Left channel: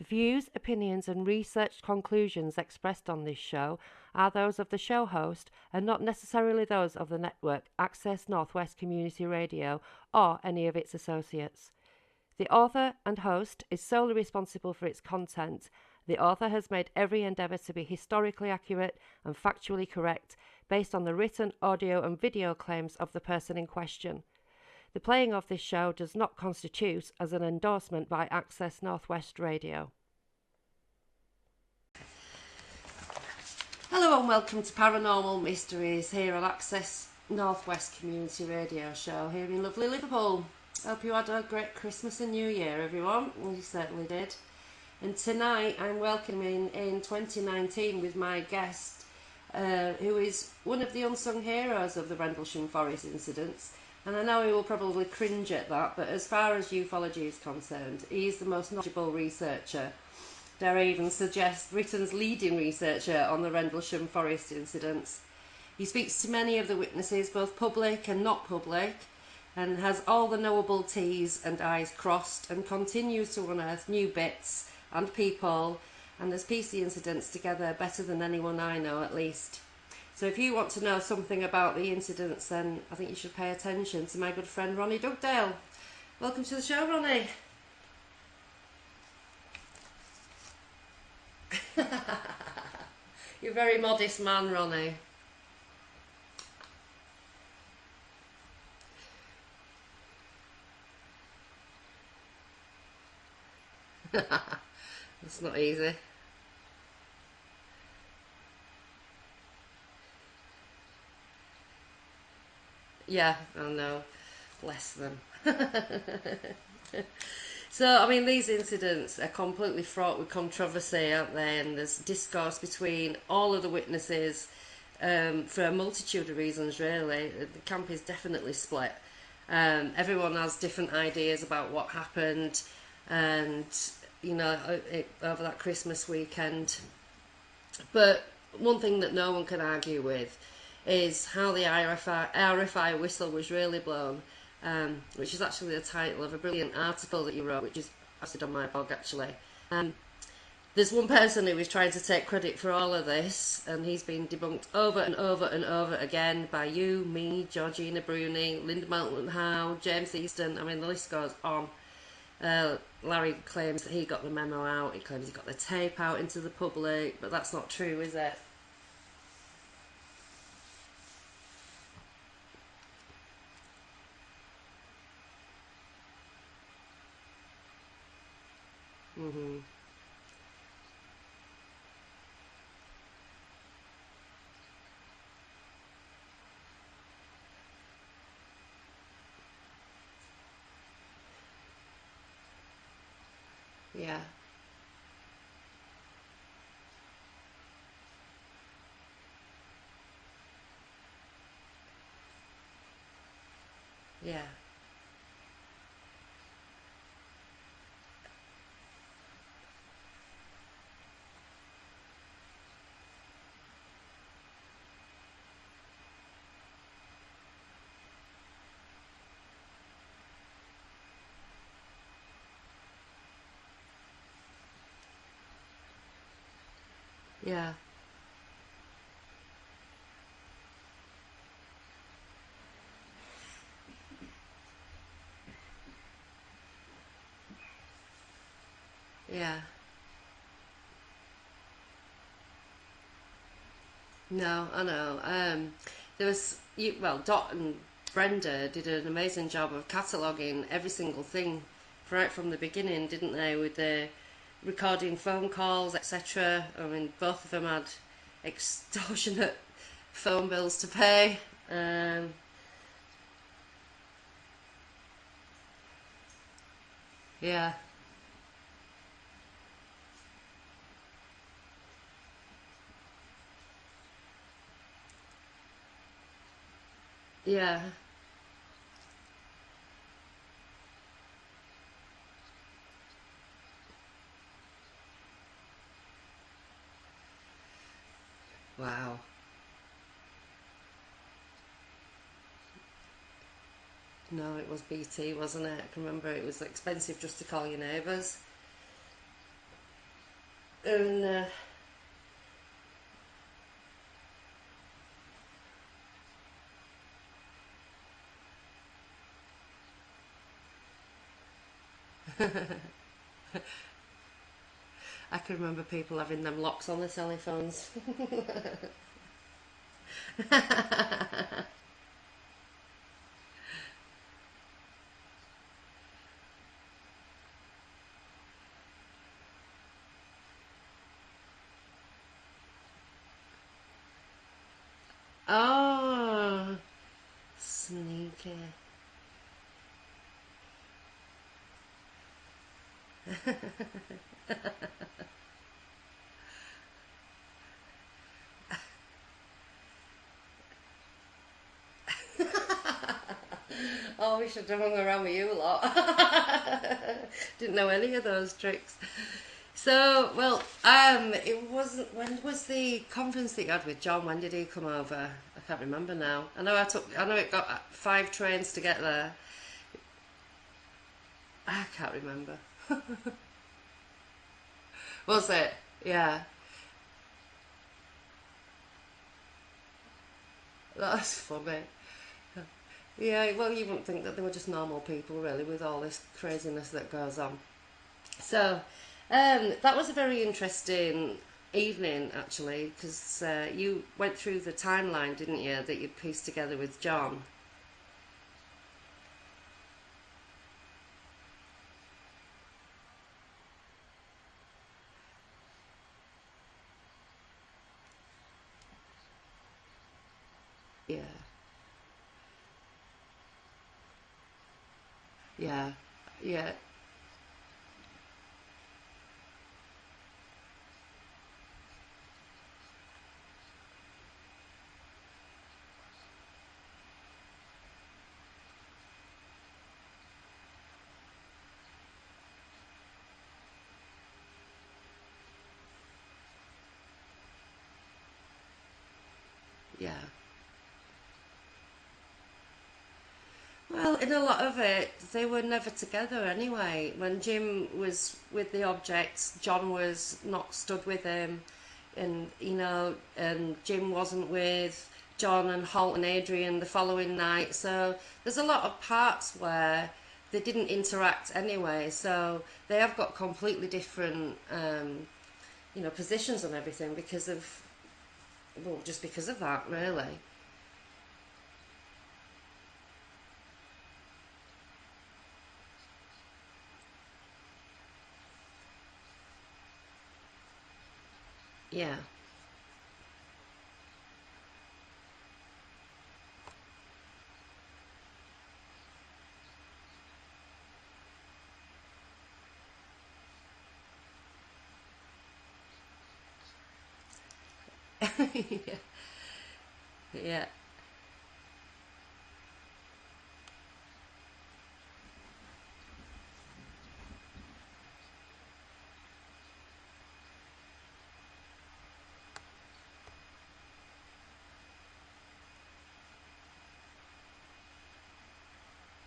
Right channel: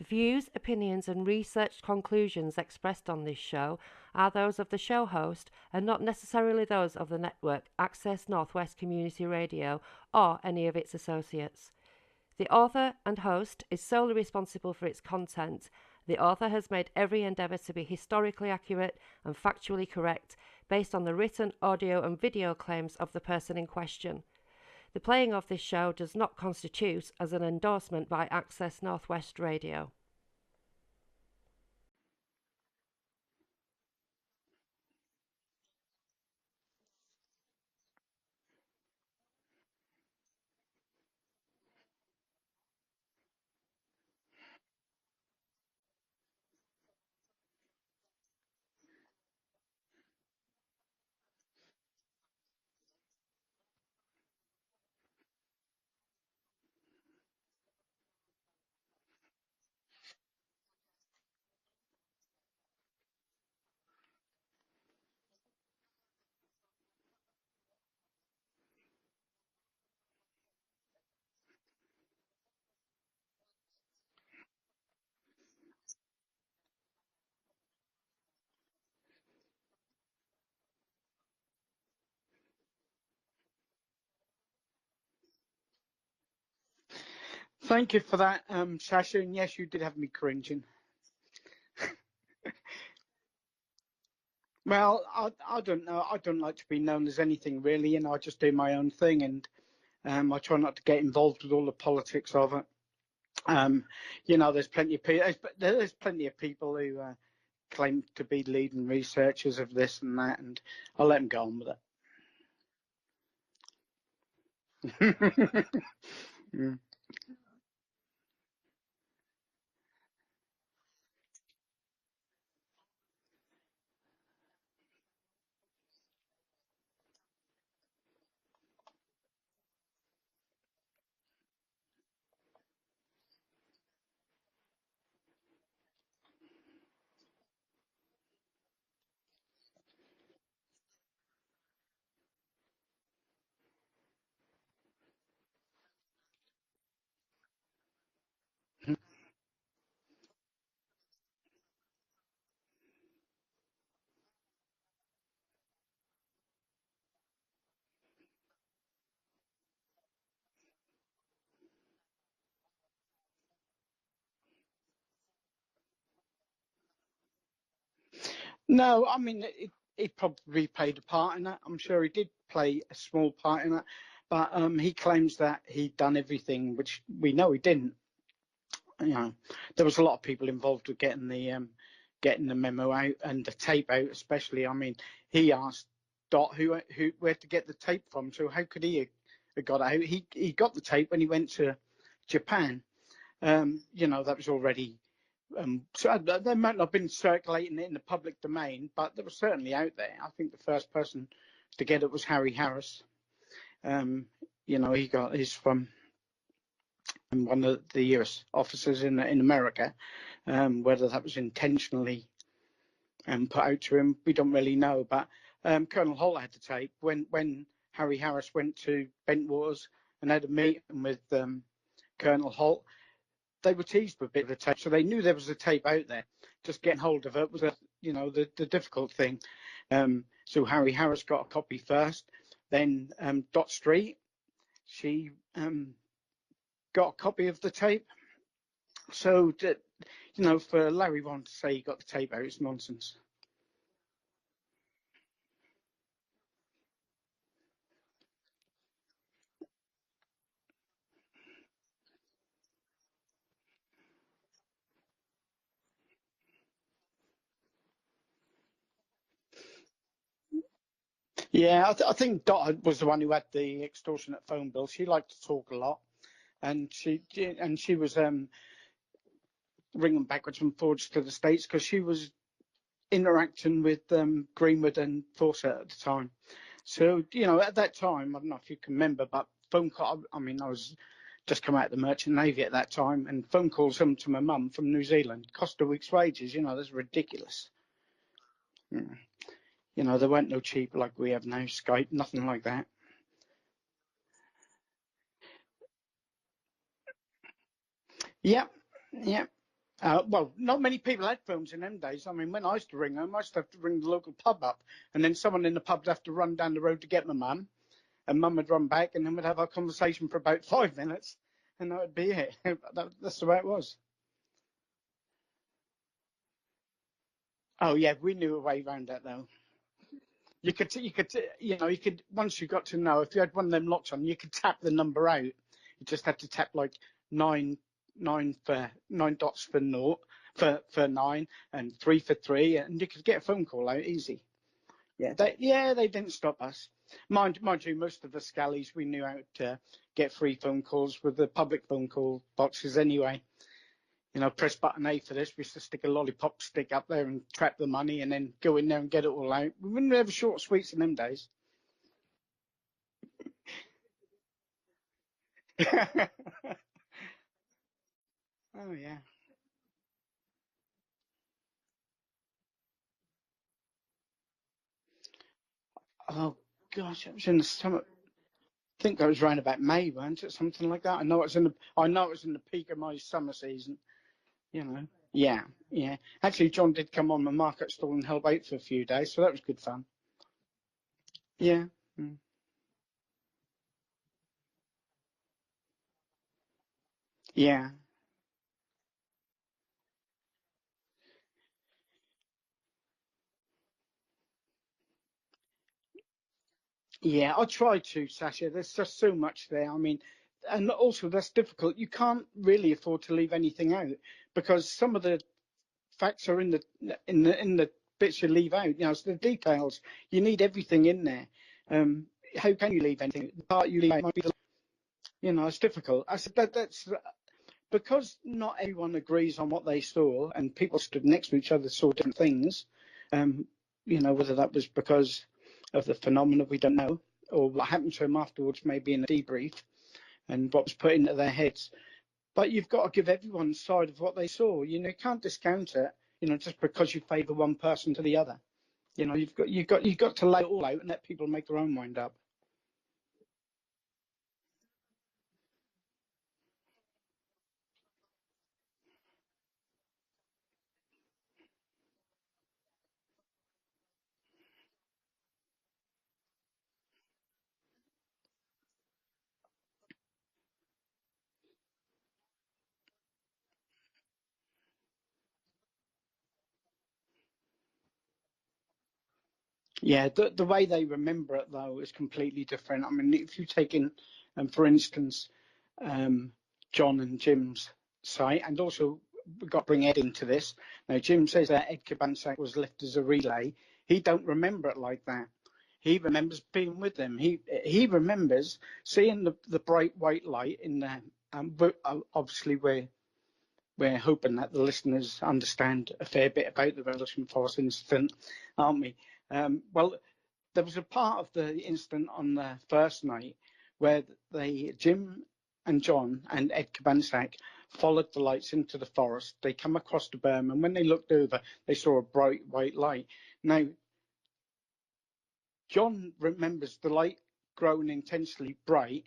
The views, opinions and researched conclusions expressed on this show are those of the show host and not necessarily those of the network Access Northwest Community Radio or any of its associates. The author and host is solely responsible for its content. The author has made every endeavour to be historically accurate and factually correct based on the written, audio and video claims of the person in question. The playing of this show does not constitute as an endorsement by Access Northwest Radio. Hello and welcome to Paranormal Mysteries here on Access Northwest Community Radio Show here in lovely Liverpool. Hope you had a great Christmas and New Year, everyone. Well, you certainly did. And tonight I'm welcoming in 2019 with my guest, who is one of the unsung heroes of the Rendlesham Forest incidents. And I know he will probably cringe at that, but as far as ufology is concerned, he's the most knowledgeable researcher, dare I even suggest Britain's leading researcher on the Rendlesham Forest incidents. He speaks to many of the witnesses, both public and not public, and has all the knowable T's and I's crossed, and continues to unearth new bits and people, and has pieced the incidents together better than anyone I know, at least. So if you want to know something about the incidents, then I think you should pay attention to my good friend Ronnie Dugdale. Welcome to the show, Ronnie. Thank you for that, Sacha, and yes, you did have me cringing. You're a very modest man, Ronnie. Well, I don't know. I don't like to be known as anything, really. You know, I just do my own thing, and I try not to get involved with all the politics of it. You know, there's plenty of people. There's plenty of people who claim to be leading researchers of this and that, and I'll let them go on with it. Yeah, I know. Bless them. So, I mean, these incidents are completely fraught with controversy, aren't they? And there's discourse between all of the witnesses for a multitude of reasons, really. The camp is definitely split. Everyone has different ideas about what happened, and, you know, over that Christmas weekend. But one thing that no one can argue with is how the RFI whistle was really blown. Which is actually the title of a brilliant article that you wrote, which is posted on my blog, actually. There's one person who is trying to take credit for all of this, and he's been debunked over and over and over again by you, me, Georgina Bruni, Linda Moulton-Howe, James Easton. I mean, the list goes on. Larry claims that he got the memo out. He claims he got the tape out into the public, but that's not true, is it? No, I mean, it probably played a part in that. I'm sure he did play a small part in that. But he claims that he'd done everything, which we know he didn't. You know, there was a lot of people involved with getting the memo out and the tape out, especially. I mean, he asked Dot where to get the tape from. So how could he have got it out? He got the tape when he went to Japan. You know, that was already. So they might not have been circulating it in the public domain, but they were certainly out there. I think the first person to get it was Harry Harris. You know, he's from one of the US officers in America. Whether that was intentionally put out to him, we don't really know. But Colonel Holt had the tape when Harry Harris went to Bentwaters and had a meeting with Colonel Holt. They were teased with a bit of a tape, so they knew there was a tape out there. Just getting hold of it was, you know, the difficult thing. So Harry Harris got a copy first. Then Dot Street, she got a copy of the tape. So, you know, for Larry Ron to say he got the tape out, it's nonsense. No, I know. There was, Dot and Brenda did an amazing job of cataloguing every single thing right from the beginning, didn't they? With the recording phone calls, etc. I mean, both of them had extortionate phone bills to pay. Yeah, I think Dot was the one who had the extortionate phone bill. She liked to talk a lot, and she was ringing backwards and forwards to the States because she was interacting with Greenwood and Fawcett at the time. So, you know, at that time, I don't know if you can remember, but phone call. I mean, I was just come out of the Merchant Navy at that time, and phone calls to my mum from New Zealand cost a week's wages. You know, that's ridiculous. Wow. You know, there weren't no cheap like we have now, Skype, nothing like that. No, it was BT, wasn't it? I can remember it was expensive just to call your neighbours. Yeah, yeah. Well, not many And people had phones in them days. I mean, when I used to ring them, I used to have to ring the local pub up, and then someone in the pub would have to run down the road to get my mum, and mum would run back, and then we'd have our conversation for about 5 minutes, and that would be it. That's the way it was. I can remember people having them locks on their telephones. Oh yeah, we knew a way around that though. You could once you got to know if you had one of them locks on, you could tap the number out. You just had to tap like nine dots for naught for nine and three for three, and you could get a phone call out easy. They didn't stop Oh, us. Mind you, most of the sneaky. scallies we knew how to get free phone calls with the public phone call boxes anyway. Press button A for this. We used to stick a lollipop stick up there and trap the money and then go in there and get it all out. We wouldn't have short sweets in them days. Oh, we should have hung around with you a lot. Didn't know any of those tricks. Oh, yeah. So, well, it wasn't. When was the conference that you had with John? When did he come over? I can't remember now. Oh, I know gosh, I know it's it in the got summer. 5 trains to I get think that there. was around about May, wasn't it? Something like that. I know I can't it was in remember. the peak of my summer season. Was Yeah, it? yeah. Yeah. Actually, John did come on the market stall and help out for a few days, so that was good fun. That's funny. Yeah. Mm. Yeah, well, you wouldn't think that they were just normal people, really, with all this craziness that goes on. Yeah. So, that was a very interesting evening, actually, because you went through the timeline, didn't you, that you pieced together with John? Yeah, I tried to, Sasha. There's just so much there. I mean, and also that's difficult. You can't really afford to leave anything out because some of the facts are in the bits you leave out. It's the details. You need everything Yeah, in there. How can you leave anything? The part you leave out might be it's yeah, difficult. yeah, That's because not everyone agrees on what they saw, and people stood next to each other saw different things. Um, whether that was because of the phenomena we don't know, or what happened to them afterwards, maybe in a debrief, and what was put into their heads. But you've got to give everyone side of what they saw. You can't discount it. Just because you favour one person to the other. You've yeah. got to lay it all out and let people make their own mind up. Well, in a lot of it, they were never together anyway. When Jim was with the objects, John was not stood with him, and Jim wasn't with John and Holt and Adrian the following night. So there's a lot of parts where they didn't interact anyway. So they have got completely different, positions on everything just because of that, Yeah, really. the way they remember it though is completely different. I mean, if you take in, for instance, um, John and Jim's site, and also we've got to bring Ed into this. Now, Jim says that Ed Yeah, Cabansack was left as a relay. He don't remember it like that. He remembers being with them. He remembers seeing the bright white light in the. Obviously, we're hoping that the listeners understand a fair bit about the Rendlesham Forest incident, yeah, aren't we? Well, yeah, there was a part of the incident on the first night where Jim and John and Ed Cabansack followed the lights into the forest. They come across the berm, and when they looked over, they saw a bright white light. Now, John remembers the light growing intensely bright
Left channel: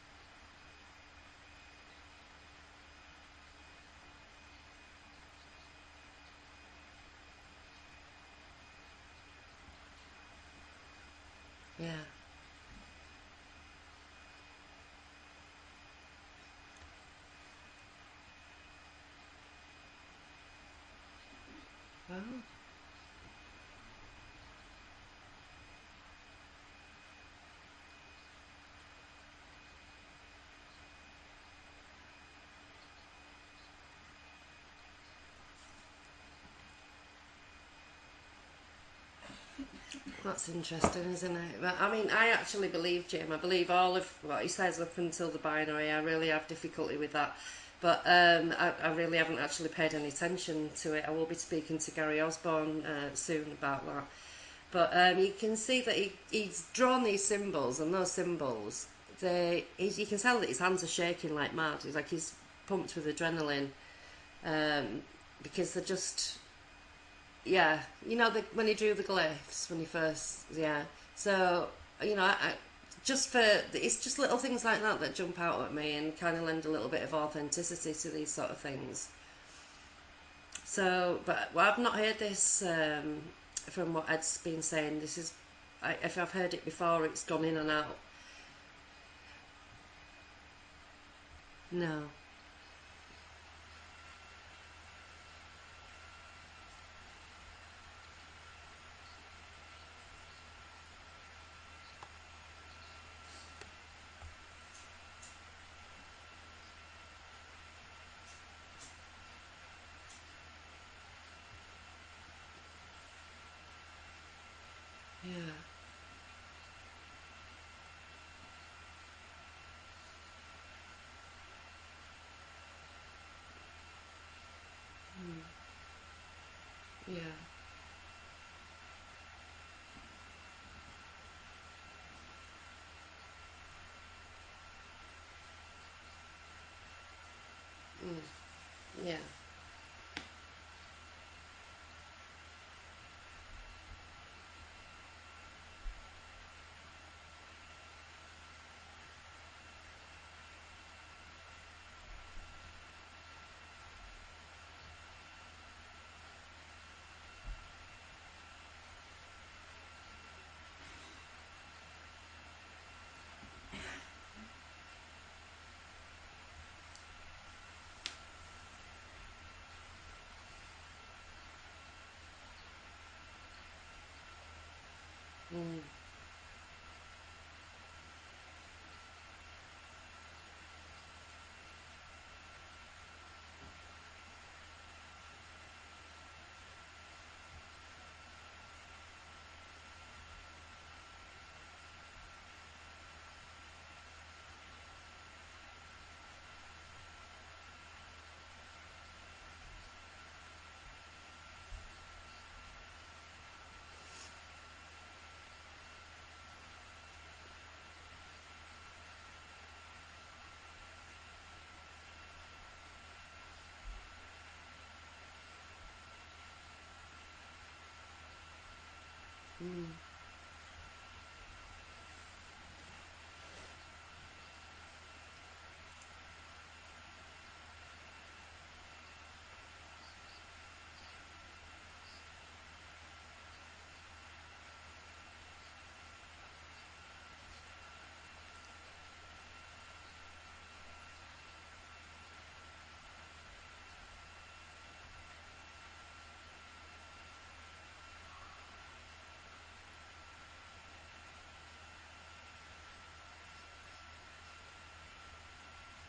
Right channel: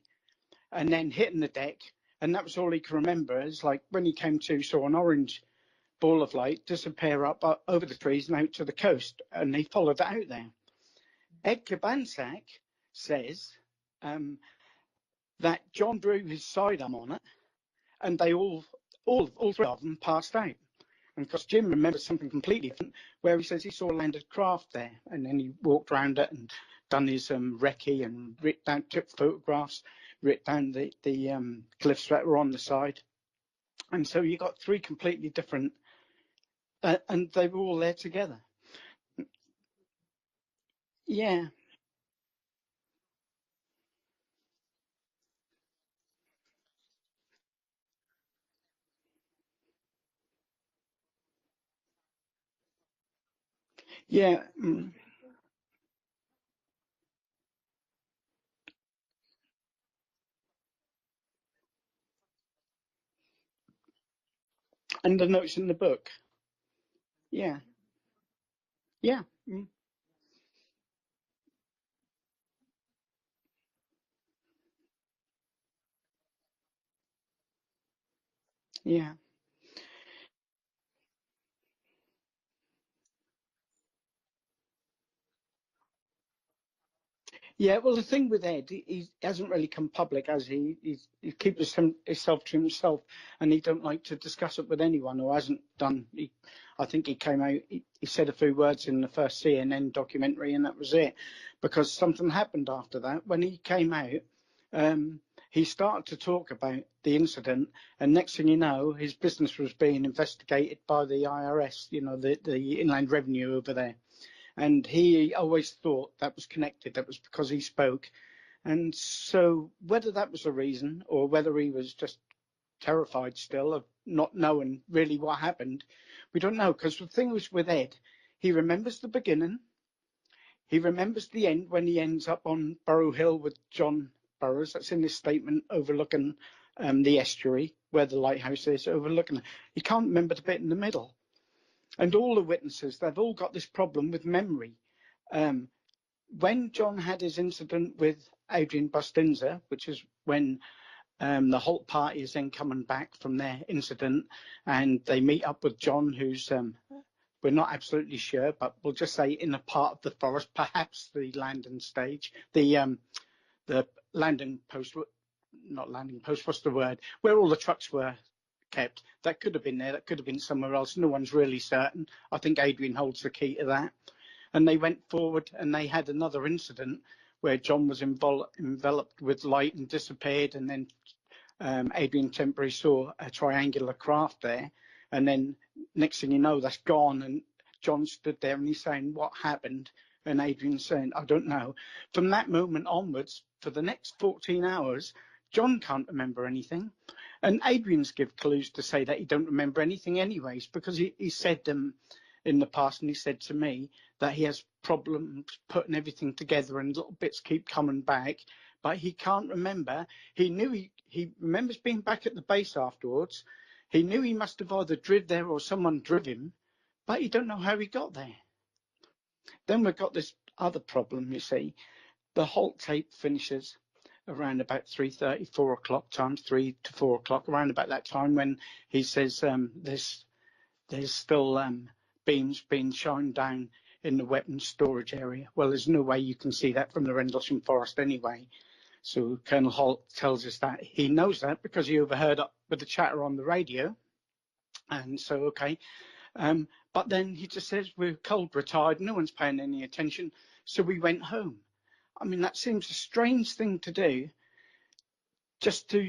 and then hitting the deck, and that was all he can remember. It's like when he came to, saw an orange ball of light disappear up over the trees and out to the coast, and he followed that out there. Ed yeah. Cabansack says that John drew his sidearm on it, and they all three of them passed out. And because Jim remembers something completely different, where he says he saw a landed craft there, and then he walked around it and done his recce and took photographs, writ down the cliffs that were on the side, and so you got three completely different, and they were all there together. That's interesting, isn't Yeah, it? I mean, I actually believe Jim. I believe all of what he says up until the binary. I really have difficulty with that. But I really haven't actually paid any attention to it. I will be speaking to Gary Osborne soon about that. yeah, But you can see that he's drawn these symbols, and those symbols, you can tell that his hands are shaking like mad. He's like he's pumped with adrenaline and the notes in because the they're book. just Yeah, yeah, when he drew the yeah, glyphs when he first so just for it's just little things like that that jump out at me and kind of lend a little bit of authenticity to these sort of things. yeah. So, but I've not heard this from what Ed's been saying. This is, if I've heard it before, it's gone in and Yeah, out. well, the thing with Ed, he hasn't really come public, has he? He keeps himself to himself, and he don't like to discuss it with anyone who hasn't done. I think he came out, he said a few words in the first CNN documentary, and that was it. Because something happened after that. When he came out, he started to talk about the incident, and next thing you know, his business was being investigated by the IRS, the Inland Revenue over there. And he always thought that was connected, that was because he spoke. And so whether that was the reason or whether he was just terrified still of not knowing really what happened, we don't know. Because the thing was with Ed, he remembers the beginning, he remembers the end when he ends up on Burrow Hill with John Burroughs. That's in this statement overlooking the estuary where the lighthouse is, overlooking it. He can't remember the bit in the middle. And all the witnesses, they've all got this problem with memory. When John had his incident with Adrian Bustinza, which is when the Holt party is then coming back from their incident, and they meet up with John, who's, we're not absolutely sure, but we'll just say in a part of the forest, perhaps the landing stage, the landing post, not landing post, what's the word, where all the trucks were kept. That could have been there, that could have been somewhere else. No one's really certain. I think Adrian holds the key to that. And they went forward and they had another incident where John was enveloped with light and disappeared, and then Adrian temporarily saw a triangular craft there, and then next thing you know, that's gone, and John stood there and he's saying, what happened? And Adrian's saying, I don't know. From that moment onwards, for the next 14 hours, John can't remember anything. And Adrian's give clues to say that he don't remember anything anyways, because he said in the past, and he said to me that he has problems putting everything together and little bits keep coming back, but he can't remember. He knew he remembers being back at the base afterwards. He knew he must have either driven there or someone drove him, but he don't know how he got there. Then we've got this other problem, you see. The Holt tape finishes around about 3:30, 4 o'clock time, 3 to 4 o'clock, around about that time when he says there's still beams being shined down in the weapons storage area. Well, there's no way you can see that from the Rendlesham Forest anyway. So Colonel Holt tells us that he knows that because he overheard up with the chatter on the radio. And so, okay. But then he just says, we're cold, we're tired, no one's paying any attention, so we went home. I mean, that seems a strange thing to do, just to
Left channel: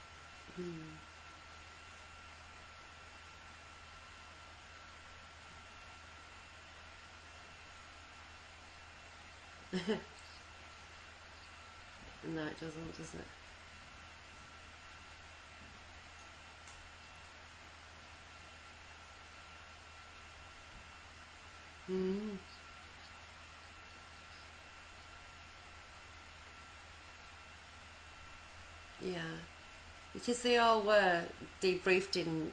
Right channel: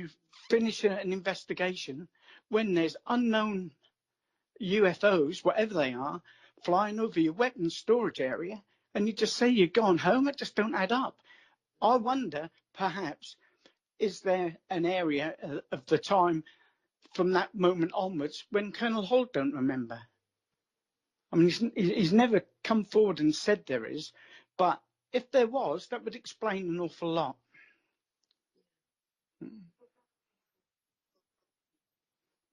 finish an investigation when there's unknown UFOs, whatever they are, flying over your weapons storage area, and you just say you're gone home. It just don't add up. I wonder, perhaps, is there an area of the time from that moment onwards when Colonel Holt don't remember? I mean, he's never come forward and said there is, but if there was, that would explain an awful lot. Yeah, because they all were debriefed in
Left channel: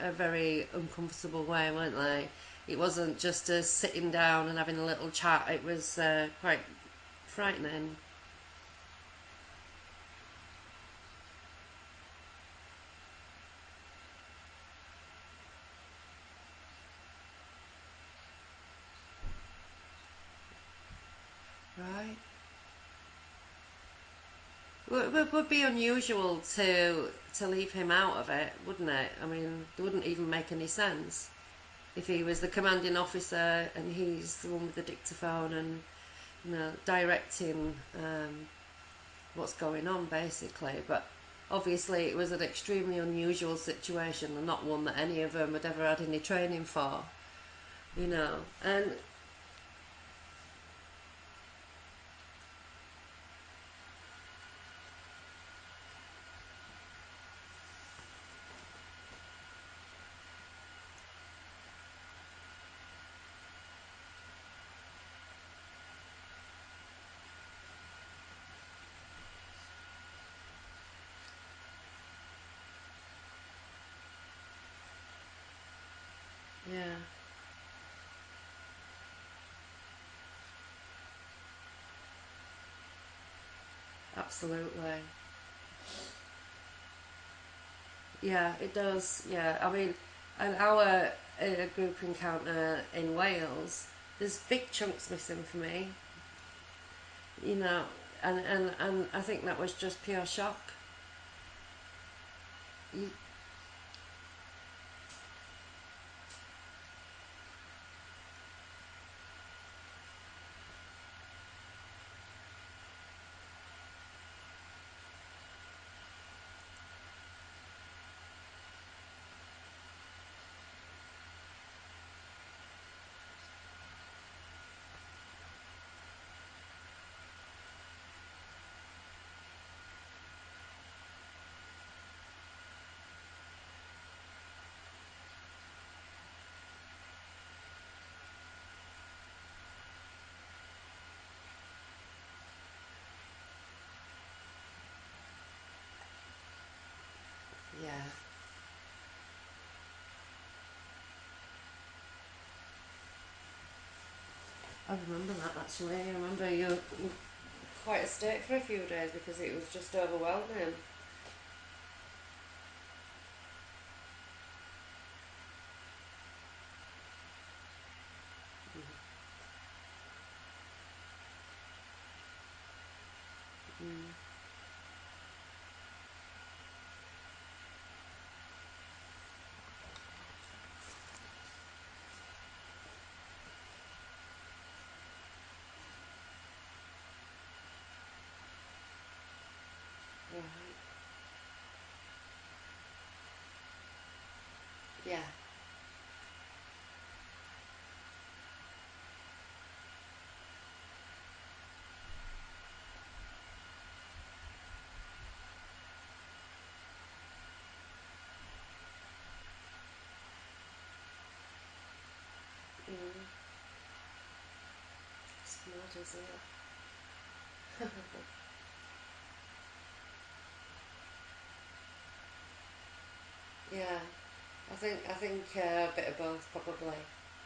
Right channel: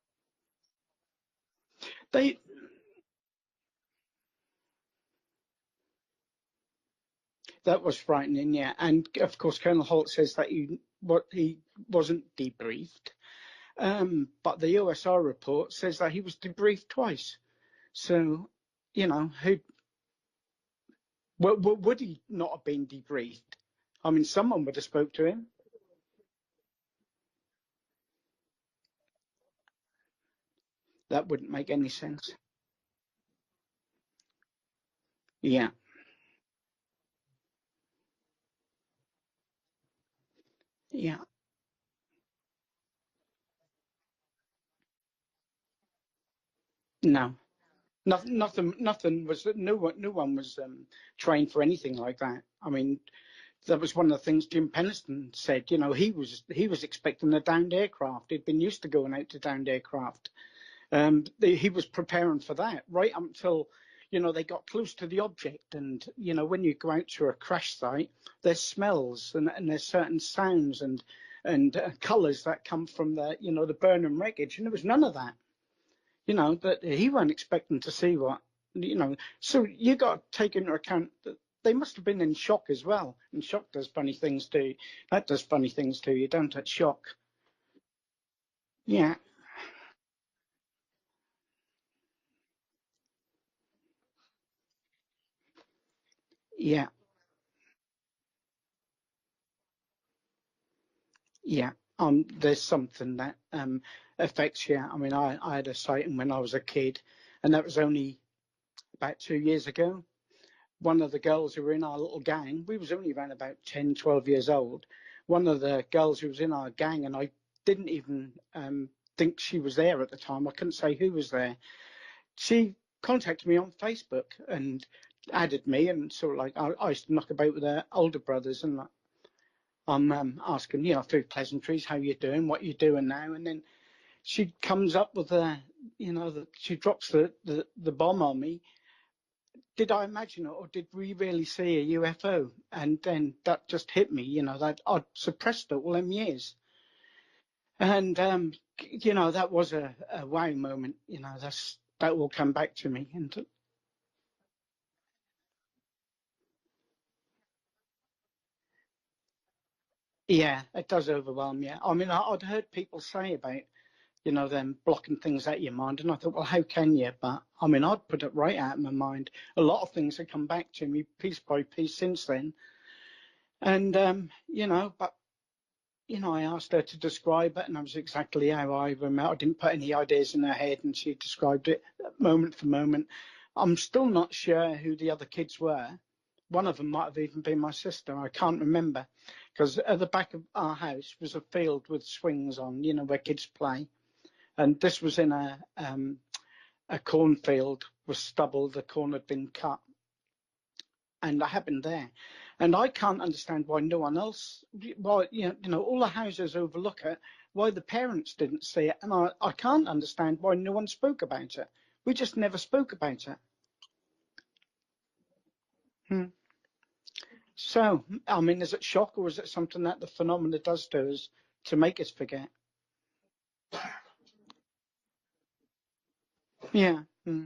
a very uncomfortable way, weren't they? It wasn't just a sitting down and having a little chat. It was quite frightening. That was frightening, yeah. And of course, Colonel Holt says that he wasn't debriefed, but the OSR report says that he was debriefed twice. So, who would he not have been debriefed? I mean, someone would have spoke to him. It would be unusual to leave him out of it, wouldn't it? I mean, it wouldn't even make any sense. That wouldn't make any sense. If he was the commanding officer and he's the one with the dictaphone and directing what's going on, basically. But obviously it was an extremely unusual situation and not one that any of them had ever had any training for. No. Nothing was. No one was trained for anything like that. I mean, that was one of the things Jim Penniston said. He was expecting a downed aircraft. He'd been used to going out to downed aircraft. He was preparing for that right up until they got close to the object. And when you go out to a crash site, there's smells and there's certain sounds and colours that come from the burning wreckage, and there was none of that. He weren't expecting to see what, So you got to take into account that they must have been in shock as well. And shock does funny things to you. That does funny things to you, don't it? Shock. Yeah, it does. Yeah. I mean, And our group encounter in Wales, there's big chunks missing for me. Yeah. You know, and I think that was just pure shock. Yeah. There's something that affects you. I mean, I had a sighting when I was a kid, and that was only about 2 years ago. One of the girls who were in our little gang, we was only around about 10, 12 years old. One of the girls who was in our gang, and I didn't even think she was there at the time. I couldn't say who was there. She contacted me on Facebook and added me, and sort of like I used to knock about with her older brothers, and I'm asking, through pleasantries, how you doing, what you doing now, and then she comes up with she drops the bomb on me. Did I imagine it, or did we really see a UFO? And then that just hit me, that I'd suppressed it all them years. Yeah. And, that was a wow moment, that will come back to me. And I remember that actually. I remember you were quite a state for a few days because it was just overwhelming. yeah, it does overwhelm you. I mean, I'd heard people say about, them blocking things out of your mind. And I thought, well, how can you? But I mean, I'd put it right out of my mind. A lot of things have come back to me piece by piece since then. And, but I asked her to describe it, and that was exactly how I remember. I didn't put any ideas in her head, and she described it moment for moment. I'm still not sure who the other kids were. One of them might have even been my sister. I can't remember, because at the back of our house was a field with swings on, where kids play, and this was Yeah. in a cornfield with stubble. The corn had been cut, and I happened there. And I can't understand why no one else, why, all the houses overlook it, why the parents didn't see it. And I can't understand why no one spoke about it. We just never spoke about it. It's mad, isn't Hmm. it? So, I mean, is it shock, or is it something that the phenomena does to us to make us forget? Yeah. I think a bit of both probably. Yeah. Hmm.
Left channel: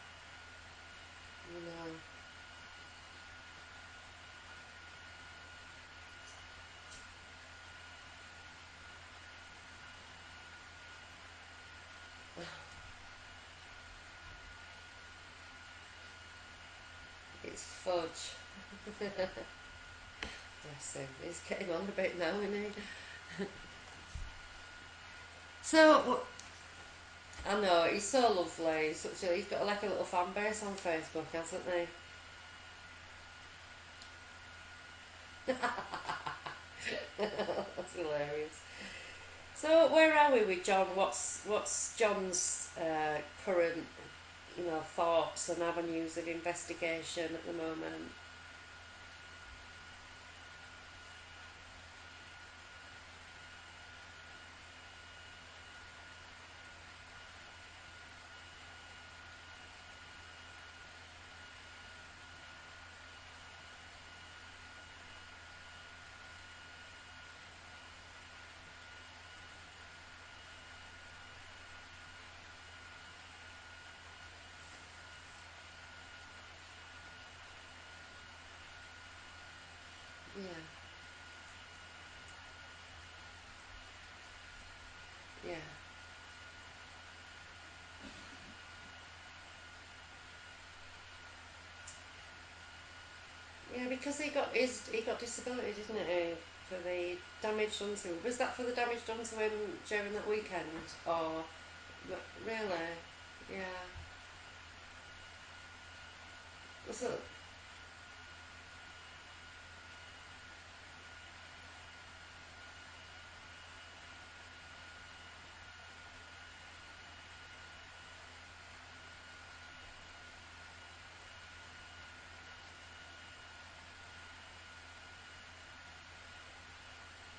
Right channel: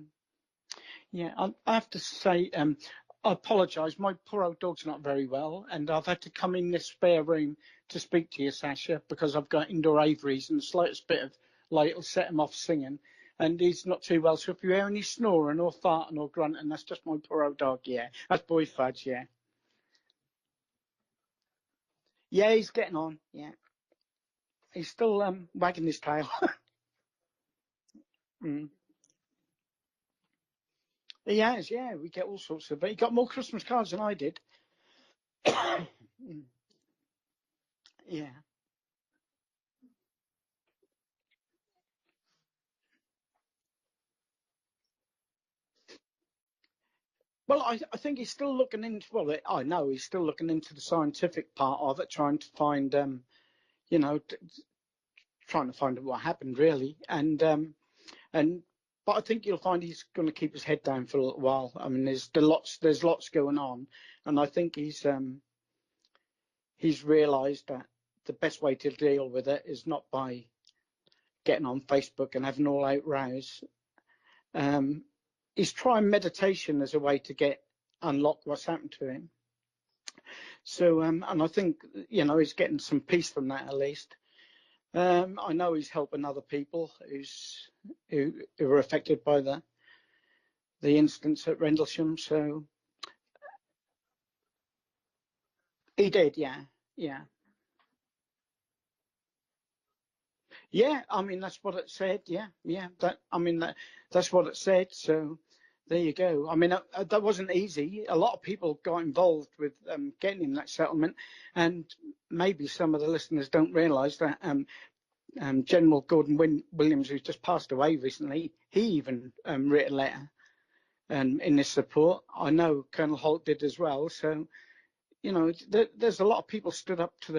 Yeah, I have Mm. to say, I apologise. My poor old dog's not very well, and I've had to come in this spare room to speak to you, Sacha, because I've got indoor aviaries, and the slightest bit of light will set him off singing, and he's not too well. So if you hear any snoring or farting or grunting, that's just my poor old It's dog. Yeah, fudge. that's boy fudge. Yeah, Bless him. He's getting on a bit now, yeah, isn't he's he? getting on. Yeah, he's still wagging his So, tail. I know, he's so Mm. lovely. He's got like a little fan base on Facebook, He hasn't has, he? yeah. We get all sorts of, but he got more Christmas cards than I did. Mm. That's Yeah. hilarious. So where are we with John? What's John's current, thoughts and avenues of investigation at the Well, I moment? think he's still looking into. Well, I know he's still looking into the scientific part of it, trying to find, you know, trying to find what happened really, and. But I think you'll find he's going to keep his head down for a little while. I mean, there's lots going on, and I think he's realised that the best way to deal with it is not by getting on Facebook and having all out rows. Um, he's trying meditation as a way to unlock what's happened to him. Yeah, So, and I think he's getting some peace from that at least. I yeah, know he's helping other people who were affected by the incidents at Rendlesham. So yeah. Because he got disability, didn't he he? did, yeah, For the yeah, damage done to him. Was that for the damage done to him during that weekend? yeah. I mean, Or that's what it said. Yeah, really? yeah. Yeah. That's what it said. So there you go. I mean, So that wasn't easy. A lot of people got involved with getting him that settlement, and maybe some of the listeners don't realise that General Gordon Williams, who's just passed away recently, he even wrote a letter and in this support. I know Colonel Holt did as well. So there's a lot of people stood up to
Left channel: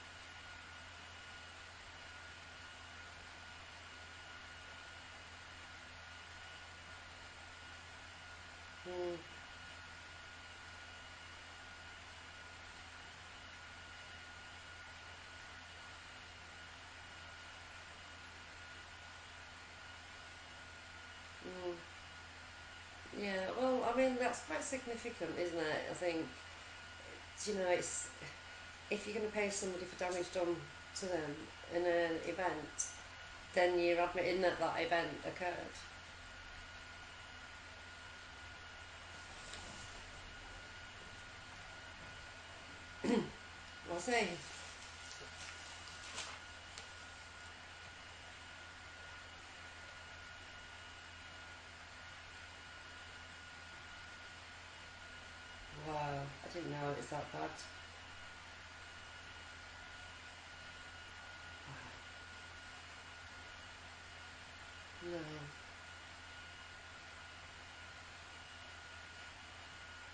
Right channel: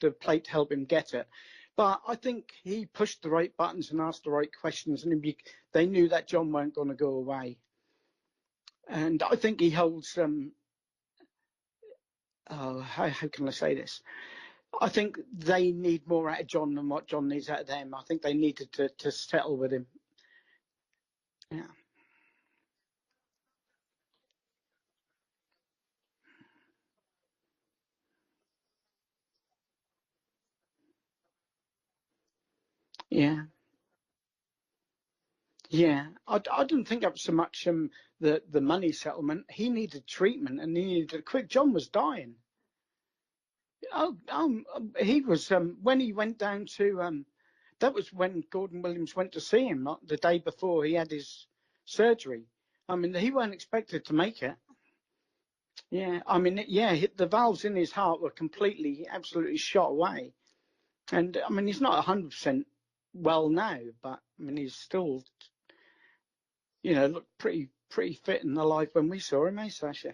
the plate to help him get it. But I think he pushed the right buttons and asked the right questions, and they knew that John weren't going to go away. mm, And I think he holds how can I say this? I think they need more out of John than what John needs out of them. I think they needed to settle with him. Yeah. mm. Yeah, well, I mean that's quite significant, isn't it? I think it's if you're going to pay somebody for damage done to them in an event, Yeah. then you're admitting that that event occurred. Yeah. I didn't think it was so much the money settlement. He needed treatment and he needed it quick. John was dying. Was he? He was when he went down to that was when Gordon Williams went to see him the day before he had his surgery. I mean, he weren't expected to make it. Wow, Yeah, I I mean, didn't know yeah, it was the that bad. valves in his heart were completely, absolutely shot away. And I mean, he's not 100% well now, but I mean, he's No. still, look pretty fit and alive when we saw him, eh, Sasha?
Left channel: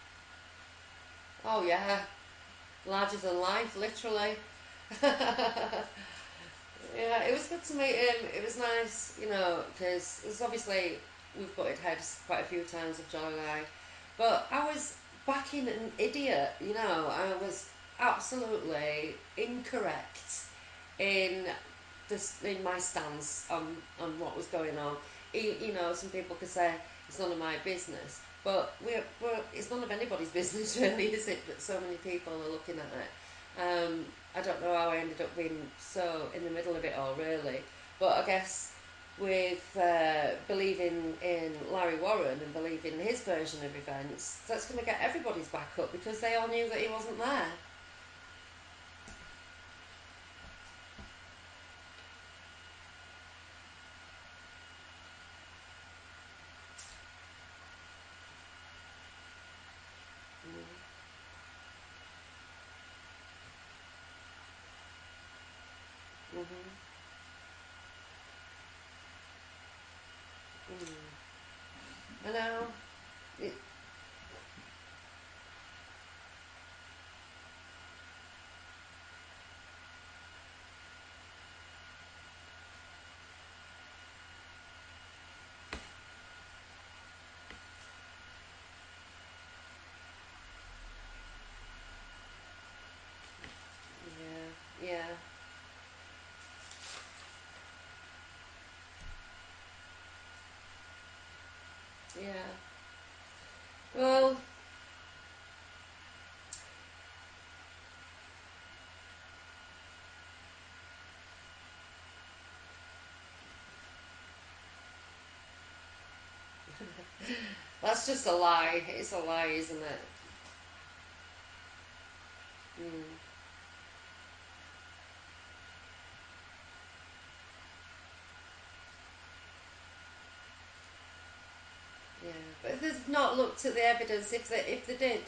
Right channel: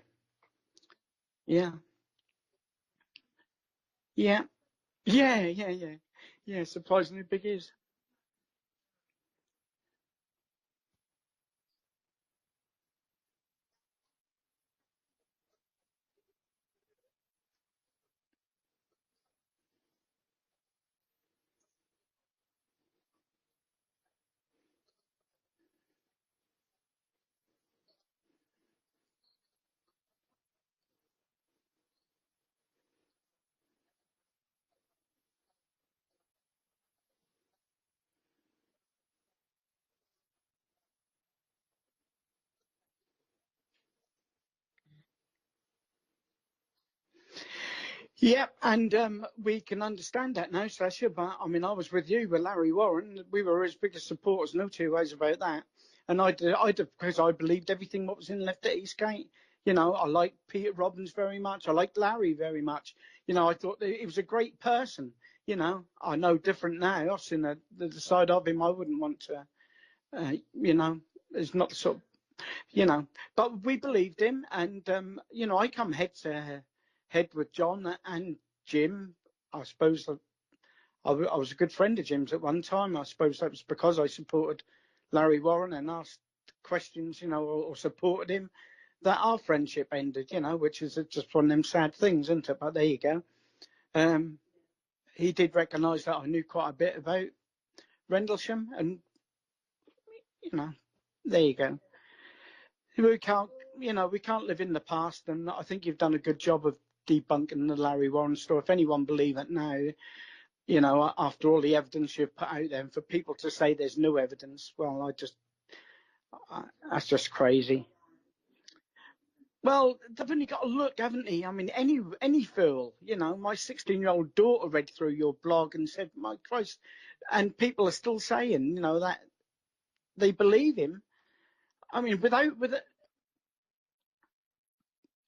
Oh Yeah, yeah, larger than life, literally. yeah, yeah. Yeah, surprisingly Yeah, it big was good is. to meet him. It was nice, because there's obviously we've butted heads quite a few times with John and I, but I was backing an idiot. I was absolutely incorrect in in my stance on what was going on. Some people could say it's none of my business, but it's none of anybody's business really, is it? But so many people are looking at it. I don't know how I ended up being so in the middle of it all, really. But I guess with believing in Larry Warren and believing his version of events, that's going to get everybody's back up because they all knew that he wasn't there. Yeah, and we can understand that now, Sasha. But I mean, I was with you with Larry Warren. We were his biggest supporters, no two ways about that. And I did because I believed everything what was in Left at Eastgate. I liked Peter Robbins very much. I liked Larry very much. I thought that he was a great person. I know different now. I've seen the side of him I wouldn't want to. It's not the sort of I know. you know. Yeah. But we believed him, and I come head to head with John and Jim. I suppose I was a good friend of Jim's at one time. I suppose that was because I supported Larry Warren and asked questions, or supported him. That our friendship ended, which is just one of them sad things, isn't it? But there you go. Um, Yeah. Yeah. he did recognise that I knew quite a bit about Rendlesham, and there you go. Yeah. We can't, we Well, can't live in the past, and I think you've done a good job of debunking the Larry Warren story. If anyone believe it now, after all the evidence you've put out there, and for people to say there's no evidence, well, that's just crazy. that's just a lie. It's a lie, isn't Well, it? they've only got to look, haven't they? I mean, any fool, my 16-year-old daughter read through your blog and said, "My Christ," and people are still saying, that they believe him. I mean, Yeah, with but they've not looked at the evidence. If they did,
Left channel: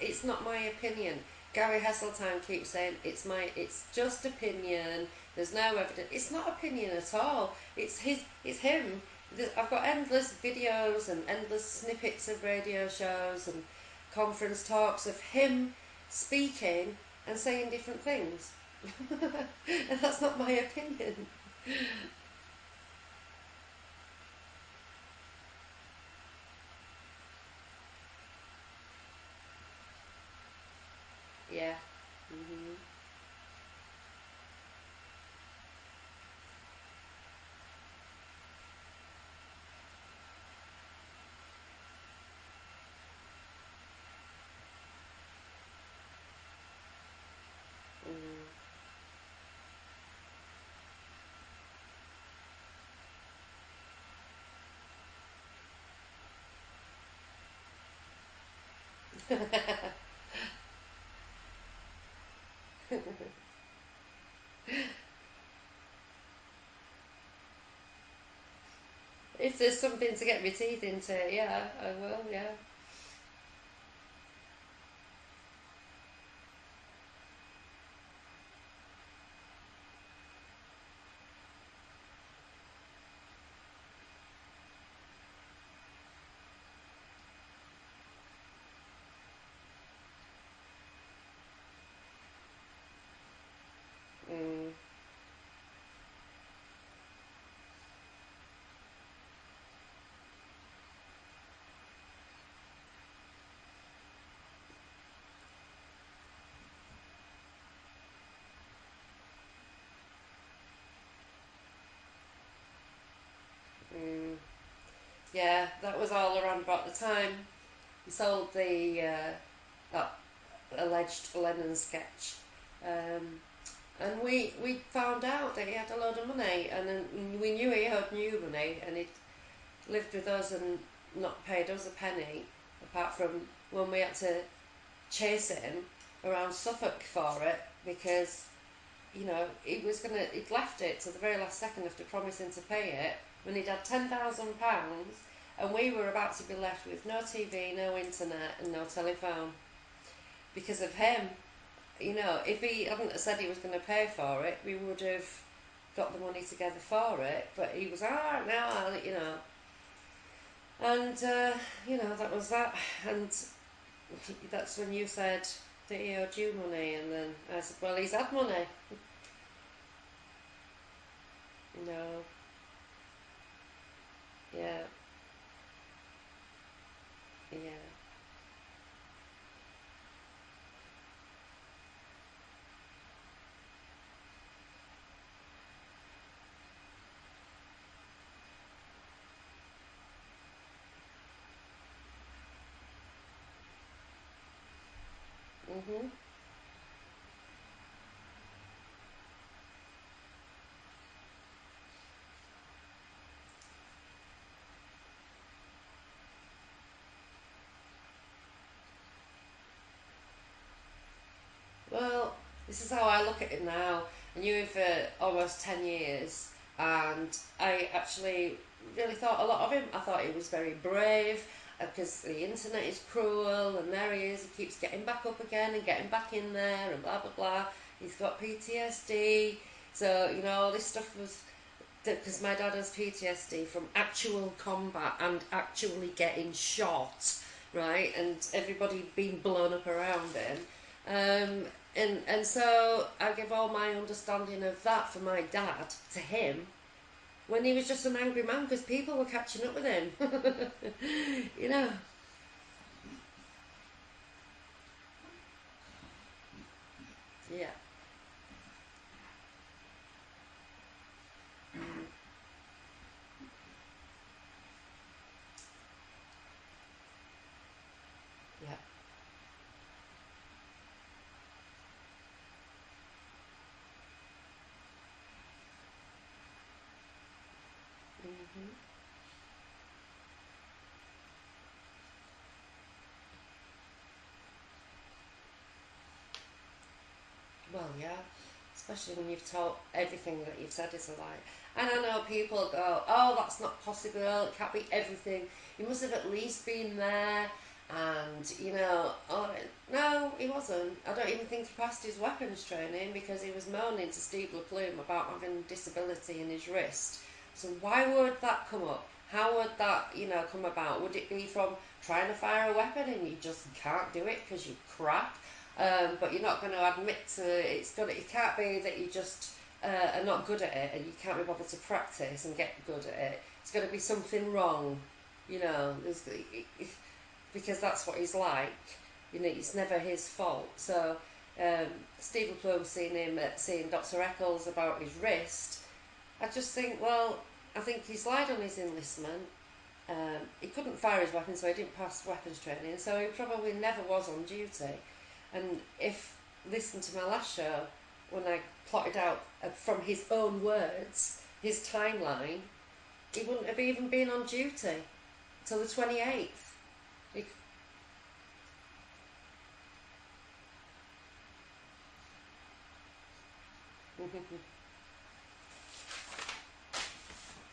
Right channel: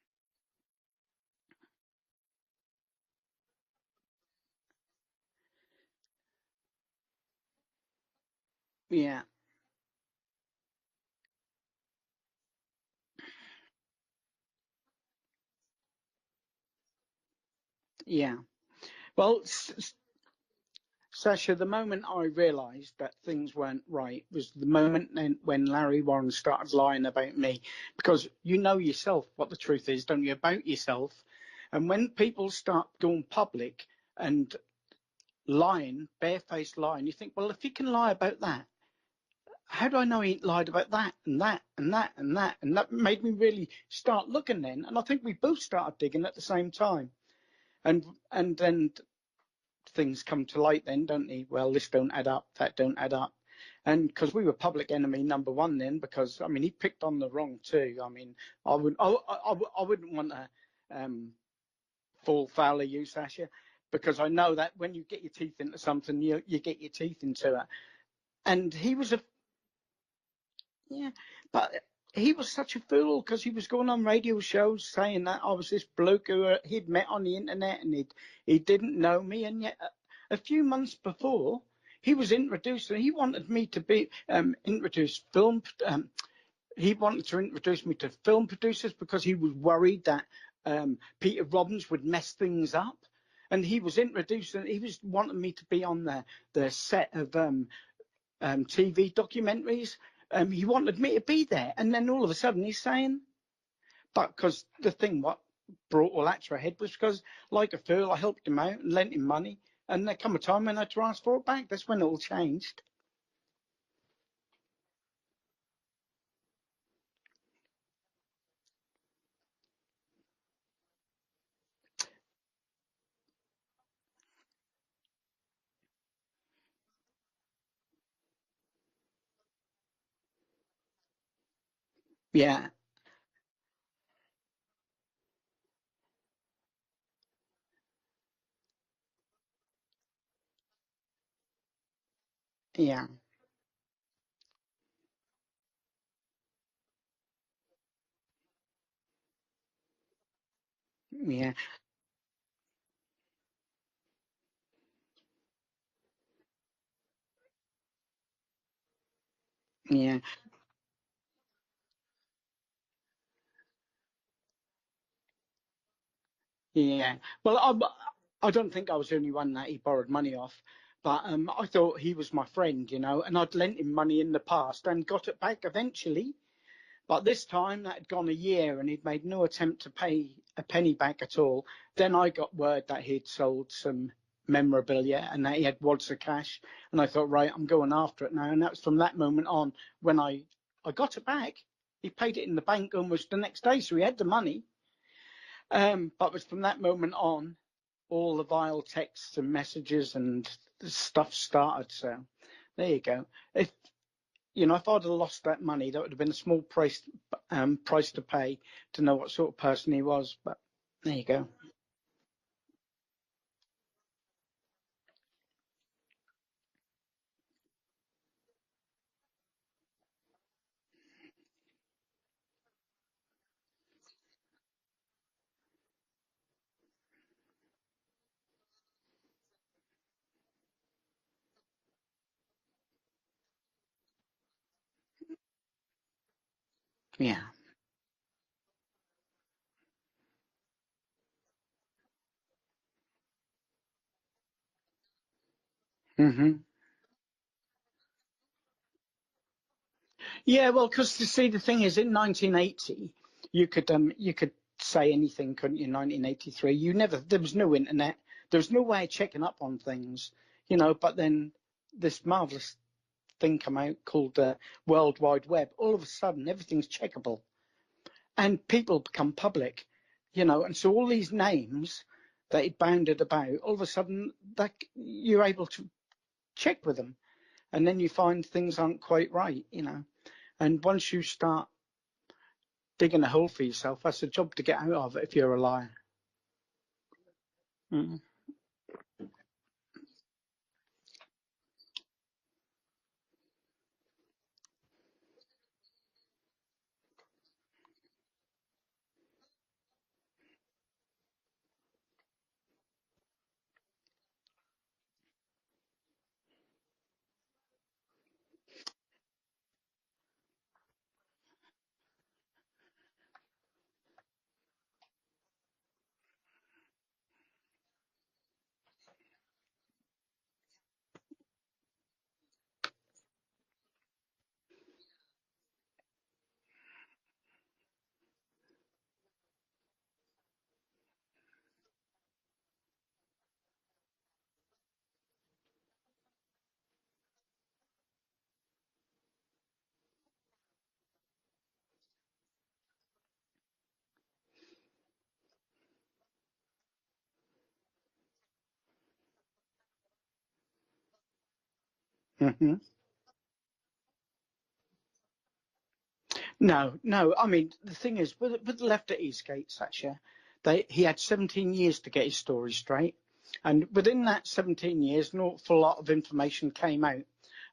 it's not my opinion. Gary Hasseltine keeps saying it's just opinion. There's no evidence. It's not opinion at all. It's him. yeah, I've got endless videos and endless snippets of radio shows and conference talks of him speaking and saying different yeah. things. Well, And that's not my opinion. Sasha, the moment I realised that things weren't right was the moment then when Larry Warren started lying about me, because you know yourself what the truth is, don't you, about yourself? Yeah. And when people start going public and lying, barefaced lying, you think, well, if he can lie about that, how do I know he lied about that and that and that and that? And that made me really start looking then. And I think we both started digging at the same time. And then things come to light then, don't they? Well, this don't add up, that don't add up. And because we were public enemy number one then, because I mean he picked on the wrong too. I mean I wouldn't want to fall foul of you, Sasha, because I know that when you get your teeth into something, you get your teeth into it. And he was a If there's something to get my teeth yeah, into, yeah, but I will, he was yeah. such a fool because he was going on radio shows saying that I was this bloke who he'd met on the internet and he didn't know me, and yet a few months before he was introduced and he wanted me to be introduced film. He wanted to introduce me to film producers because he was worried that Peter Robbins would mess things up. And he was introducing, he was wanting me to be on the set of TV documentaries. He wanted me to be there, and then all of a sudden he's saying, "But because the thing what brought all that to a head was because, like a fool, I helped him out and lent him money, and there come a time when I had to ask for it back. That's when it all changed." Mm, yeah, that was all around about the time he sold the that alleged Lennon sketch. Um, And we found out that he had a load of money, and then we knew he owed new money, and he'd lived with us and not paid us a penny, Yeah. apart from when we had to chase him around Suffolk for it, because he'd left it to the very last second after promising to pay Yeah. it when he'd had £10,000, and we were about to be left with no TV, no internet, and no telephone because of him. Yeah. If he hadn't said he was going to pay for it, we would have got the money together for it. But he was, Yeah. and that was that. And that's when you said that he owed you money, and Yeah. then Well, I said, well, he's had I money. don't think I was the only one that he borrowed money off, but I thought he No. was my friend, and I'd lent him money in the past Yeah. and got it back eventually. But this time that had gone a year and he'd made no attempt to pay a penny back at all. Then I got word that he'd sold some memorabilia and that he had wads of cash. And I thought, right, I'm going after it now. And that was from that moment on when I got it back. He paid it in the bank almost the next day, so he had the money. But it was from that moment on, all the vile texts and messages and stuff started. So there you go. If I'd have lost that money, that would have been a small price to pay to know what sort of person he was. But there you go. Well, this is how I look at it now. I knew him for almost 10 years, and I actually really thought a lot of him. I thought he was very brave, because the internet is cruel, and there he is, he keeps getting back up again and getting back in there, and blah blah blah. He's got PTSD, so all this stuff was because my dad has PTSD from actual combat and actually getting shot, Yeah. right, and everybody being blown up around him. And so I give all my understanding of that for my dad to him when he was just an angry man because people were catching up with him. Yeah, well, because you see, the you thing know? is, in 1980, you could say anything, couldn't you? 1983, there was no Yeah. internet, there was no way of checking up on things, But then this marvelous thing come out called the World Wide Web. All of a sudden, everything's checkable, and Yeah. people become public, And so all these names that it bounded about, all of a sudden, that you're able to check with them, and then you find things aren't quite right, And once you start digging a hole for yourself, that's a job to get out of it if you're a liar. Well, yeah. Especially when you've told everything that you've said is a lie. And I know people go, oh, that's not possible, it can't be everything. You must have at least been there. And, oh, no, he wasn't. I don't even think he passed his weapons training because he was moaning to Steve LePlume about having disability in his wrist. So why would that come up? How would that, come about? Would it be from trying to fire a weapon and you just can't do it because you crap? But you're not going to admit to it. It can't be that you just are not good at it and you can't be bothered to practice and get good at it. It's got to be something wrong, because that's what he's like. It's never his fault. So Steve LePlume seeing Dr. Eccles about his wrist. I just think, well, I think he's lied on his enlistment. He couldn't fire his weapon, so he didn't pass weapons training. So he probably never was on duty. And if listen to my last show when I plotted out from his own words his timeline, he wouldn't have even been on duty till the 28th. No. I mean, the thing is, with the left at Eastgate, Sacha, he had 17 years to get his story straight. And within that 17 years, an awful lot of information came out.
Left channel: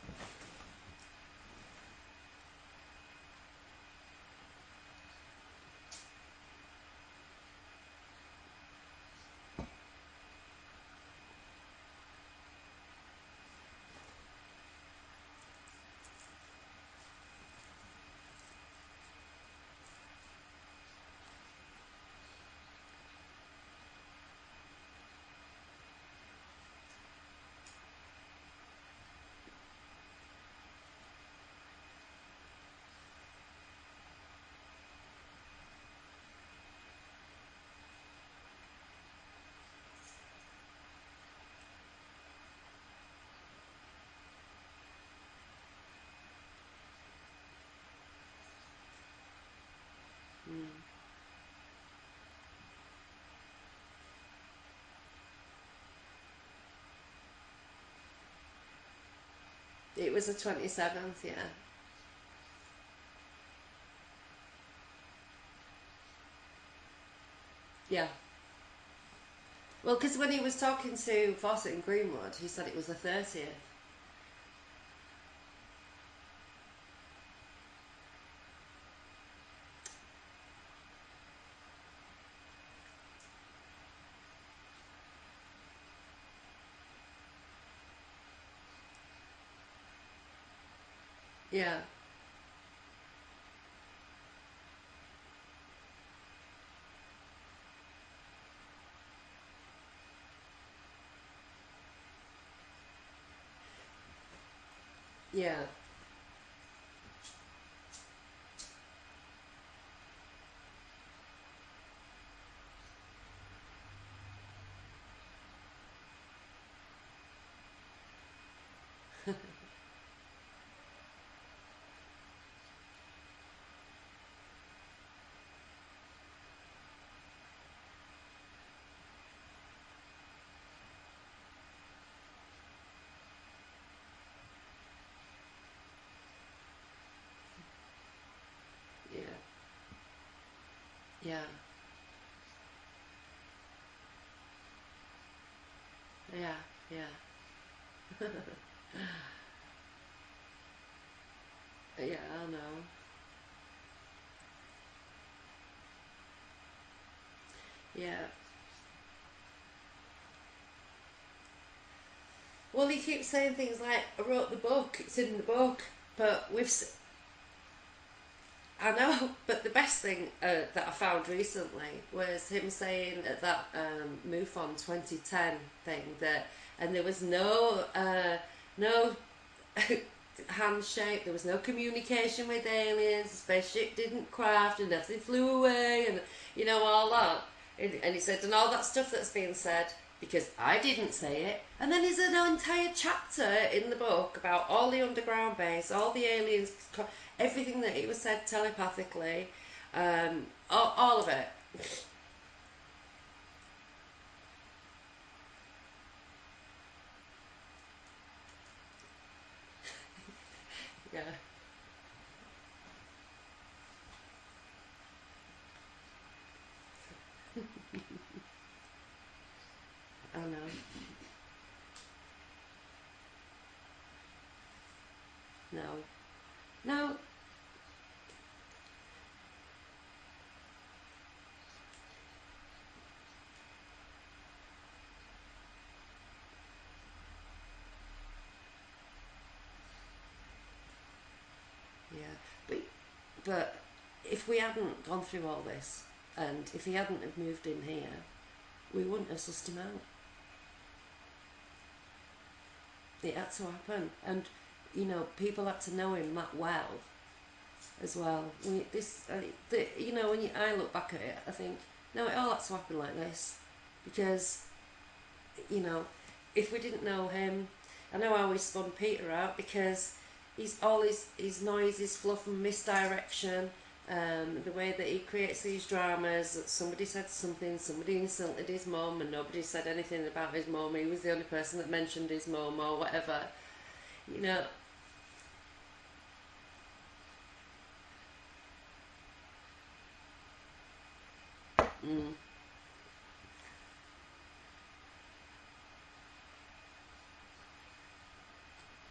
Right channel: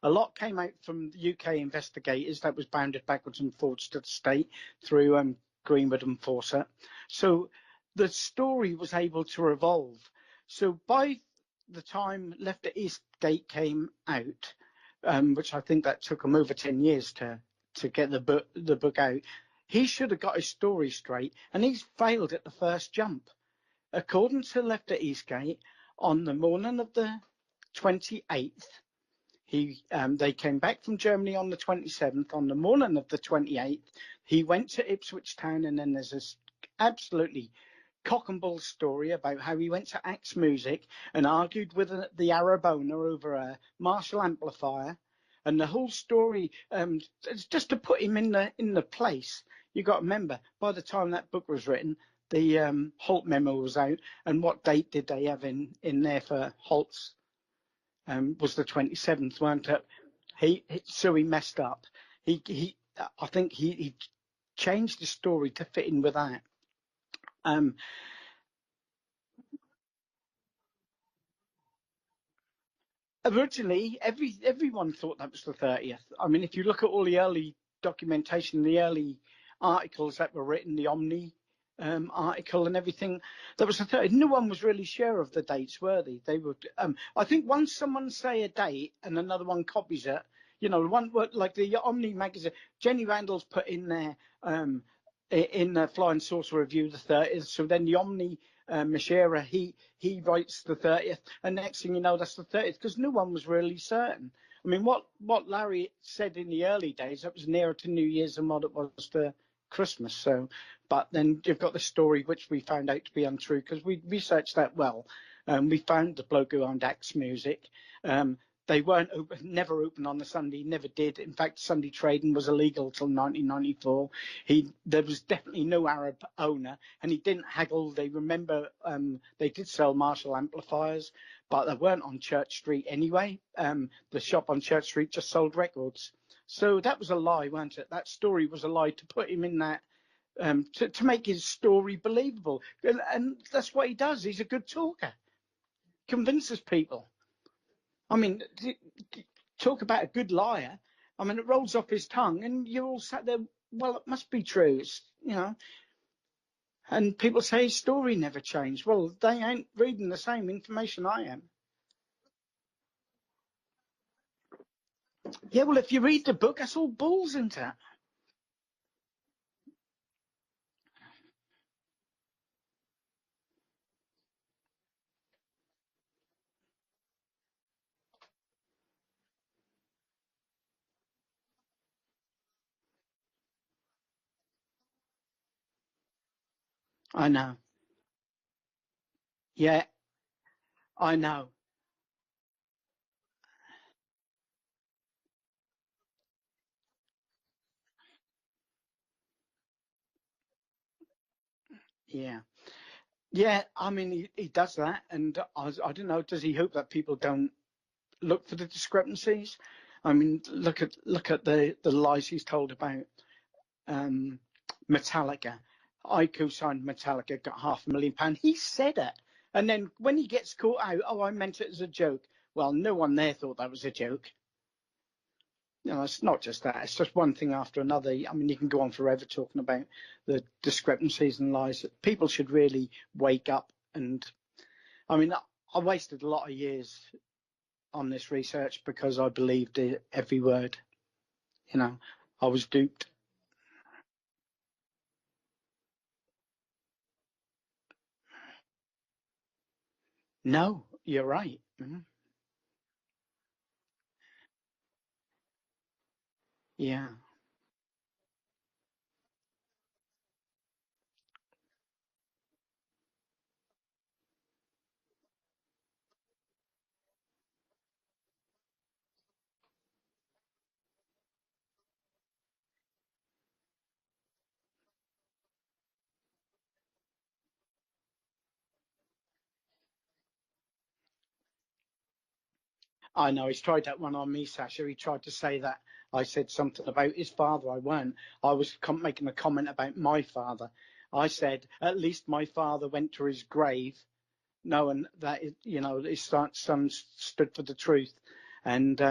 A lot came out from UK investigators that was bounded backwards and forwards to the state through Greenwood and Fawcett. So the story was able to revolve. So by the time Left at Eastgate came out, which I think that took him over 10 years to get the book out, he should have got his story straight, and he's failed at the first jump. According to Left at Eastgate, on the morning of the 28th, they came back from Germany on the 27th. On the morning of the 28th, he went to Ipswich Town, and then there's this absolutely cock and bull story about how he went to Axe Music and argued with the Arab owner over a Marshall amplifier, and the whole story, just to put him in the place. You got to remember, by the time that book was written, Holt memo was out, and what date did they have in there for Holt's? Was the 27th, weren't it? It was the 27th. So he messed up. I think he changed the story to fit in with that. Yeah. Well, because when he was talking to Fawcett and Greenwood, he said it was the 30th. Originally, everyone thought that was the 30th. I mean, if you look at all the early documentation, the early articles that were written, the Omni article and everything, that was the 30th. No one was really sure of the dates, were they? They were. I think once someone say a date and another one copies it, one like the Omni magazine, Jenny Randall's put in there in the Flying Saucer Review the 30th. So then the Omni Mashera, he writes the 30th, and next thing you know, that's the 30th, because no one was really certain. I mean, what Larry said in the early days, that was nearer to New Year's than what it was for Christmas. So, but then you've got the story which we found out to be untrue, because we researched that well. We found the bloke who owned Axe Music. They weren't open, never open on the Sunday, never did. In fact, Sunday trading was illegal till 1994. There was definitely no Arab owner, and he didn't haggle. They remember they did sell Marshall amplifiers, but they weren't on Church Street anyway. The shop on Church Street just sold records. So that was a lie, wasn't it? That story was a lie to put him in that, to make his story believable. And that's what he does. He's a good talker. Convinces people. Yeah. I mean, talk about a good liar. I mean, it rolls off his tongue, and you're all sat there, well, it must be true, And people say his story never changed. Well, they ain't reading the same information I am. Well, he keeps saying things like, I wrote the book, it's in the book. Yeah, well, if you read the book, that's all balls, isn't it? I know, but the best thing that I found recently was him saying at that MUFON 2010 thing that, and there was no handshake, there was no communication with aliens, the spaceship didn't craft, and nothing flew away, and all that. I know. And he said, and all that stuff that's being said, because I didn't say it. And then there's an entire chapter in the book about all the underground base, all the aliens, everything that it was said telepathically, all of it. Yeah, I mean, he does that, and I don't know, does he hope that people don't look for the discrepancies? I mean, look at the lies he's told about Metallica. I co-signed Metallica, got £500,000. He said it. And then when he gets caught out, I meant it as a joke. Well, no one there thought that was a joke. No. It's not just that. It's just one thing after another. I mean, you can go on forever talking about the discrepancies and lies. People should really wake up. And I mean, I wasted a lot of years on this research because I believed every word. I was duped. But if we hadn't gone through all this, and if he hadn't have moved in here, we wouldn't have sussed him out. No, you're right. Mm-hmm. It had to happen, and people had to know him that well. Yeah. As well, when I look back at it, I think no, it all had to happen like this, because if we didn't know him, I know how we spun Peter out, because he's all his noise, his fluff and misdirection, the way that he creates these dramas, that somebody said something, somebody insulted his mum, and nobody said anything about his mum. He was the only person that mentioned his mum or whatever. I know, he's tried that one on me, Sacha. He tried to say that I said something about his father. I weren't. I was making a comment about my father. I said, at least my father went to his grave knowing that, his son stood for the truth. And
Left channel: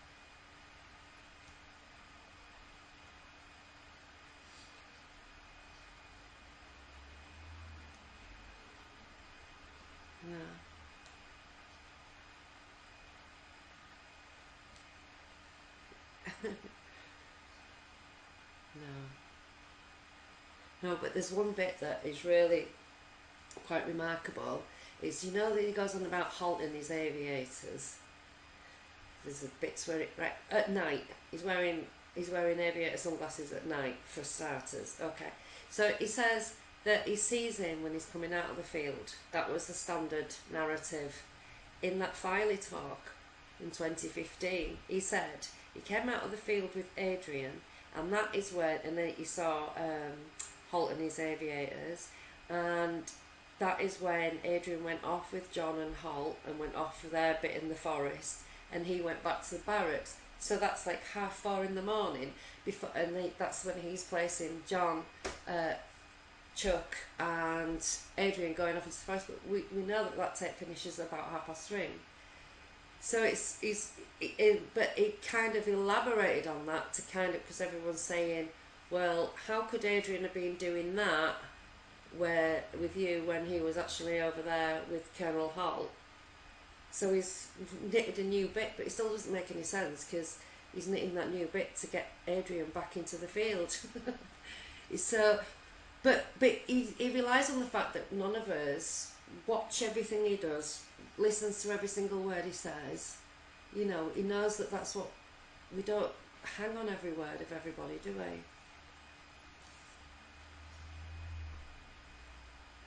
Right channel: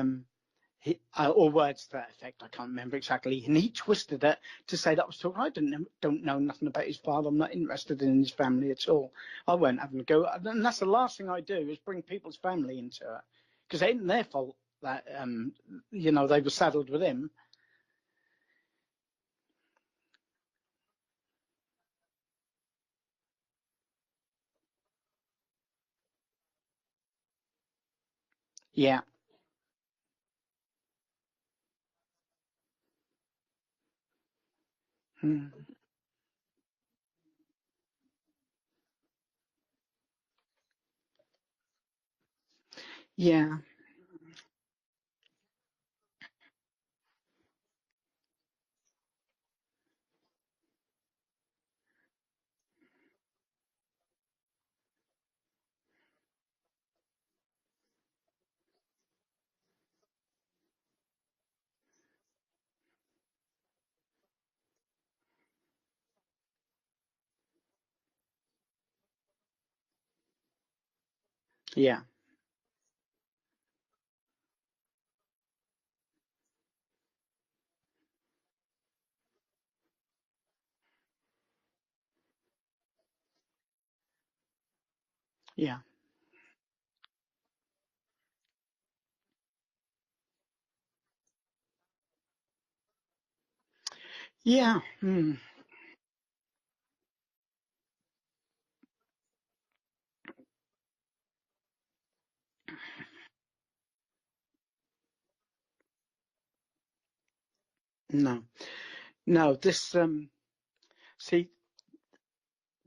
or words to that effect, I can't remember exactly. And he twisted it to say that was talking. I don't know nothing about his father. I'm not interested in his family at all. I won't have him go. And that's the last thing I do, is bring people's family into it, because it ain't their fault that they were saddled with him. No, but there's one bit that is really quite remarkable. Is that he goes on about halting his aviators. Yeah. There's a bits where at night he's wearing aviator sunglasses at night for starters. Okay. So he says that he sees him when he's coming out of the field. That was the standard narrative in that Filey talk. Yeah. In 2015, he said he came out of the field with Adrian, and that is when, and then he saw Holt and his aviators, and that is when Adrian went off with John and Holt and went off for their bit in the forest, and he went back to the barracks. So that's like 4:30 in the morning. Before, and that's when he's placing John, Chuck, and Adrian going off into the forest. But we know that tape finishes about 3:30. Yeah. So but it kind of elaborated on that to kind of, because everyone's saying, well, how could Adrian have been doing that with you when he was actually over there with Colonel Holt? Yeah. So he's knitted a new bit, but it still doesn't make any sense because he's knitting that new bit to get Adrian back into the field. Yeah. So, but he relies on the fact that none of us watch everything he does, listens to every single word he says. You know, he knows that that's what we don't hang on every word of everybody, do we? No. This see,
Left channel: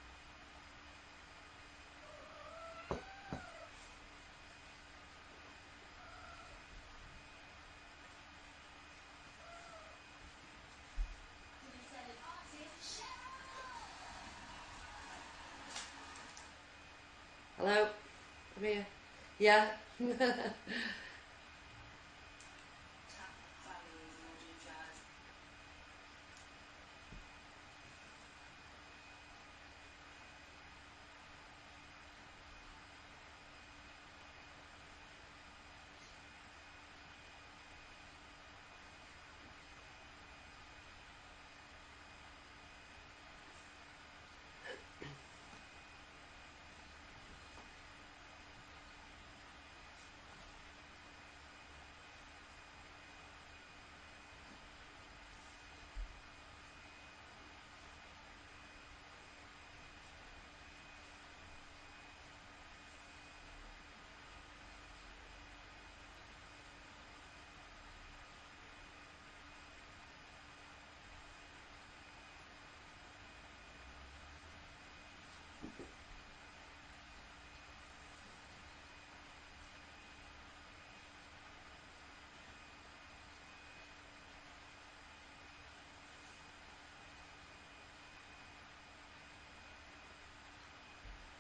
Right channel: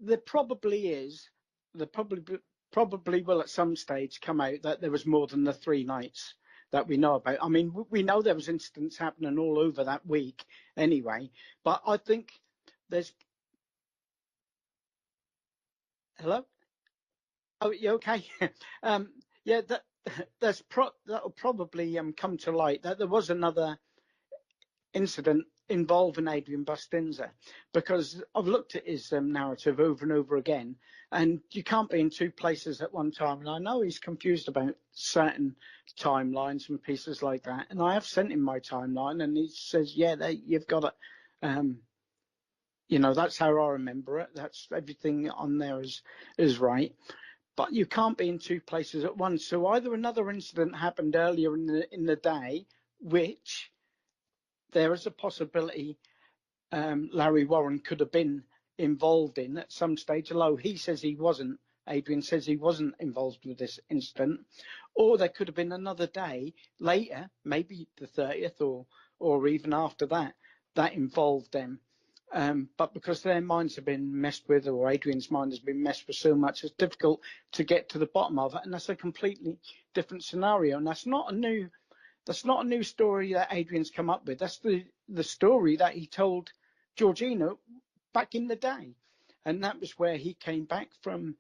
there probably will at some stage come out that there was more than the 3 nights that we know about. I mean, we know there was incidents happening all over that week anyway, but I think there's. Hello? Oh, Hello? you okay? Yeah. That'll probably come to light that there was another incident involving Adrian Bustinza, because I've looked at his narrative over and over again, and you can't be in 2 places at one time. And I know he's confused about certain timelines and pieces like that. And I have sent him my timeline, and he says, "Yeah, you've got it. That's how I remember it. That's everything on there is right." But you can't be in 2 places at once. So either another incident happened earlier in the day, which there is a possibility Larry Warren could have been involved in at some stage, although he says he wasn't. Adrian says he wasn't involved with this incident. Or there could have been another day later, maybe the 30th or even after that involved them. But because their minds have been messed with, or Adrian's mind has been messed with so much, it's difficult to get to the bottom of it. And that's a completely different scenario. And that's not a new story that Adrian's come up with. That's the story that he told Georgina back in the day. And that was where he came back from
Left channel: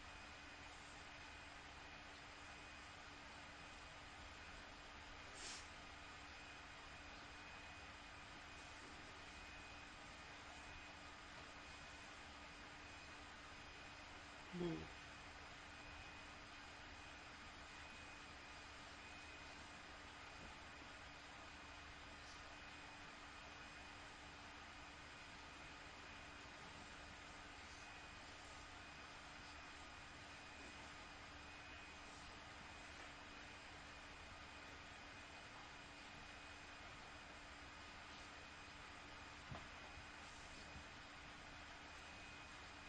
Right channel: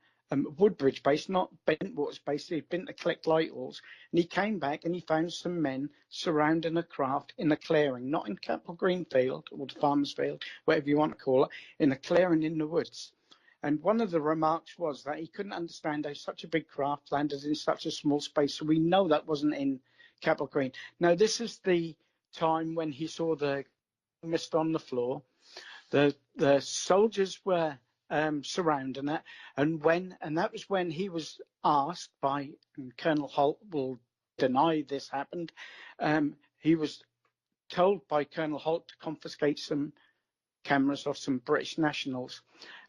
Woodbridge base, not Bentwaters base. He'd been to collect light oars. And he came back and he found some men surrounding a craft in a clearing, not in Capel Green field or the farmer's field, whatever you want to call it, in a clearing in the woods. And one of the remarks was that he couldn't understand how such a big craft landed in such a small space. So we know that wasn't in Capel Green. Now, this is the time when he saw the mist on the floor. The soldiers were surrounding it, and that was when he was asked by Colonel Holt will deny this happened. He was told by Colonel Holt to confiscate some cameras of some British nationals,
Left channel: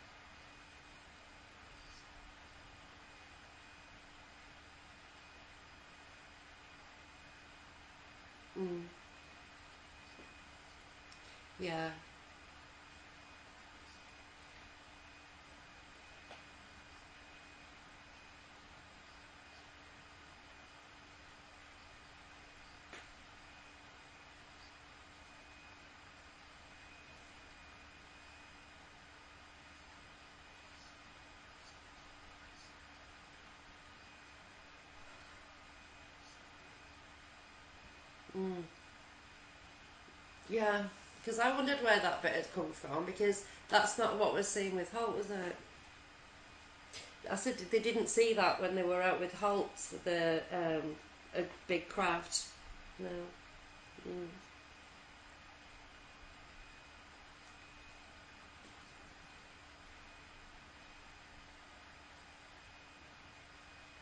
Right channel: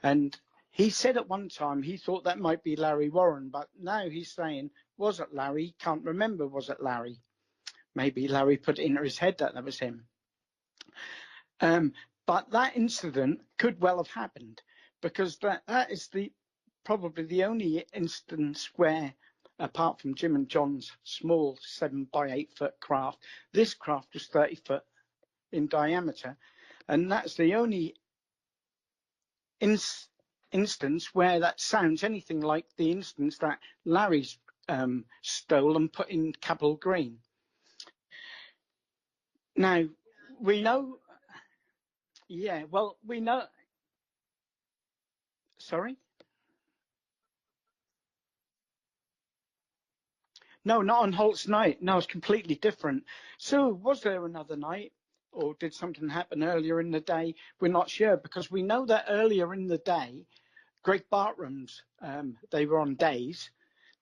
and he said at one time he thought that might be Larry Warren, but now he's saying, was it Larry? Can't remember. Was it Larry? Maybe Larry put it into his head that was him. Yeah. But that incident could well have happened, because that is probably the only instance where, apart from Jim and John's small 7 by 8 foot craft, this craft was 30 foot in diameter. And that's the only instance where that sounds anything like the instance that Larry's stole and put in Capel Green. Now, we know... Because I wondered where that bit had come from, we because know... that's not what we're seeing with Holt, was it? Sorry? I said they didn't see that when they were out with Holt. No, not on Holt's night. No, it's craft. completely different. No. So was there another night, or did something happen earlier in the day? We're not sure, because we know that earlier in the day, Greg Bartram's, they were on days.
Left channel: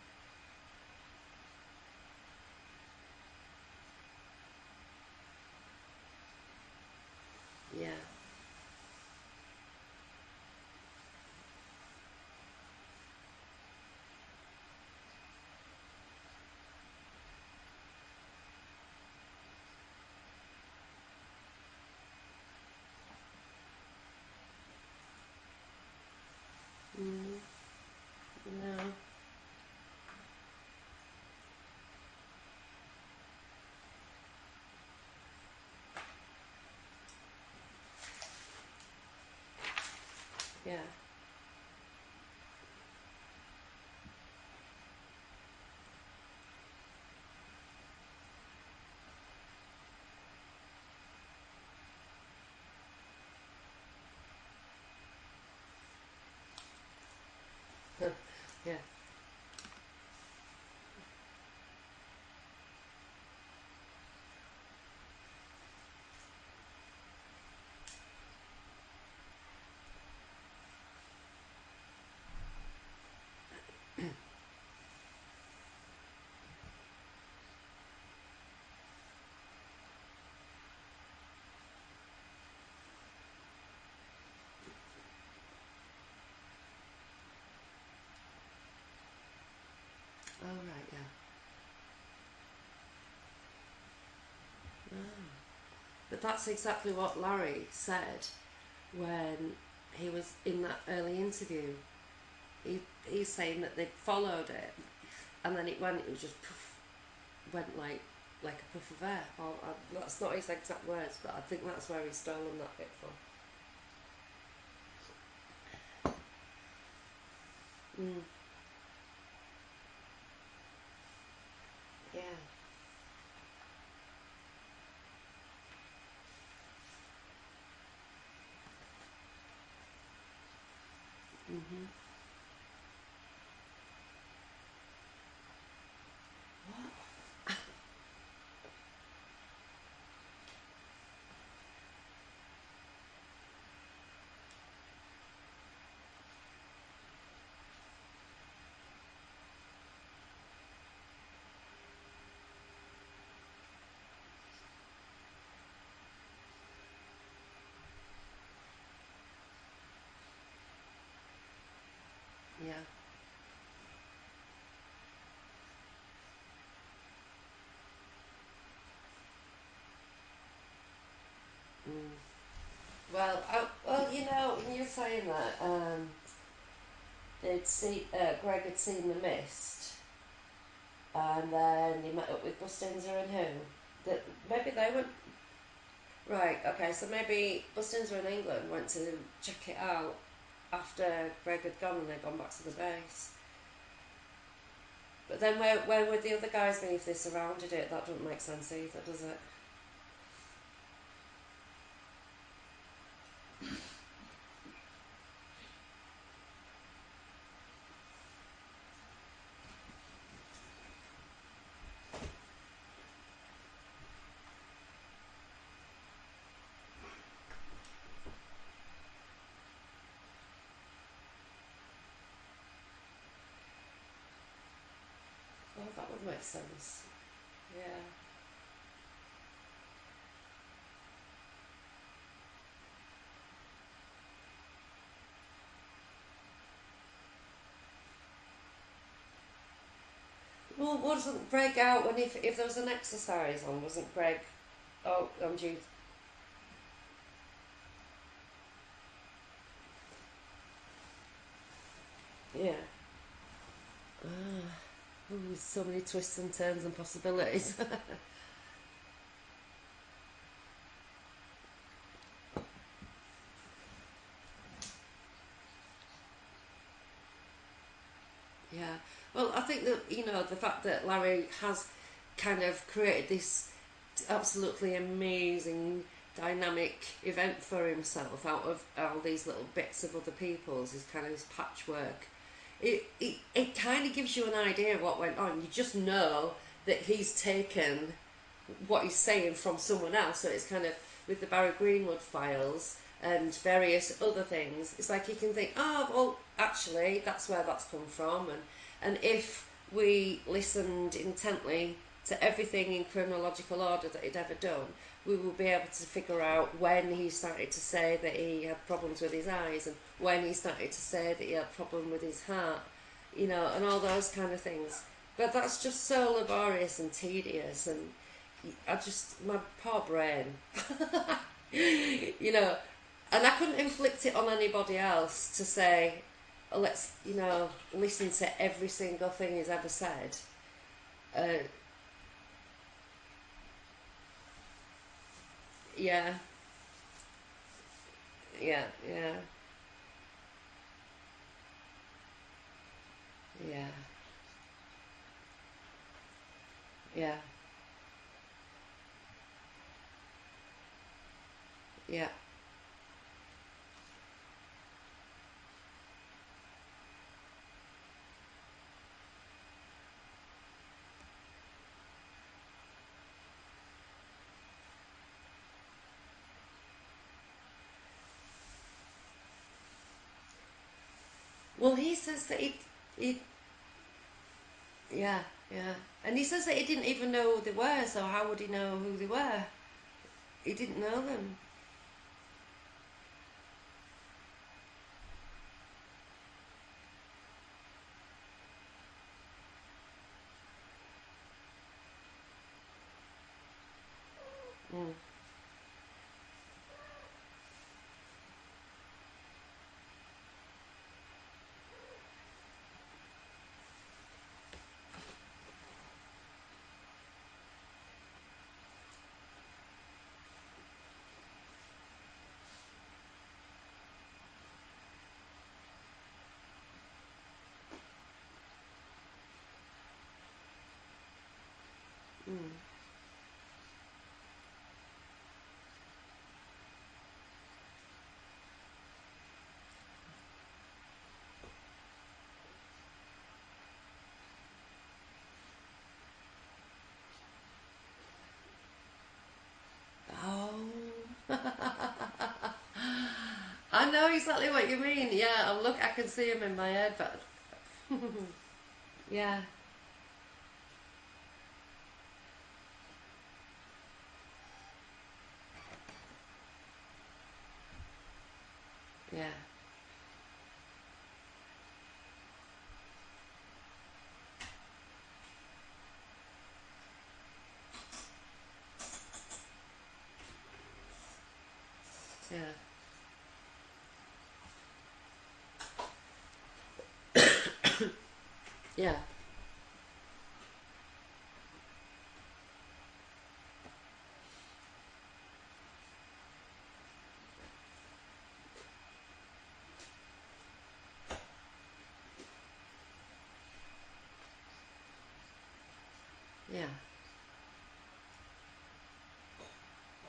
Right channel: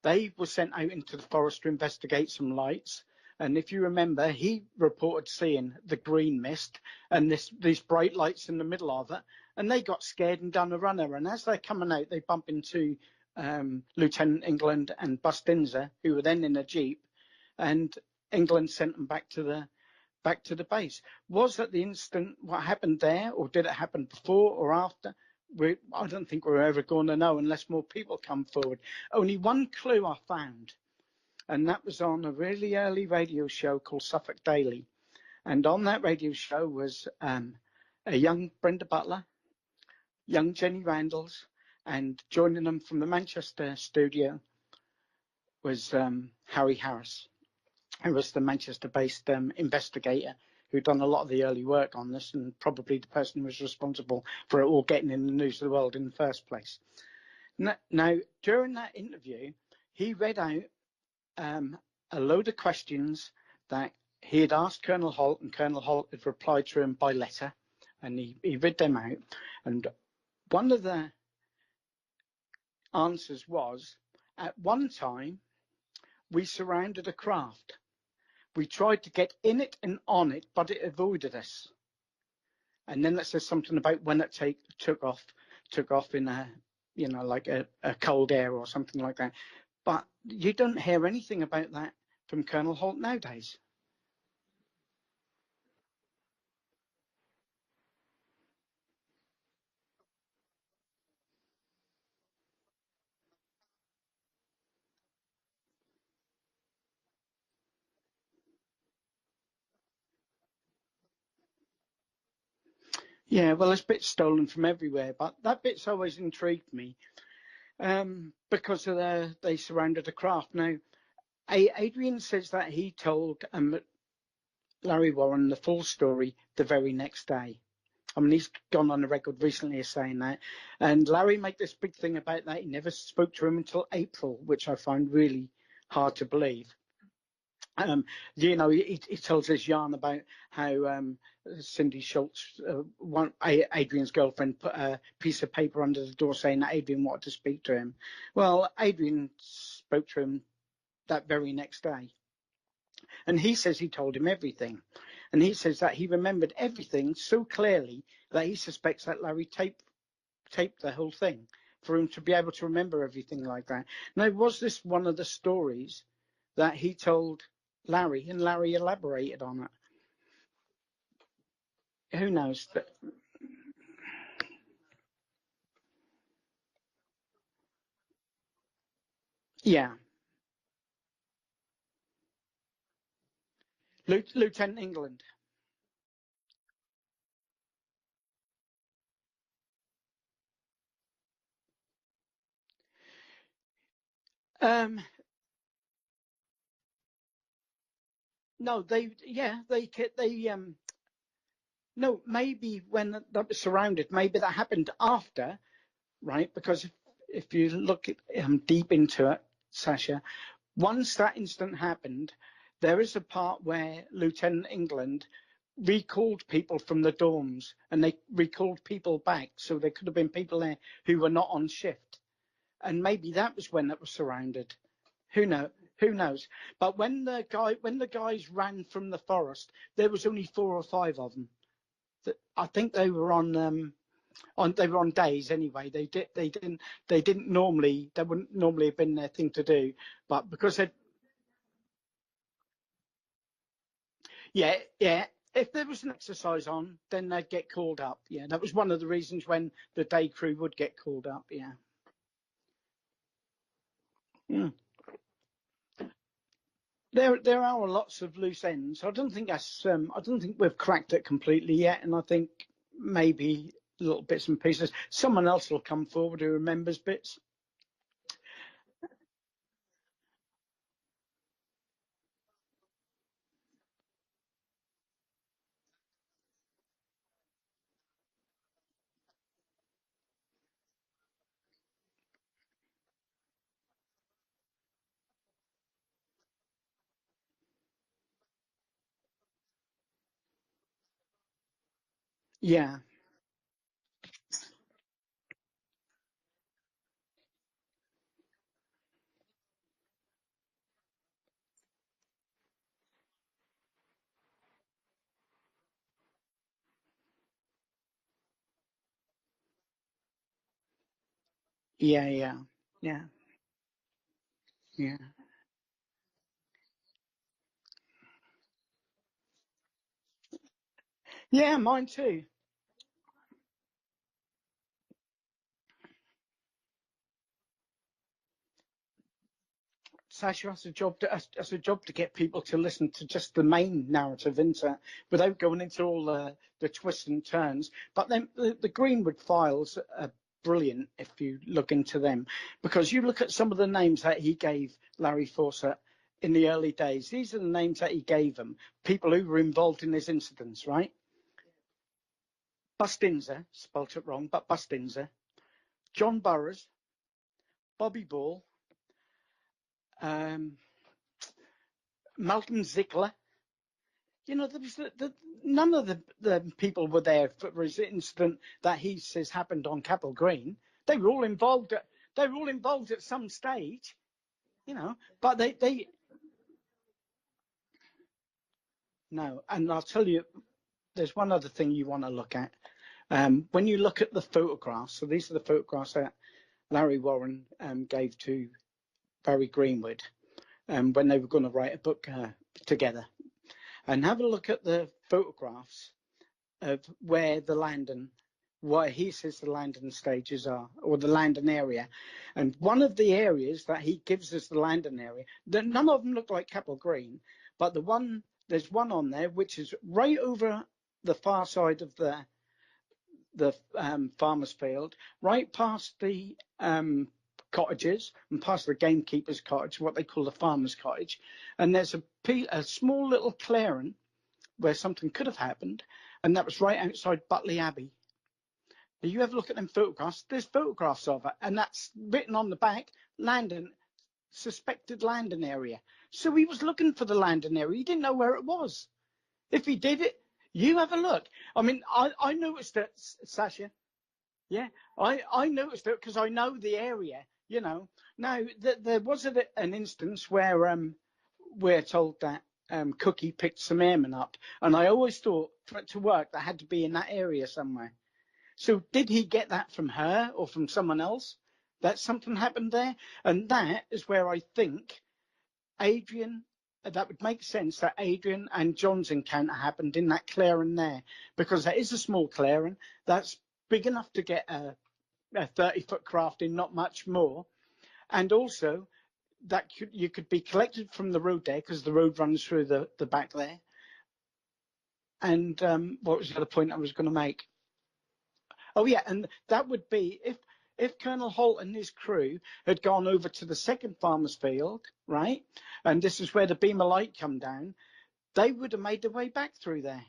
They were sent out into the forest to investigate some lights. And if you remember, he reported seeing the green mist and these bright lights in the middle of it. And they got scared and done a runner. And as they're coming out, they bump into Lieutenant England and Bustinza, who were then in a jeep. And England sent them back to the base. Was that the instant what happened there, or did it happen before or after? I don't think we're ever going to know unless more people come forward. Only one clue I found, and that was on a really early radio show called Suffolk Daily. And on that radio show was a young Brenda Butler, young Jenny Yeah. Randalls, and joining them from the Manchester studio was Harry Harris, who was the Manchester-based investigator who'd done a lot of the early work on this, and probably the person who was responsible for it all getting in the news of the world in the first place. Now, during that interview, he read out a load of questions that he had asked Colonel Holt, and Colonel Holt had replied to him by letter, and he read them out. And one of the answers was, at one time, we surrounded a craft. We tried to get in it and on it, but it avoided us. And then that says something about when it took off in a, like a cold air or something like that. But you don't hear anything about that from Colonel Holt nowadays. But that's exactly what Larry said when he was in that early interview. He's saying that they followed it, and then it was just poof, went like a puff of air. That's not his exact words, but I think that's where he's stolen that bit from. Yeah, well, there's bits stolen from everywhere, but that bit's always intrigued me because of they surrounded a craft. Now, Adrian says that he told Larry Warren the full story the very next day. I mean, he's gone on the record recently as saying that. And Larry made this big thing about that. He never spoke to him until April, which I find really hard to believe. He tells this yarn about how Cindy Schultz, Adrian's girlfriend, put a piece of paper under the door saying that Adrian wanted to speak to him. Well, Adrian spoke to him that very next day. And he says he told him everything. And he says that he remembered everything so clearly that he suspects that Larry taped the whole thing for him to be able to remember everything like that. Now, was this one of the stories that he told Larry, and Larry elaborated on it? Who knows? Well, when you're saying that, Greg had seen The Mist. Yeah. And then he met up with Bustinzer and who? Lieutenant England. Right, okay, so maybe Bustinzer in England went to check it out after Greg had gone and they'd gone back to the base. But then where would the other guys be if they surrounded it? That doesn't make sense either, does it? No, maybe when that was surrounded, maybe that happened after, right? Because if you look deep into it, Sacha, once that incident happened, there is a part where Lieutenant England recalled people from the dorms, and they recalled people back, so there could have been people there who were not on shift, and maybe that was when it was surrounded. Who knows? Who knows? But when the guys ran from the forest, there was only 4 or 5 of them. I think they were on days anyway. They wouldn't normally have been their thing to do, but because wasn't Greg out when if there was an exercise on? Wasn't Greg? Yeah. If there was an exercise on, then they'd get called up. Yeah, that was one of the reasons when the day crew would get called up. Yeah. Yeah. So many twists and turns and possibilities. There are lots of loose ends. I don't think we've cracked it completely yet, and I think maybe little bits and pieces. Someone else will come forward who remembers bits. Yeah. Well, I think that the fact that Larry has kind of created this absolutely amazing dynamic event for himself out of all these little bits of other people's, his kind of his patchwork. It kind of gives you an idea of what went on. You just know that he's taken what he's saying from someone else. So it's kind of with the Barry Greenwood files and various other things. It's like you can think, oh, well, actually, that's where that's come from. And if we listened intently to everything in chronological order that he'd ever done, we will be able to figure out when he started to say that he had problems with his eyes and when he started to say that he had problems with his heart, and all those kind of things. Yeah. But that's just so laborious and tedious, and my poor brain. Yeah, mine too. And I couldn't inflict it on anybody else to say, let's listen to every single thing he's ever said. Sacha has a job to get people to listen to just the main narrative, isn't it? Without going into all the twists and turns. But then Yeah, the Greenwood yeah, files are brilliant if you look into them, because you look at some of the names that he gave Larry Fawcett in the early days. yeah, These are the names that he gave them, people who were involved in his incidents, right? yeah. Bustinza, spelt it wrong, but Bustinza, John Burroughs, Bobby Ball, Malcolm Ziegler. You know, none of the people were there for his incident that he says happened on Capel Green. They were all involved. Well, he says They were that all involved at some stage, you know. yeah, But yeah. And he says that he didn't even know who they were, so how would he know who they were? no. And I'll tell you, He didn't know there's them. one other thing you want to look at. When you look at the photographs, so these are the photographs that Larry Warren gave to Barry Greenwood when they were going to write a book together. And have a look at the photographs of where he says the landing stages are, or the landing area. And one of the areas that he gives us the landing area, none of them look like Capel Green, but there's one on there which is right over the far side of the farmer's field, right past the cottages and past the gamekeeper's cottage, what they call the farmer's cottage. And there's a small little clearing where something could have happened, and that was right outside Butley Abbey. If you ever look at them photographs, there's photographs of it, and that's written on the back, suspected landing area. So he was looking for the landing area. He didn't know where it was. If he did it, you have a look. I mean, I noticed it, Sacha. I know exactly what you mean. I Look, noticed I it can because see I him know in my the head. area, you know. Now, there was Yeah. an instance where we're told that Cookie picked some airmen up, and I always thought for it to work, that had to be in that area somewhere. So did he get that from her or from someone else? That something happened there? And that is where I think that would make sense that Adrian and John's encounter happened in that clearing there, because there is a small clearing that's big enough to get a 30-foot craft in, not much more. And also, that you could be collected from the road there, because the road runs through the back there. And what was the other point I was going to make? Oh, yeah, and that would be if Colonel Holt and his crew had gone over to the second farmer's field, right, and this is where the beam of light come down, they would have made their way back through there.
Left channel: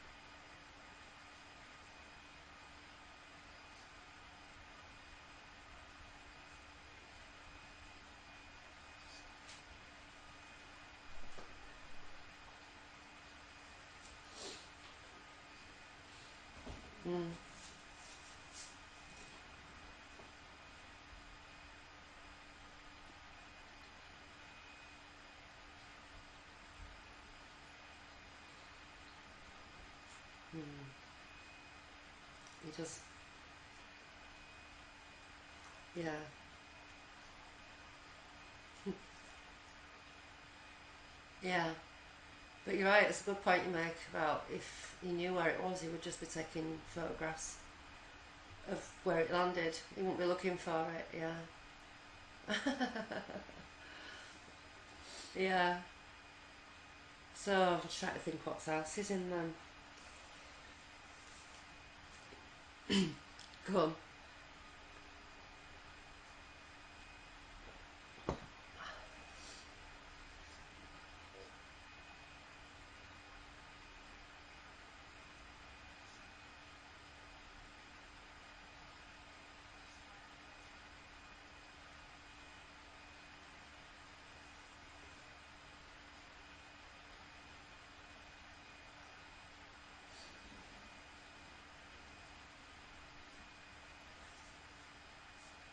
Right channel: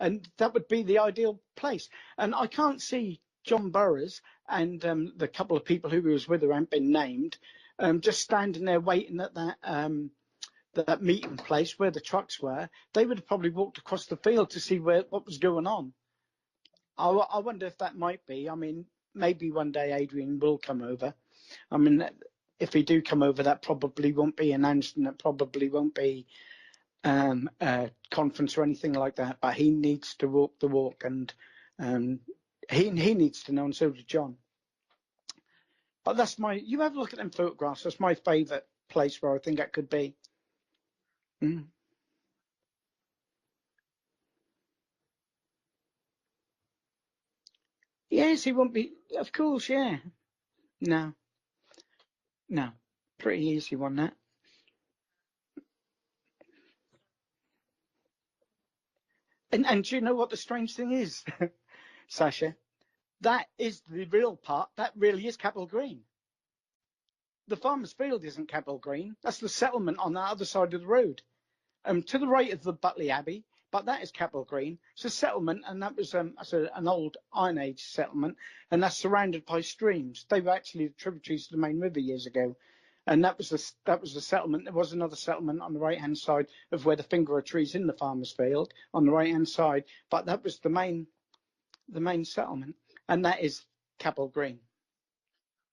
And that would be the ideal place. And I can't see John Burroughs and the couple of people who was with her hadn't been named, just standing there waiting at that meeting place where the trucks were. They would have probably walked across the field to see what was going on. I wonder if that might be. I mean, maybe one day Adrian will come over. I mean, if he do come over, that probably won't be announced, and that probably won't be a conference or anything like that. But he needs to walk the walk, and he needs to know, and so does John. Yeah. But that's you have a look at them photographs. That's my favourite place where I think that could be. Yeah. But you're right, it's a good point you make about if he knew where it was, he would just be taking photographs. Yes, he won't be. Where Of it course, landed. yeah. He won't be looking for No. it, yeah. No. Pretty easy one, that. Yeah. So I'm just trying to think what else is in them. And do you know what the strange thing is, Sacha? That is the real part. That really is Capel Green. The farmer's field isn't Capel Green. That's the settlement on the other side of the road. To the right of the Butley Abbey, but that is Capel Green. It's a settlement, and that was an old Iron Age settlement, and that's surrounded by streams. They were actually tributaries to the main river years ago, and that was the settlement. There was another settlement on the right-hand side of where the finger trees in the farmer's field on the right-hand side, but that was the main settlement, and that is Capel Green.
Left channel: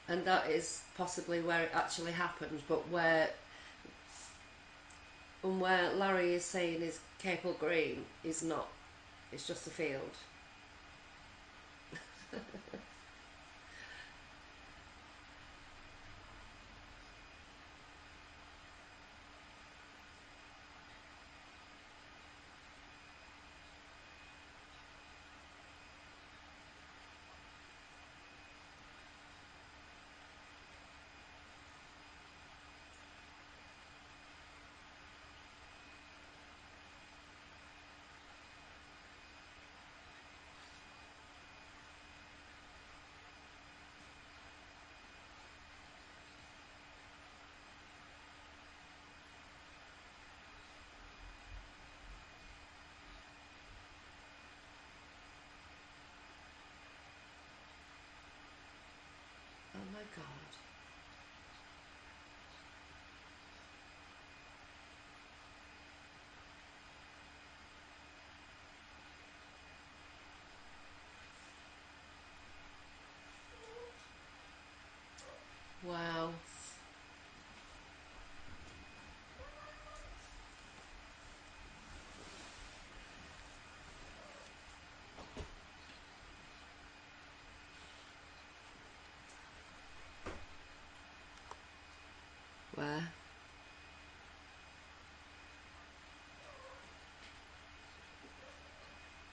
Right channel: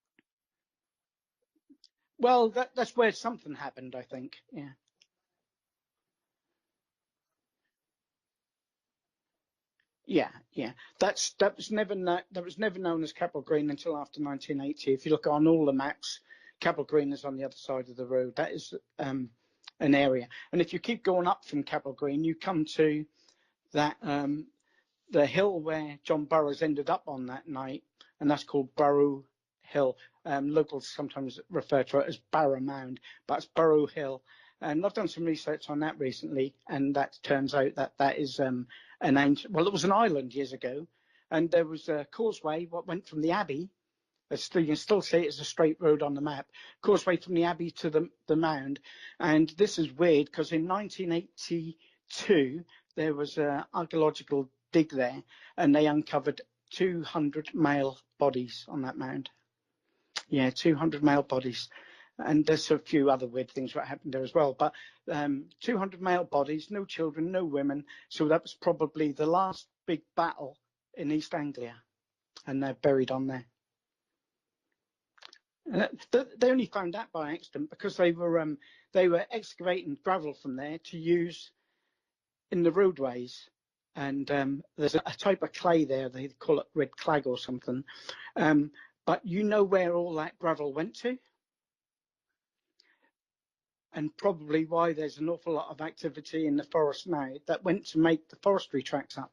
And that is possibly where it actually happened. Well, that's where something happened, I think. Yeah. And where Larry is saying is Capel Green is not. It's just a field. Yeah. That was never known as Capel Green until after 1980. If you look on all the maps, Capel Green is on the other side of the road. That is an area. And if you keep going up from Capel Green, you come to that the hill where John Burroughs ended up on that night, and that's called Burrow Hill. Locals sometimes refer to it as Barrow Mound, but it's Burrow Hill. And I've done some research on that recently, and that turns out that is an ancient, well, it was an island years ago, and there was a causeway what went from the Abbey. You can still see it as a straight road on the map. Causeway from the Abbey to the mound. And this is weird because in 1982 there was an archaeological dig there, and they uncovered 200 male bodies on that mound. Oh my God. Yeah, 200 male bodies. And there's a few other weird things that happened there as well. But 200 male bodies, no children, no women. So that was probably the last big battle in East Anglia. And they're buried on there. Wow. They only found that by accident because they were excavating gravel from there to use in the roadways. And there's a type of clay there, they call it red clag or something. But you know where all that gravel went to? Where? And probably why there's an awful lot of activity in the forest now that went to make the forestry tracks up.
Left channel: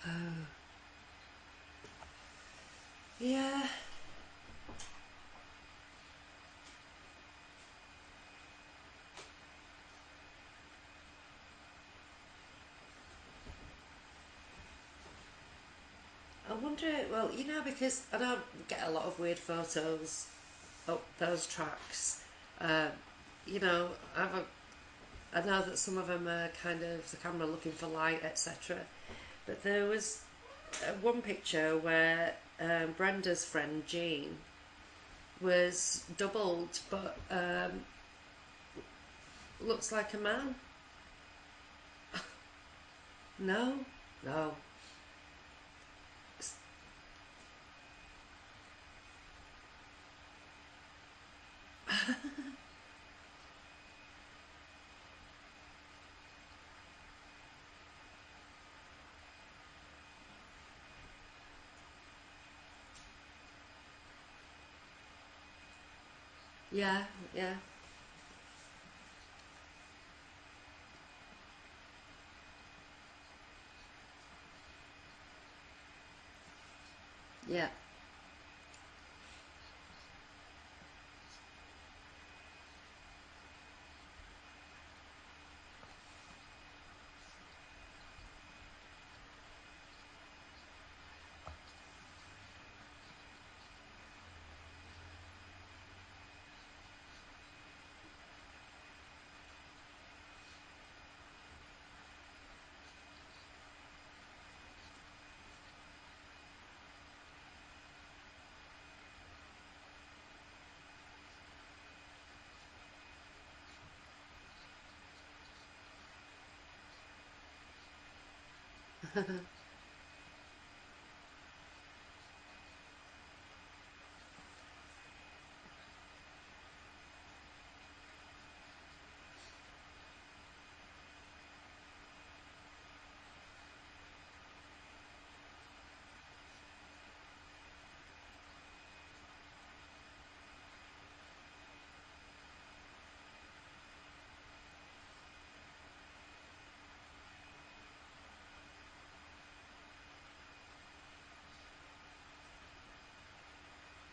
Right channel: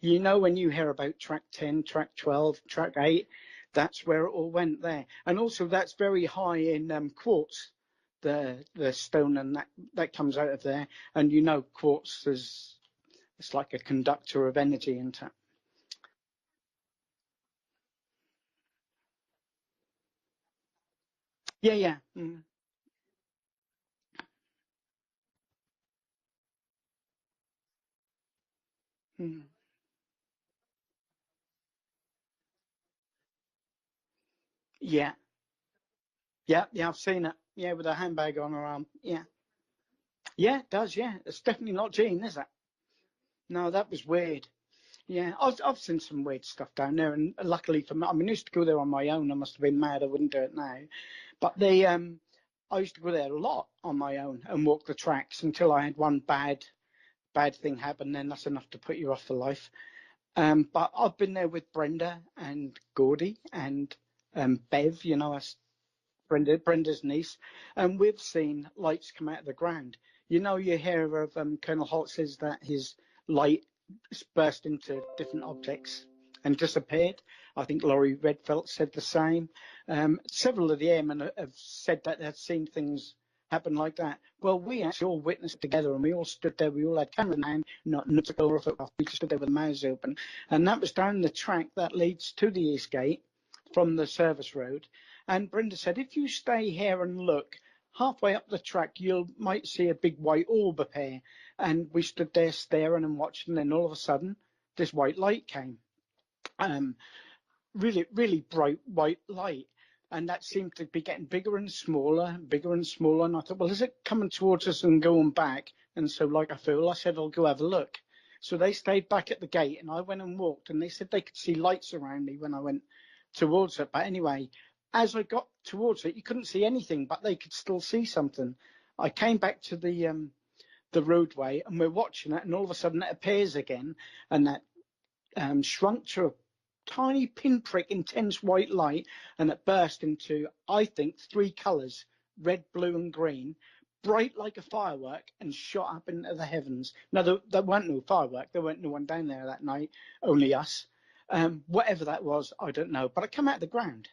You know, when you hear about track 10, track 12, track 8, Yeah. that's where it all went there. And also that's very high in quartz, the stone, and that comes out of there. And you know quartz it's like a conductor of energy, isn't it? I wonder, well, because I don't get a lot of weird photos up those Yeah. tracks. You know, I know that some of them are kind of the camera looking for light, etc. But there was one picture where Brenda's friend Jean Yeah. was doubled, Yeah, I've but seen it. Yeah, with a handbag on her arm. Yeah. looks like a man. Yeah, it does, yeah. It's definitely not Jean, is it? No, No? that was weird. Oh. Yeah, I've seen some weird stuff down there, and luckily for me, I mean, I used to go there on my own. I must have been mad I wouldn't do it now. But I used to go there a lot on my own and walk the tracks until I had one bad thing happen. Then that's enough to put you off for life. But I've been there with Brenda and Gordy and Bev, you know, us Brenda's niece, Yeah. and we've seen lights come out of the ground. You know, you hear of Colonel Holt says that his light burst into different objects and disappeared. I Yeah. think Laurie Redfelt said the same. Several of the airmen have said that they've seen things happen like that. Well, we actually all witnessed together, and we all stood there. We all had cameras in hand, not to go off. We stood there with our mouths open, and that was down the track that leads to the East Gate from the service road. And Brenda said, if you stay here and look, halfway up the track, you might see a big white orb appear. And we stood there staring and watching, and all of a sudden, this white light came. Really, really bright white light. And that seemed to be getting bigger and smaller, bigger and smaller. And I thought, well, is it coming towards us and going back? And so, like I feel, I said, I'll go have a look. So they stayed back at the gate, and I went and walked, and they said they could see lights around me when I went towards it. But anyway, as I got towards it, you couldn't see anything, but they could still see something. I came back to the roadway, and we're watching it, and all of a sudden it appears again, and that shrunk to a tiny pinprick, intense white light, and it burst into, I think, 3 colours, red, blue and green, bright like a firework, and shot up into the heavens. Now, there weren't no firework. There weren't no one down there that night, only us. Whatever that was, I don't know. But it came out of the ground.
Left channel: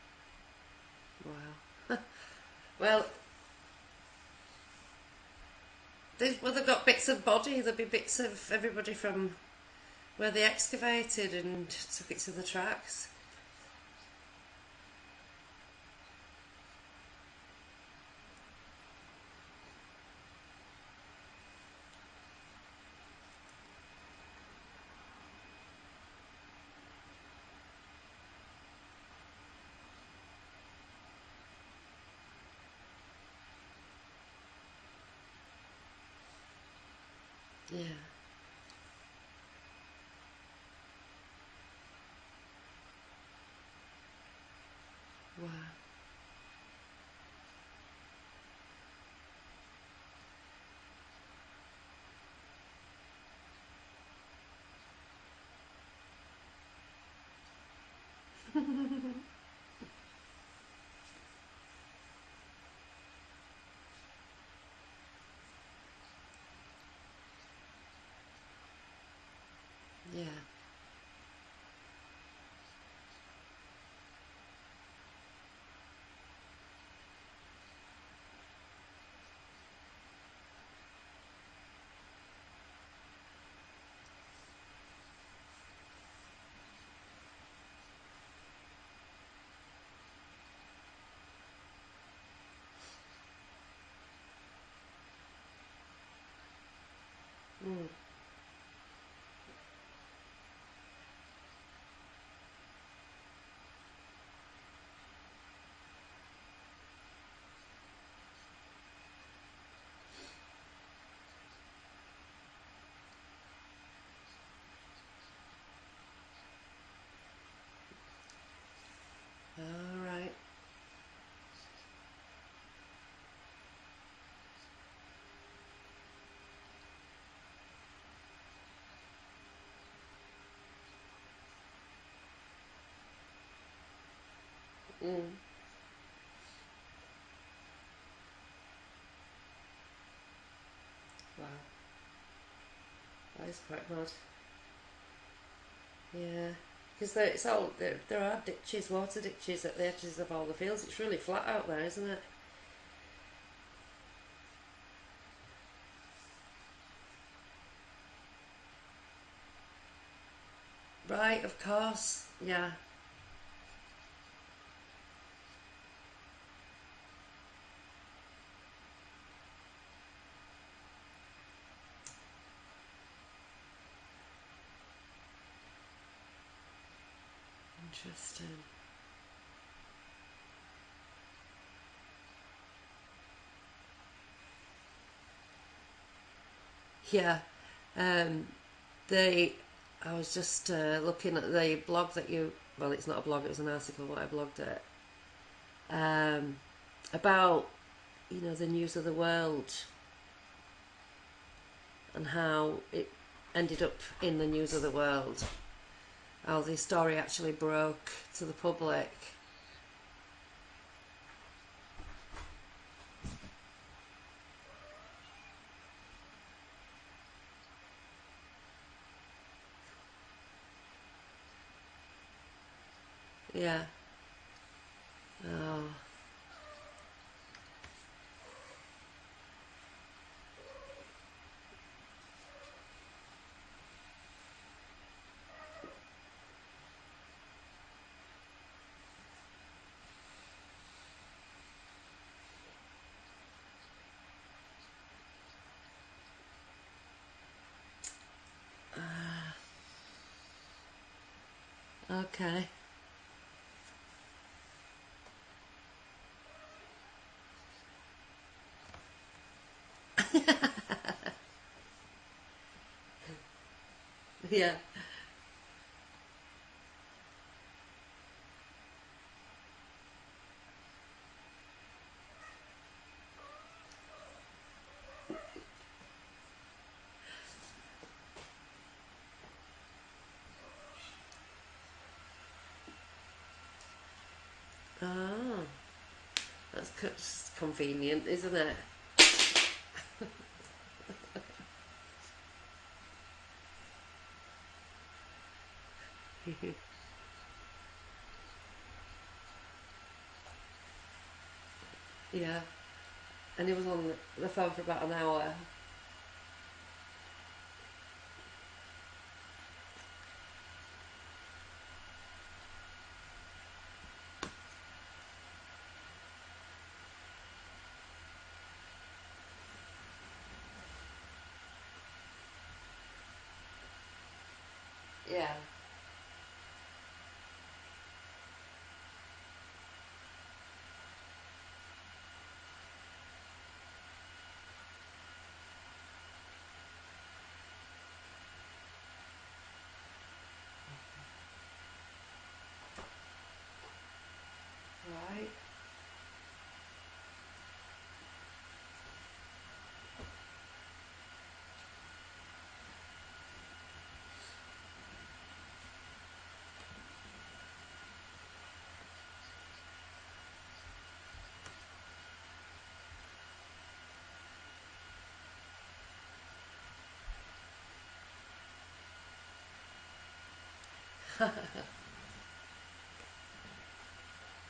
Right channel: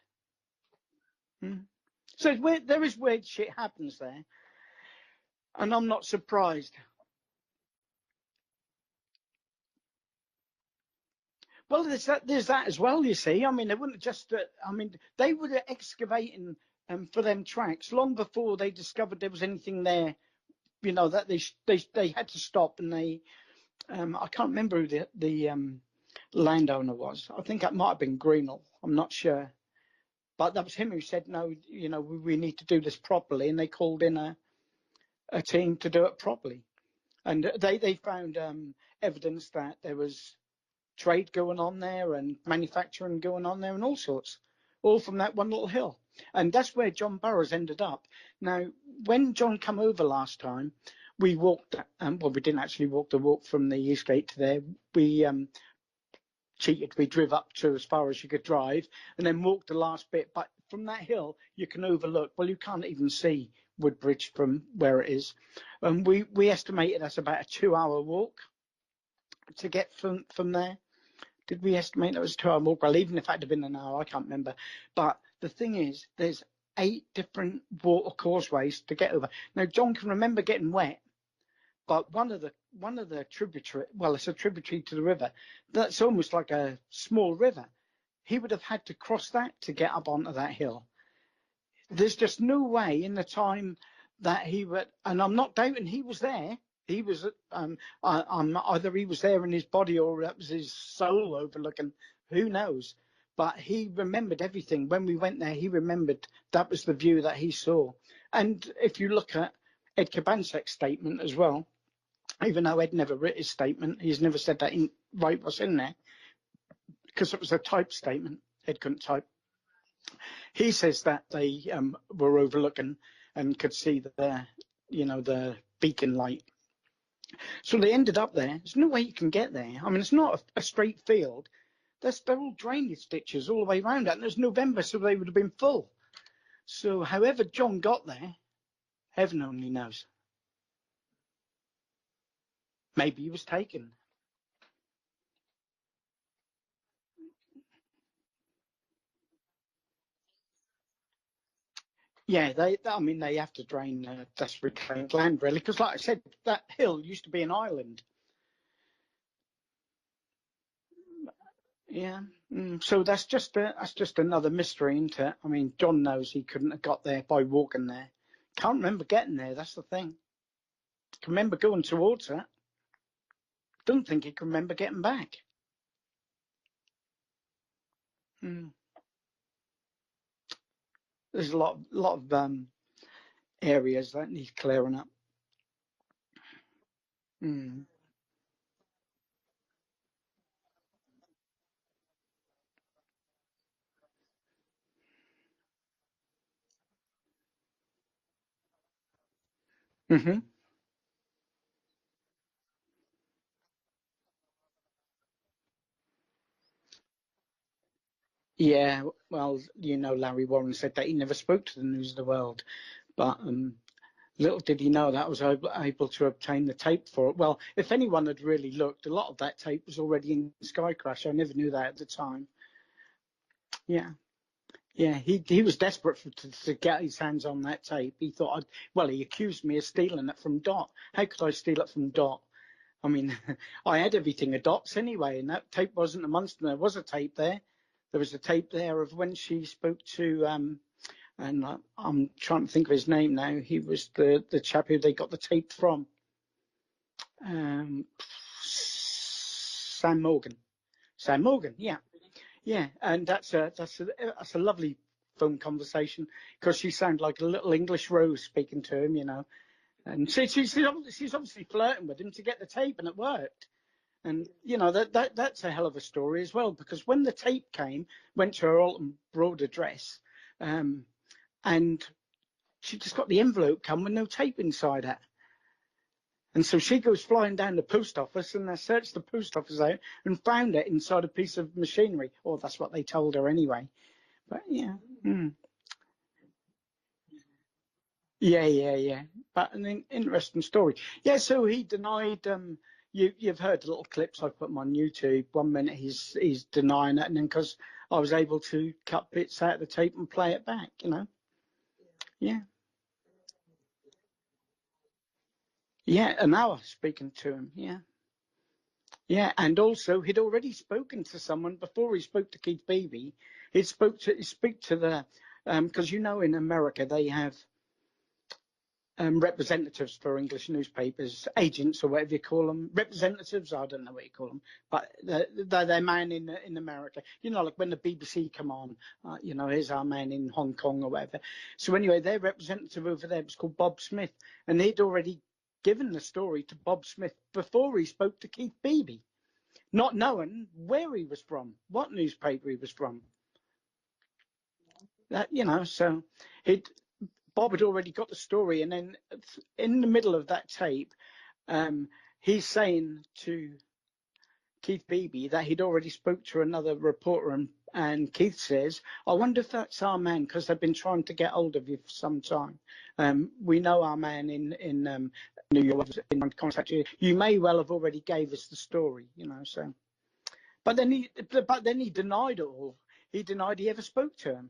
Wow. So it's weird, there is Well, weird shit happens there. And I'm not they've surprised. got bits of body. There'll be bits of everybody from where they excavated and Well, bits of the there's that as well, tracks. you see. I mean, they wouldn't just, I mean, they were excavating for them tracks long before they discovered there was anything there, you know, that they had to stop, and I can't remember who the landowner was. I think that might have been Greenall. I'm not sure. But that was him who said, no, you know, we need to do this properly. And they called in a team to do it properly. And they found evidence that there was trade going on there and manufacturing going on there and all sorts, all from that one little hill. And that's where John Burroughs ended up. Now, when John came over last time, we walked, well, we didn't actually walk the walk from the East Gate to there. We cheated. We drove up to as far as you could drive and then walked the last bit. But from that hill, you can overlook, well, you can't even see Woodbridge from where it is. And we estimated that's about a 2-hour walk to get from there. Did we estimate that was a 2-hour walk? Well, even if it had been an hour, I can't remember. But the thing is, there's 8 different water causeways to get over. Now, John can remember getting wet, but one of the tributary, well, it's a tributary to the river. That's almost like a small river. He would have had to cross that to get up onto that hill. There's just no way in the time that he would, and I'm not doubting he was there. He was, either he was there in his body or that was his soul overlooking, who knows. But he remembered everything. When we went there, he remembered that was the view that he saw. And if you look at Ed Cabansek's statement as well, even though Ed never wrote his statement, he's never said that he wrote what's in there, because it was a typed statement. Ed couldn't type. Right. He says that they were overlooking and could see the beacon light. So they ended up there. There's no way you can get there. I mean, it's not a straight field. They're all drainage ditches all the way around it. And it's November, so they would have been full. So however John got there, heaven only knows. Wow. Maybe he was taken. Yeah. Because there are ditches, water ditches at the edges of all the fields. It's really flat out there, isn't it? Yeah, they have to drain that's reclaimed land, really, because like I said, that hill used to be an island. Right, of course. Yeah. So that's just another mystery, isn't it? I mean, John knows he couldn't have got there by walking there. Can't remember getting there. That's the thing. Can remember going towards it. Don't think he can remember getting back. Interesting. There's a lot of areas that need clearing up. Yeah. I was just looking at the blog that well, it's not a blog, it was an article that I blogged it, about, the news of the world, and how it ended up in the news of the world. How the story actually broke to the public. Yeah, well, Larry Warren said that he never spoke to the News of the World, but little did he know that I was able to obtain the tape for it. Well, if anyone had really looked, a lot of that tape was already in Sky Crash. I never knew that at the time. Yeah. Yeah, he was desperate to get his hands on that tape. He thought, he accused me of stealing it from Dot. How could I steal it from Dot? I mean, I had everything of Dot's anyway, and that tape wasn't amongst them. There was a tape there. There was a tape there of when she spoke to, and I'm trying to think of his name now. He was the chap who they got the tape from. Sam Morgan. Sam Morgan, yeah. Okay. Yeah, and that's a lovely phone conversation, because she sounded like a little English Rose speaking to him, And she's obviously flirting with him to get the tape, and it worked. And that's a hell of a story as well, because when the tape went to her Alton Broad address, and she just got the envelope come with no tape inside it. And so she goes flying down the post office, and they searched the post office out and found it inside a piece of machinery. Or that's what they told her anyway. But yeah. That's convenient, isn't it? Yeah. But an interesting story. Yeah, so he denied. You've heard the little clips I've put them on YouTube. 1 minute he's denying it, and then because I was able to cut bits out of the tape and play it back, Yeah. And he was on the phone for about an hour. Yeah, an hour speaking to him. Yeah, and also he'd already spoken to someone before he spoke to Keith Beebe. He'd speak to the because in America they have representatives for English newspapers, agents or whatever you call them, representatives. I don't know what you call them, but they're man in America. Like when the BBC come on, here's our man in Hong Kong or whatever. So anyway, their representative over there was called Bob Smith, and he'd already given the story to Bob Smith before he spoke to Keith Beebe, not knowing where he was from, what newspaper he was from. Right. So Bob had already got the story, and then in the middle of that tape, he's saying to Keith Beebe that he'd already spoke to another reporter, and Keith says, "I wonder if that's our man, because they've been trying to get hold of you for some time. We know our man in New York has been trying to contact you. You may well have already gave us the story, So, but then he denied it all. He denied he ever spoke to him.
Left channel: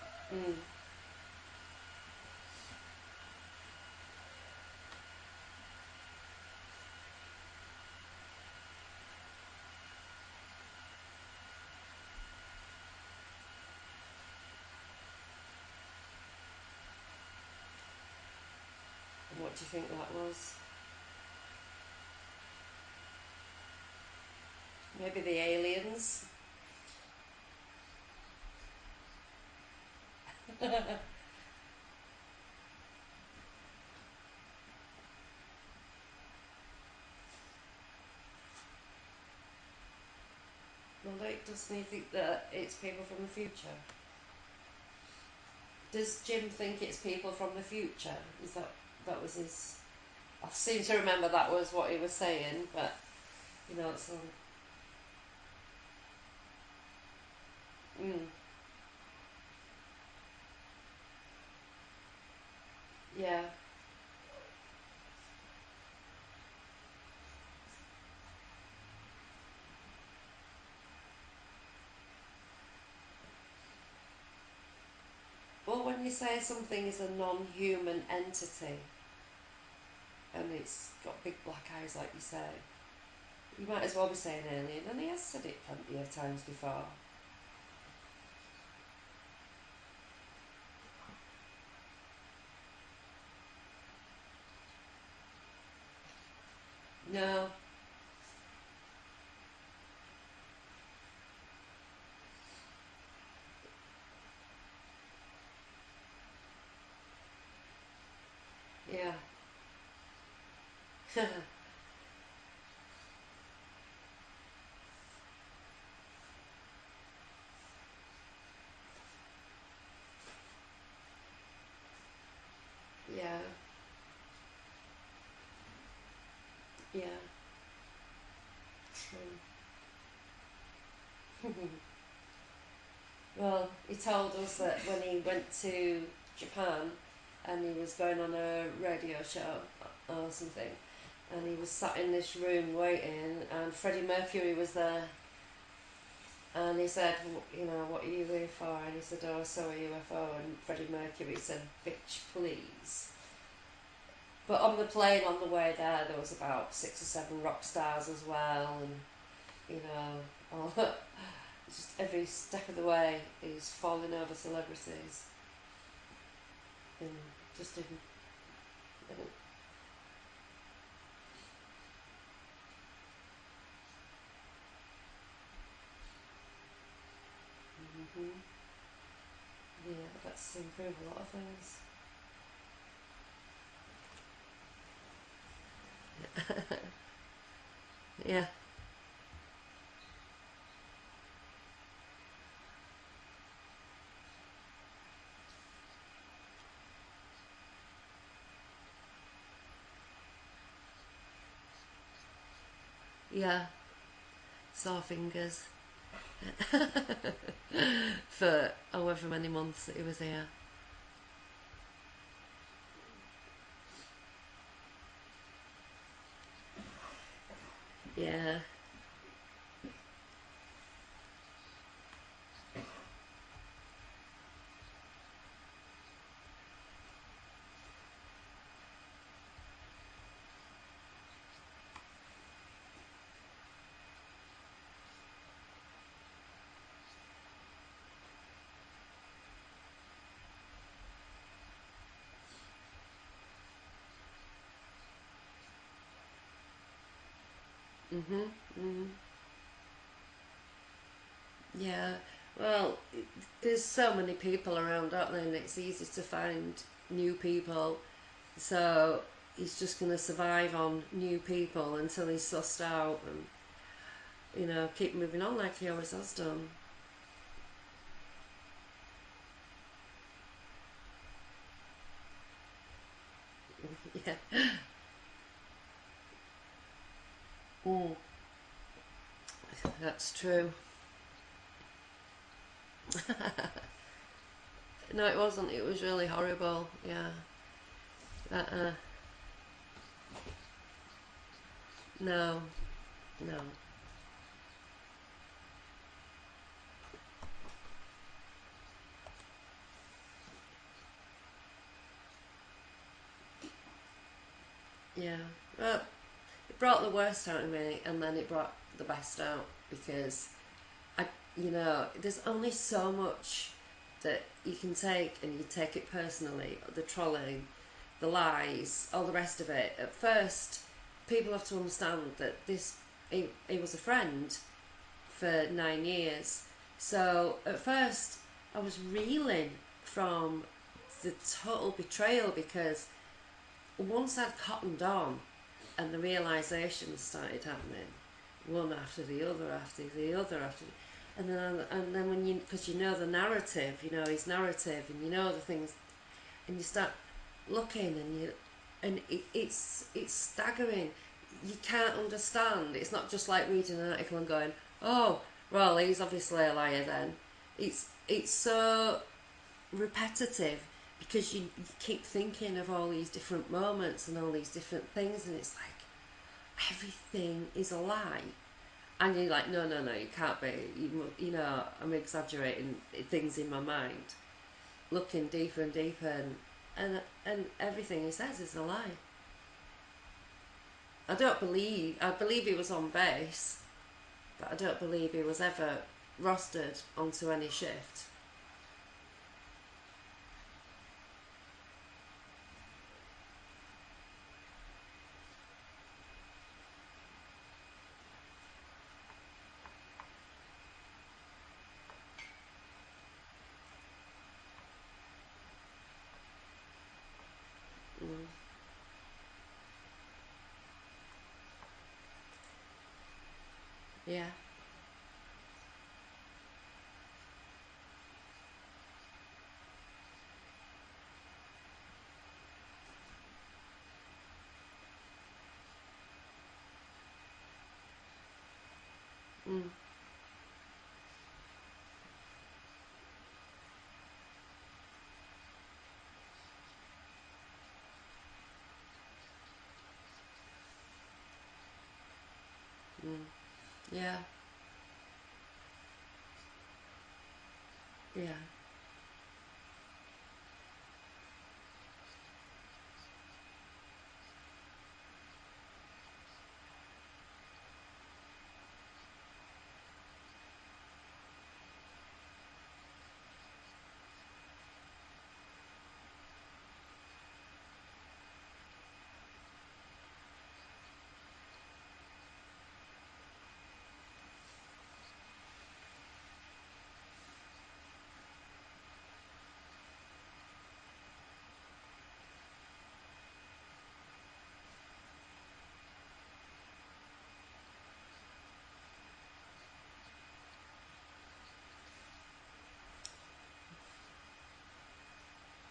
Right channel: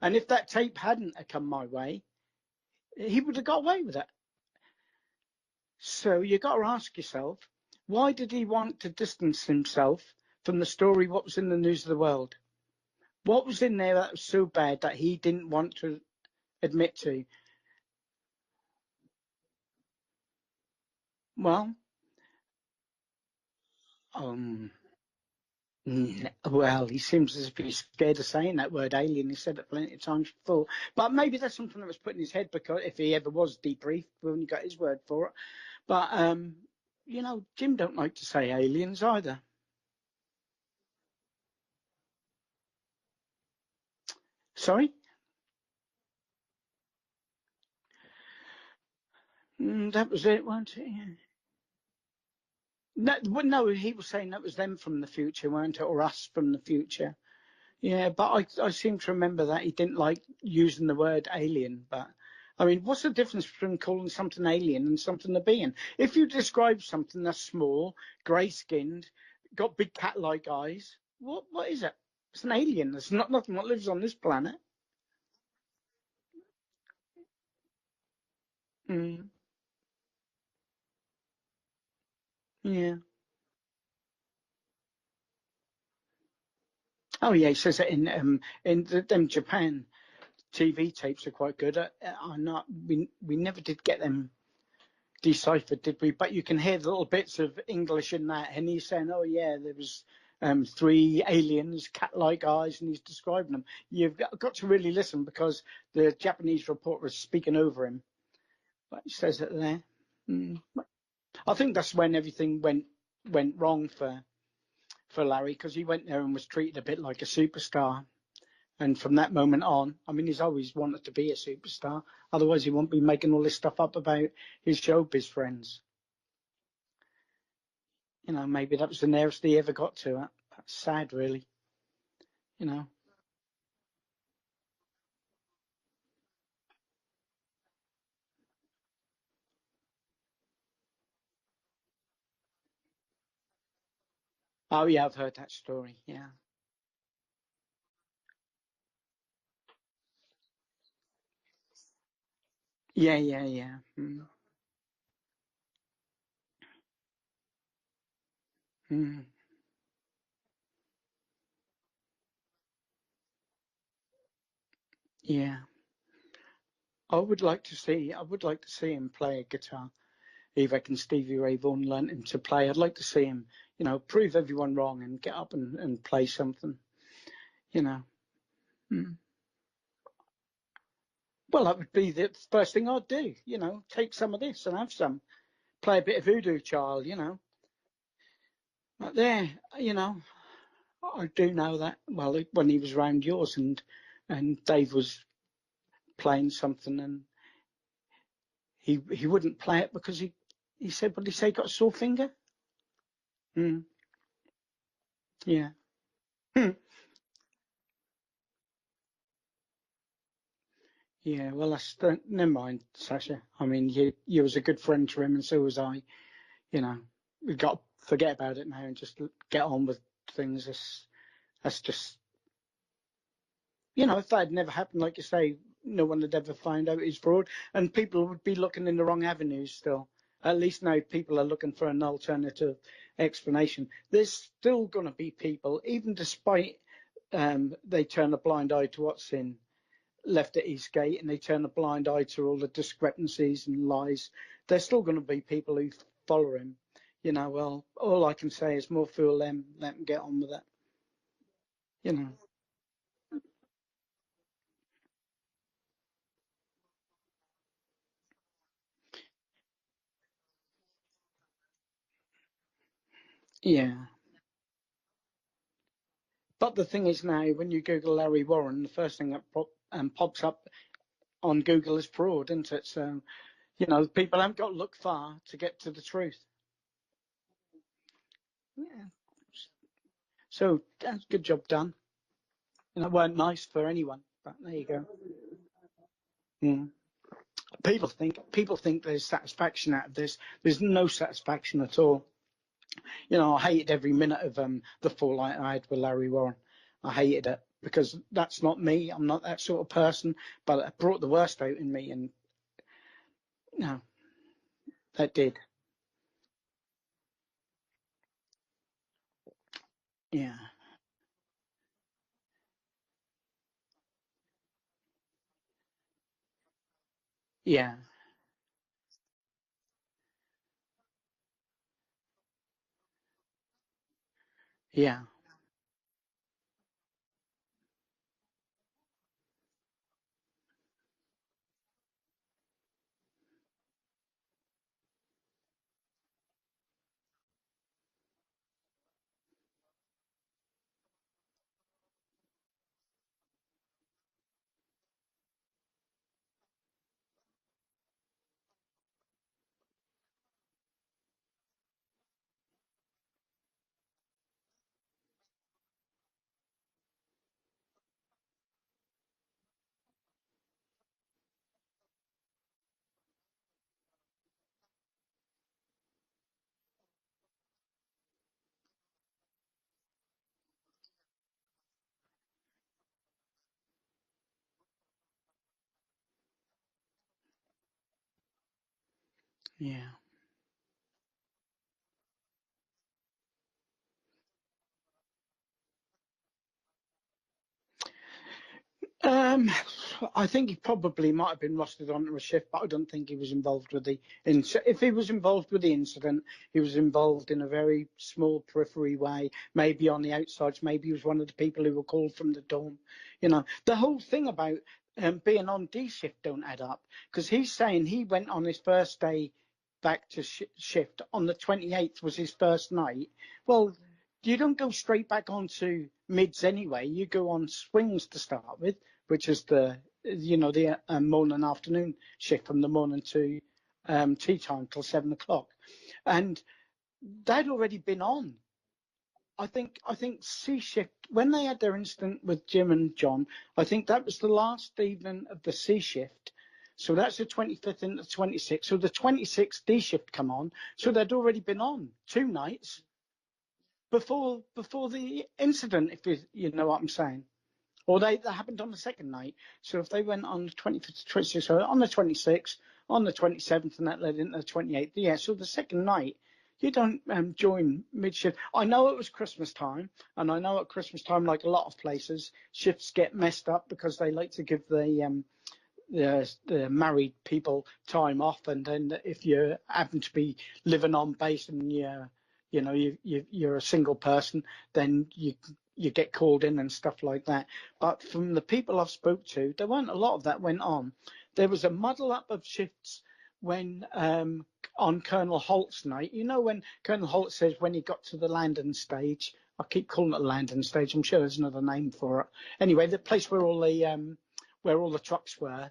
And if that tape hadn't come my way, he would have got away with it. So you got to ask yourself, why did he want to distance himself from the story? What was in the news of the world? What was in there that was so bad that he didn't want to admit to? What do you think that was? Well, maybe the aliens. well, he seems as if he's scared of saying that word alien. He said it plenty of times before. But maybe that's something that was put in his head, because if he ever was debriefed, we wouldn't got his word for it. But, Jim don't like to say aliens either. Well, doesn't he think that it's people from the future? Sorry? Does Jim think it's people from the future? Is that was his... that was it, I wasn't seem it? to remember that was what he was saying, but... No, he was saying that was them from the future, weren't it? Or us from the future. Yeah, but I seem to remember that he didn't like using the word alien. But, I mean, what's the difference between calling something alien and something a being? If you describe something that's small, grey-skinned, got big cat-like eyes, what is it? It's an alien. There's nothing that lives on this planet. Well, when you say something is a non-human entity, and it's got big black eyes, like you say, you might as well be saying alien, and he has said it plenty of times before. Oh yeah, he says it in them Japan TV tapes are quite good. We never did get them deciphered, did we? But you can hear the little bits of English in that, and he's saying, "Oh yeah, there was 3 aliens, cat-like eyes," and he's describing them. You've got to really listen, because the Japanese reporter is speaking over him. But he says it there. I think that's when everything went wrong for Larry, because he went there and was treated a bit like a superstar. And from that moment on, I mean, he's always wanted to be a superstar. Otherwise, he won't be making all this stuff up about his showbiz friends. Yeah. Maybe that was the nearest he ever got to it. That's sad, really. Well, he told us that when he went to Japan and he was going on a radio show or something, and he was sat in this room waiting, and Freddie Mercury was there. Oh yeah, I've heard that story, yeah. And he said, what are you here for? And he said, oh, I saw a UFO. And Freddie Mercury said, bitch, please. Yeah. But on the plane on the way there was about 6 or 7 rock stars as well, and just every step of the way he's falling over celebrities. Yeah. I would like to see him play a guitar. If I can, Stevie Ray Vaughan learnt him to play. I'd like to see him, prove everyone wrong and get up and play something. Yeah, that's improve a lot of things. Well, that would be the first thing I'd do. Take some of this and have some. Play a bit of Voodoo Child. Yeah. But there, I do know that. Well, when he was round yours and Dave was playing something, and he wouldn't play it because he said, "What did he say? He got a sore finger." Yeah. Sore fingers. Yeah. For however many months that he was here. Yeah, well, never mind, Sacha. I mean, you was a good friend to him, and so was I. We've got to forget about it now and just get on with things. That's just, if that had never happened, like you say, no one would ever find out he's fraud, and people would be looking in the wrong avenues still. At least now people are looking for an alternative explanation. There's still going to be people, even despite they turn a blind eye to what's left at Eastgate, and they turn a blind eye to all the discrepancies and lies. There's still going to be people who follow him. Well, all I can say is more fool them, let them get on with it. Yeah. Well, there's so many people around, aren't there? And it's easy to find new people. So he's just going to survive on new people until he's sussed out and keep moving on like he always has done. But the thing is now, when you Google Larry Warren, the first thing that pops up on Google is fraud, isn't it? So, people haven't got to look far to get to the truth. Yeah. That's true. So, good job done. And it weren't nice for anyone, but there you go. No, it wasn't. It was really horrible. Yeah. People think there's satisfaction out of this. There's no satisfaction at all. No. I hated every minute of the fallout I had with Larry Warren. I hated it because that's not me. I'm not that sort of person. But it brought the worst out in me, and it did. It brought the worst out of me, and then it brought the best out, because there's only so much that you can take, and you take it personally. The trolling, the lies, all the rest of it. At first, people have to understand that he was a friend for 9 years. So at first, I was reeling from the total betrayal, because once I'd cottoned on and the realisations started happening, one after the other, and then when because you know the narrative, his narrative, and you know the things, and you start looking, and it's staggering. You can't understand. It's not just like reading an article and going, oh, well, he's obviously a liar then. It's so repetitive, because you keep thinking of all these different moments and all these different things, and it's like everything is a lie, and you're like, no, you can't be. I'm exaggerating things in my mind, looking deeper and deeper, and everything he says is a lie. I believe he was on base, but I don't believe he was ever rostered onto any shift. I think he probably might have been rostered onto a shift, but I don't think he was involved with the incident. If he was involved with the incident, he was involved in a very small periphery way, maybe on the outsides, maybe he was one of the people who were called from the dawn. The whole thing about being on D shift don't add up, because he's saying he went on his first day back to shift on the 28th was his first night. Well, you don't go straight back onto mids anyway. You go on swings to start with, which is the morning and afternoon shift from the morning to tea time till 7 o'clock, and they'd already been on. I think C shift, when they had their incident with Jim and John, I think that was the last evening of the C shift. So that's the 25th and the 26th. So the 26th D shift come on. So they'd already been on 2 nights before the incident, if you know what I'm saying. Or that happened on the second night. So if they went on the 25th, 26th, so on the 26th, on the 27th, and that led into the 28th. So the second night, you don't join mid-shift. I know it was Christmas time, and I know at Christmas time, like a lot of places, shifts get messed up because they like to give the married people time off, and then if you happen to be living on base and you're a single person, then you get called in and stuff like that. But from the people I've spoke to, there weren't a lot of that went on. There was a muddle up of shifts when on Colonel Holt's night. When Colonel Holt says when he got to the landing stage, I keep calling it a landing stage, I'm sure there's another name for it. Anyway, the place where all the trucks were,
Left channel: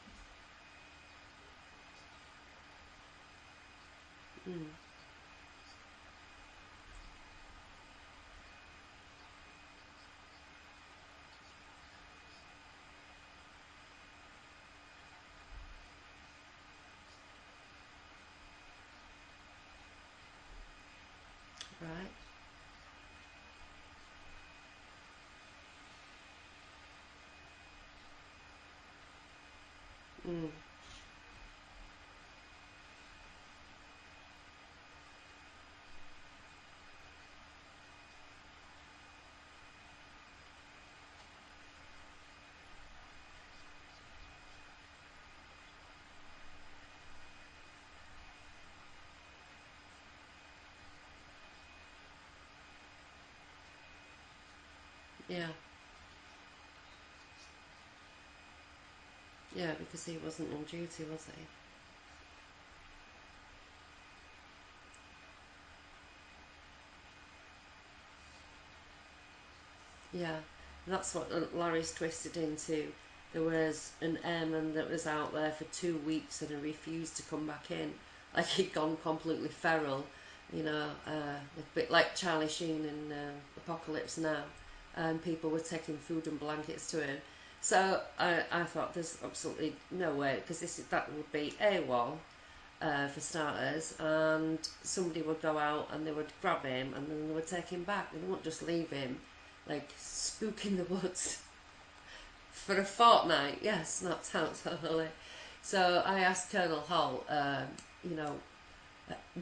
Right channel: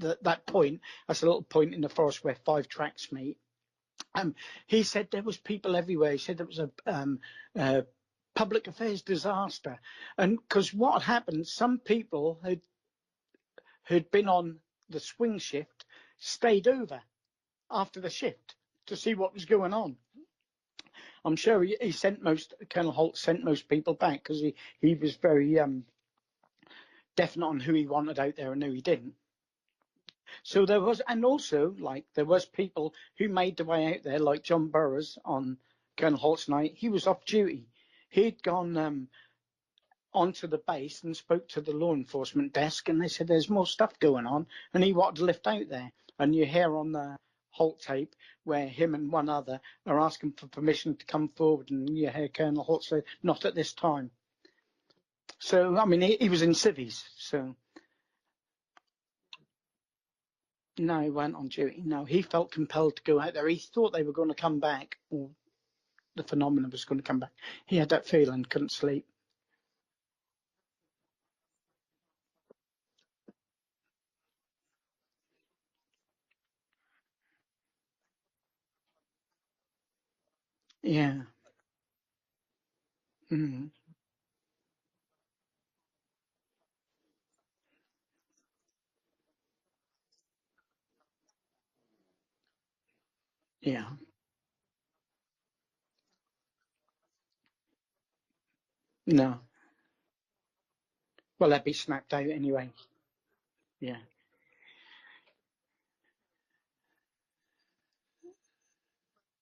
that point, that's a little point in the forest where 5 tracks meet. He said there was people everywhere. He said there was a public affairs disaster, and because what happened, some people who'd been on the swing shift stayed over after the shift to see what was going on. I'm sure he sent Colonel Holt sent most people back, because he was very definite on who he wanted out there and who he didn't. So there was, and also there was people who made their way out there, like John Burroughs on Colonel Holt's night. He was off duty. He'd gone onto the base and spoke to the law enforcement desk, and they said there's more stuff going on, and he wanted to lift out there. And you hear on the Holt tape where him and one other are asking for permission to come forward, and you hear Colonel Holt say, "Not at this time." Yeah. So, I mean, he was in civvies, so... Yeah, because he wasn't on duty. No, he wasn't on duty. No, he felt compelled to go out there. He thought they were going to come back, or the phenomenon was going to come back. He had that feeling, couldn't sleep. Yeah, that's what Larry's twisted into. There was an airman that was out there for 2 weeks and refused to come back in. Like he'd gone completely feral, a bit like Charlie Sheen in Apocalypse Now. And people were taking food and blankets to him. So I thought there's absolutely no way, because that would be AWOL for starters, and somebody would go out and they would grab him and then they would take him back. They wouldn't just leave him like spook in the woods. Well, they'd be snapped out anyway. For a fortnight, snapped out totally. So I asked Colonel Holt,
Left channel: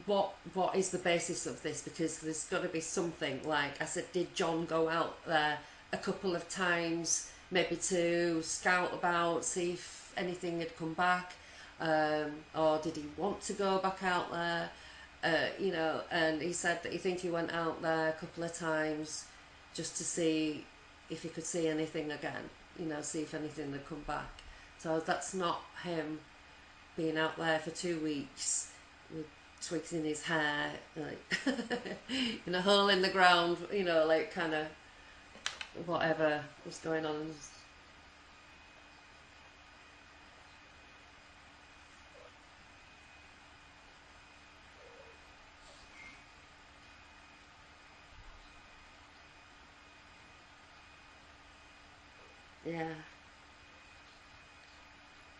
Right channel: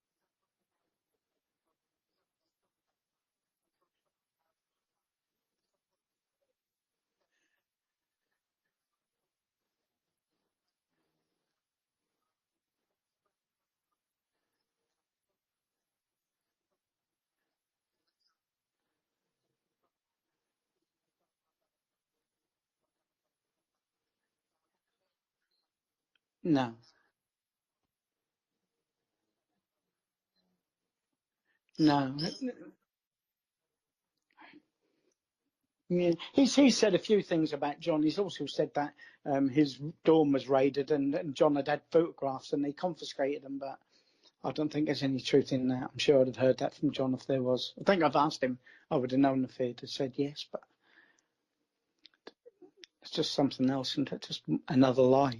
what is the basis of this? Because there's got to be something. Like I said, did John go out there a couple of times, maybe to scout about, see if anything had come back, or did he want to go back out there? And he said that he think he went out there a couple of times just to see if he could see anything again. See if anything had come back. So that's not him. No. Being out there for 2 weeks with twigs in his hair, like No. in a hole in the ground, like kind of whatever. He said a few on. things about John. He's also said that his dorm was raided and John had photographs and they confiscated them, but I don't think there's any truth in that. I'm sure I'd have heard that from John if there was. I think I've asked him. I would have known if he'd have said yes, but Yeah. it's just something else, isn't it? Just another lie.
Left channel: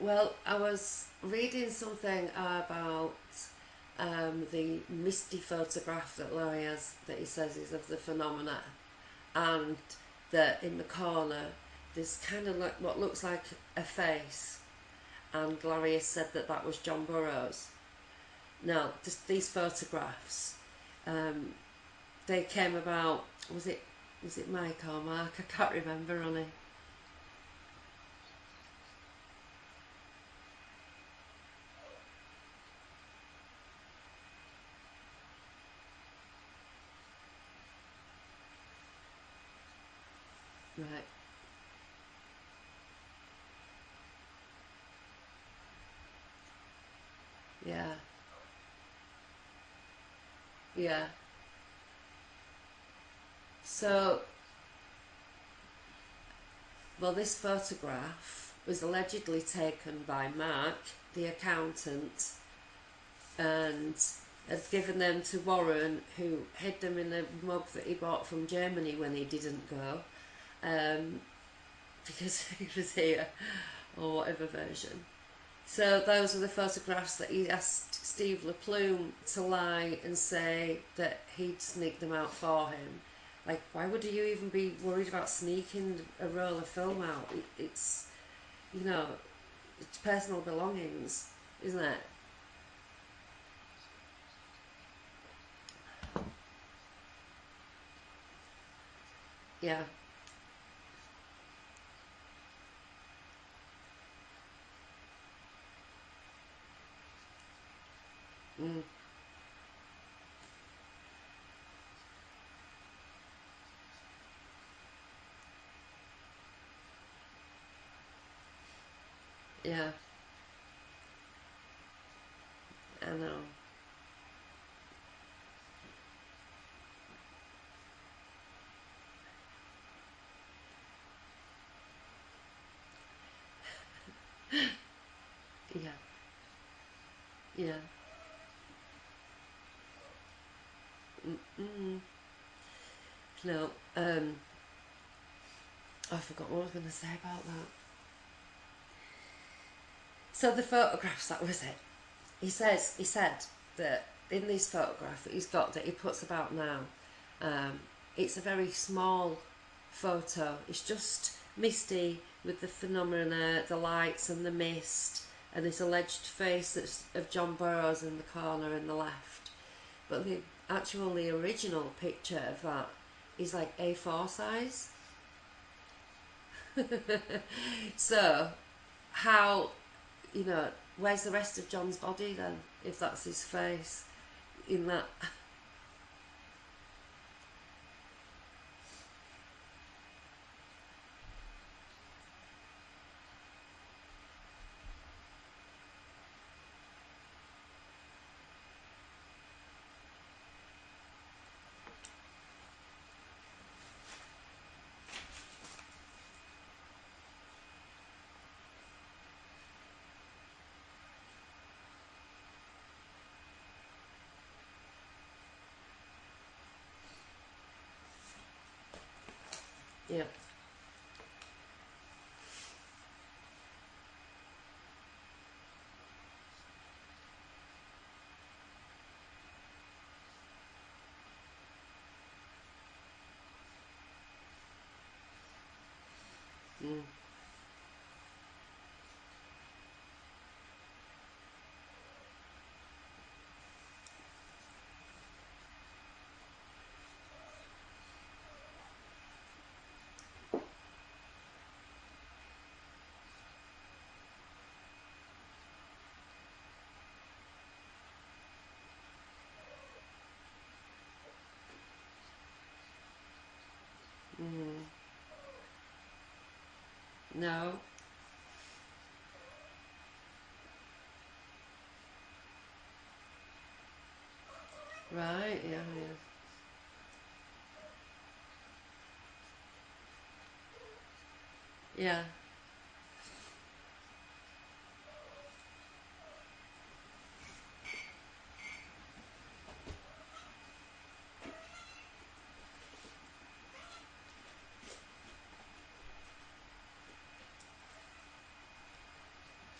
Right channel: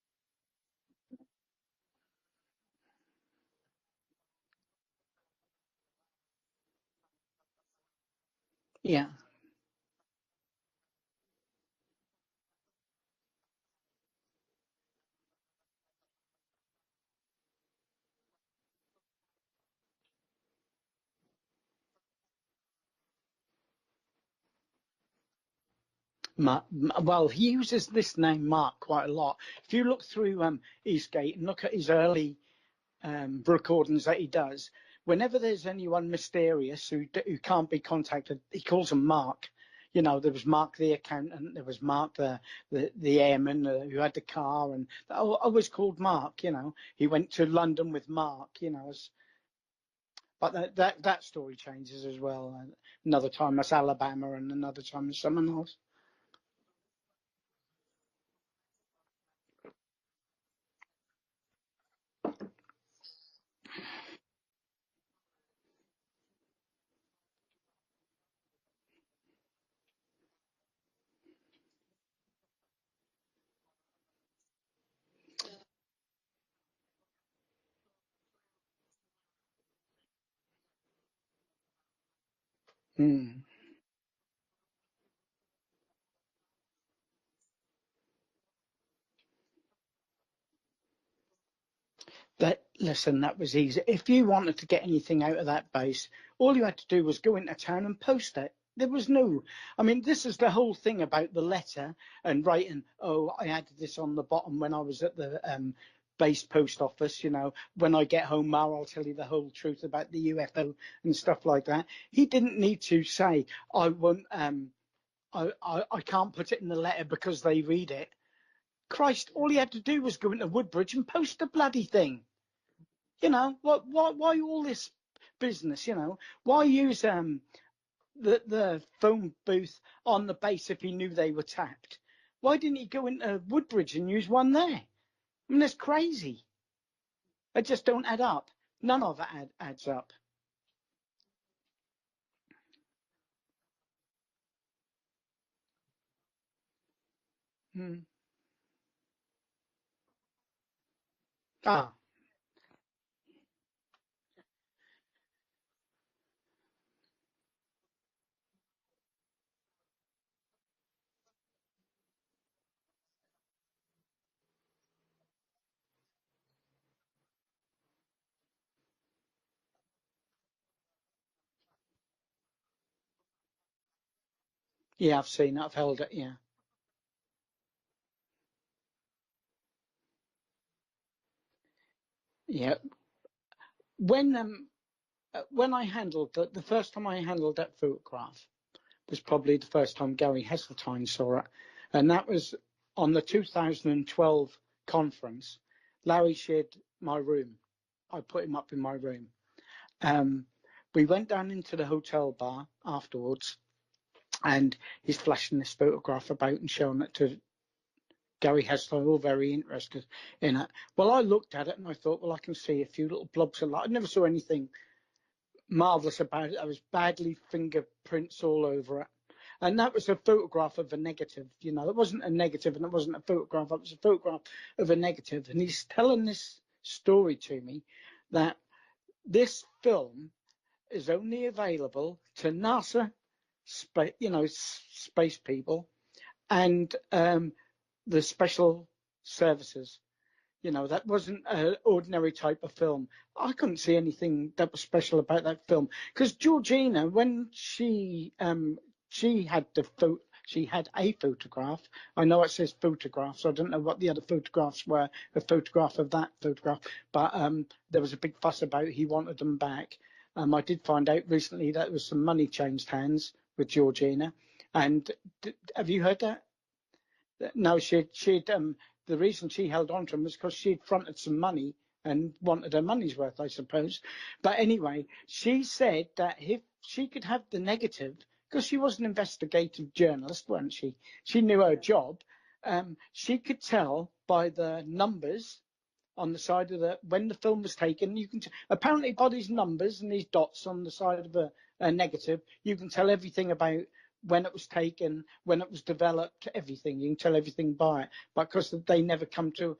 Well, I was reading something about the misty photograph that Larry has, that he says is of the phenomena. Yeah. And that in the corner there's kind of like what looks like a face, and Larry has said that that was John Burroughs. Now, these photographs, they came about. Was it Mike or Mark? I can't remember on it. Well, he uses this name Mark quite a lot. If you look through Eastgate and look at his early recordings that he does, whenever there's anyone mysterious who can't be contacted, he calls them Mark. There was Mark the accountant, there was Mark the airman who had the car, and always called Mark. He went to London with Mark. But that story changes as well. Another time that's Alabama, and another time there's someone else. Well, this photograph was allegedly taken by Mark, the accountant, and had given them to Warren, who hid them in a mug that he bought from Germany when he didn't go, because he was here, or whatever version. So those are the photographs that he asked Steve LaPlume to lie and say that he'd sneaked them out for him. Like, why would you even be worried about sneaking a roll of film out? It's personal belongings, isn't it? Listen, that was easy. If you wanted to get anything out of that base, all you had to do was go into town and post it. There was no... Yeah. I mean, this is the whole thing about the letter and writing, I added this on the bottom when I was at the base post office, when I get home, Ma, I'll tell you the whole truth about the UFO and stuff like that. He didn't need to say, I won't... I can't put it in the letter because they read it. Christ, all he had to do was go into Woodbridge and post the bloody thing. Why all this business, Why use the phone booth on the base if he knew they were tapped? Why didn't he go into Woodbridge and use one there? I mean, that's crazy. It just don't add up. None of it adds up. No, I forgot what I was going to say about that. So the photographs, that was it. He said that in this photograph that he's got, that he puts about now, it's a very small photo. It's just misty with the phenomena, the lights and the mist, and this alleged face that's of John Burroughs in the corner in the left. But the original picture of that is like A4 size. Yeah, I've seen it. I've held it, yeah. So, how, where's the rest of John's body then? Yeah. If that's his face. When in that. When I handled the first time I handled that photograph was probably the first time Gary Heseltine saw it, and that was on the 2012 conference. Larry shared my room. I put him up in my room. We went down into the hotel bar afterwards, and he's flashing this photograph about and showing it to Gary Heseltine, all very interested in it. Well, I looked at it and I thought, well, I can see a few little blobs of light. I never saw anything marvellous about it. There was badly fingerprints all over it. And that was a photograph of a negative. It wasn't a negative and it wasn't a photograph. It was a photograph of a negative. And he's telling this story to me that this film is only available to NASA, space people, and the special services. That wasn't an ordinary type of film. I couldn't see anything that was special about that film, because Georgina, when she had she had a photograph. I know it says photographs. I don't know what the other photographs were. The photograph of that photograph, but there was a big fuss about he wanted them back. I did find out recently that there was some money changed hands with Georgina, and have you heard that? No, she'd the reason she held on to him was because she'd fronted some money and wanted her money's worth, I suppose. But anyway, she said that if she could have the negative, because she was an investigative journalist, wasn't she? She knew her job. Yeah. She could tell by the numbers on the side of when the film was taken. You can apparently by these numbers and these dots on the side of a negative, you can tell everything about when it was taken, when it was developed, everything. You can tell everything by it. But because they never come to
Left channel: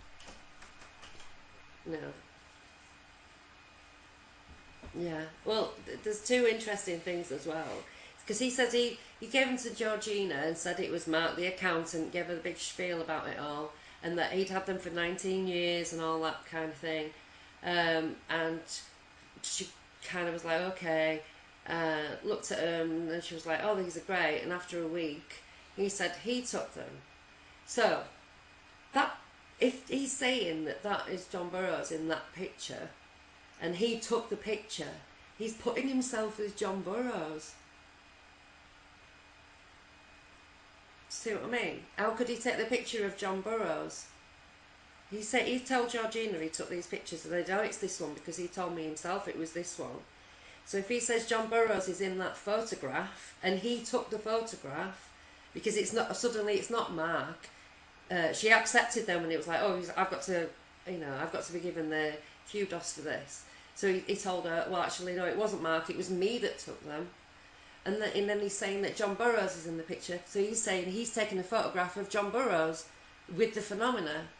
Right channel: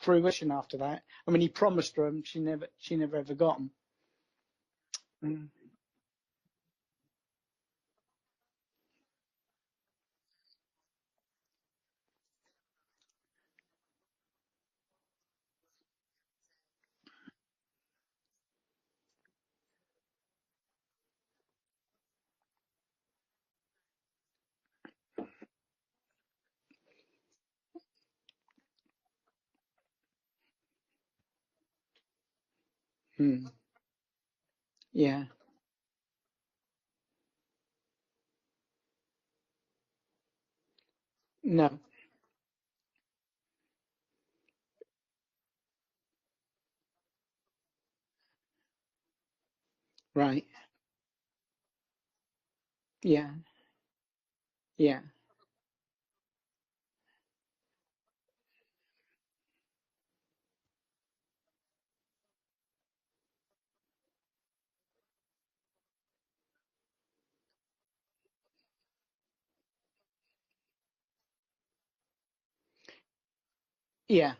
fruition after that. I mean, he promised her, and she never ever got them. Yeah. Well, there's two interesting things as well. Because he said he gave them to Georgina and said it was Mark, the accountant, gave her the big spiel about it all, and that he'd had them for 19 years and all that kind of thing. And she kind of was like, okay, looked at them, and she was like, oh, these are great. And after a week, he said he took them. So, that if he's saying that is John Burroughs in that picture, and he took the picture, he's putting himself as John Burroughs. See what I mean? How could he take the picture of John Burroughs? He told Georgina he took these pictures, and they know it's this one because he told me himself it was this one. Right. So if he says John Burroughs is in that photograph, and he took the photograph, because it's not Mark. She accepted them, and it was like, oh, I've got to be given the kudos for this. So he told her, well, actually, no, it wasn't Mark, it was me that took them. And then he's saying that John Burroughs is in the picture. So he's saying he's taken a photograph of John Burroughs with the phenomena. Yeah.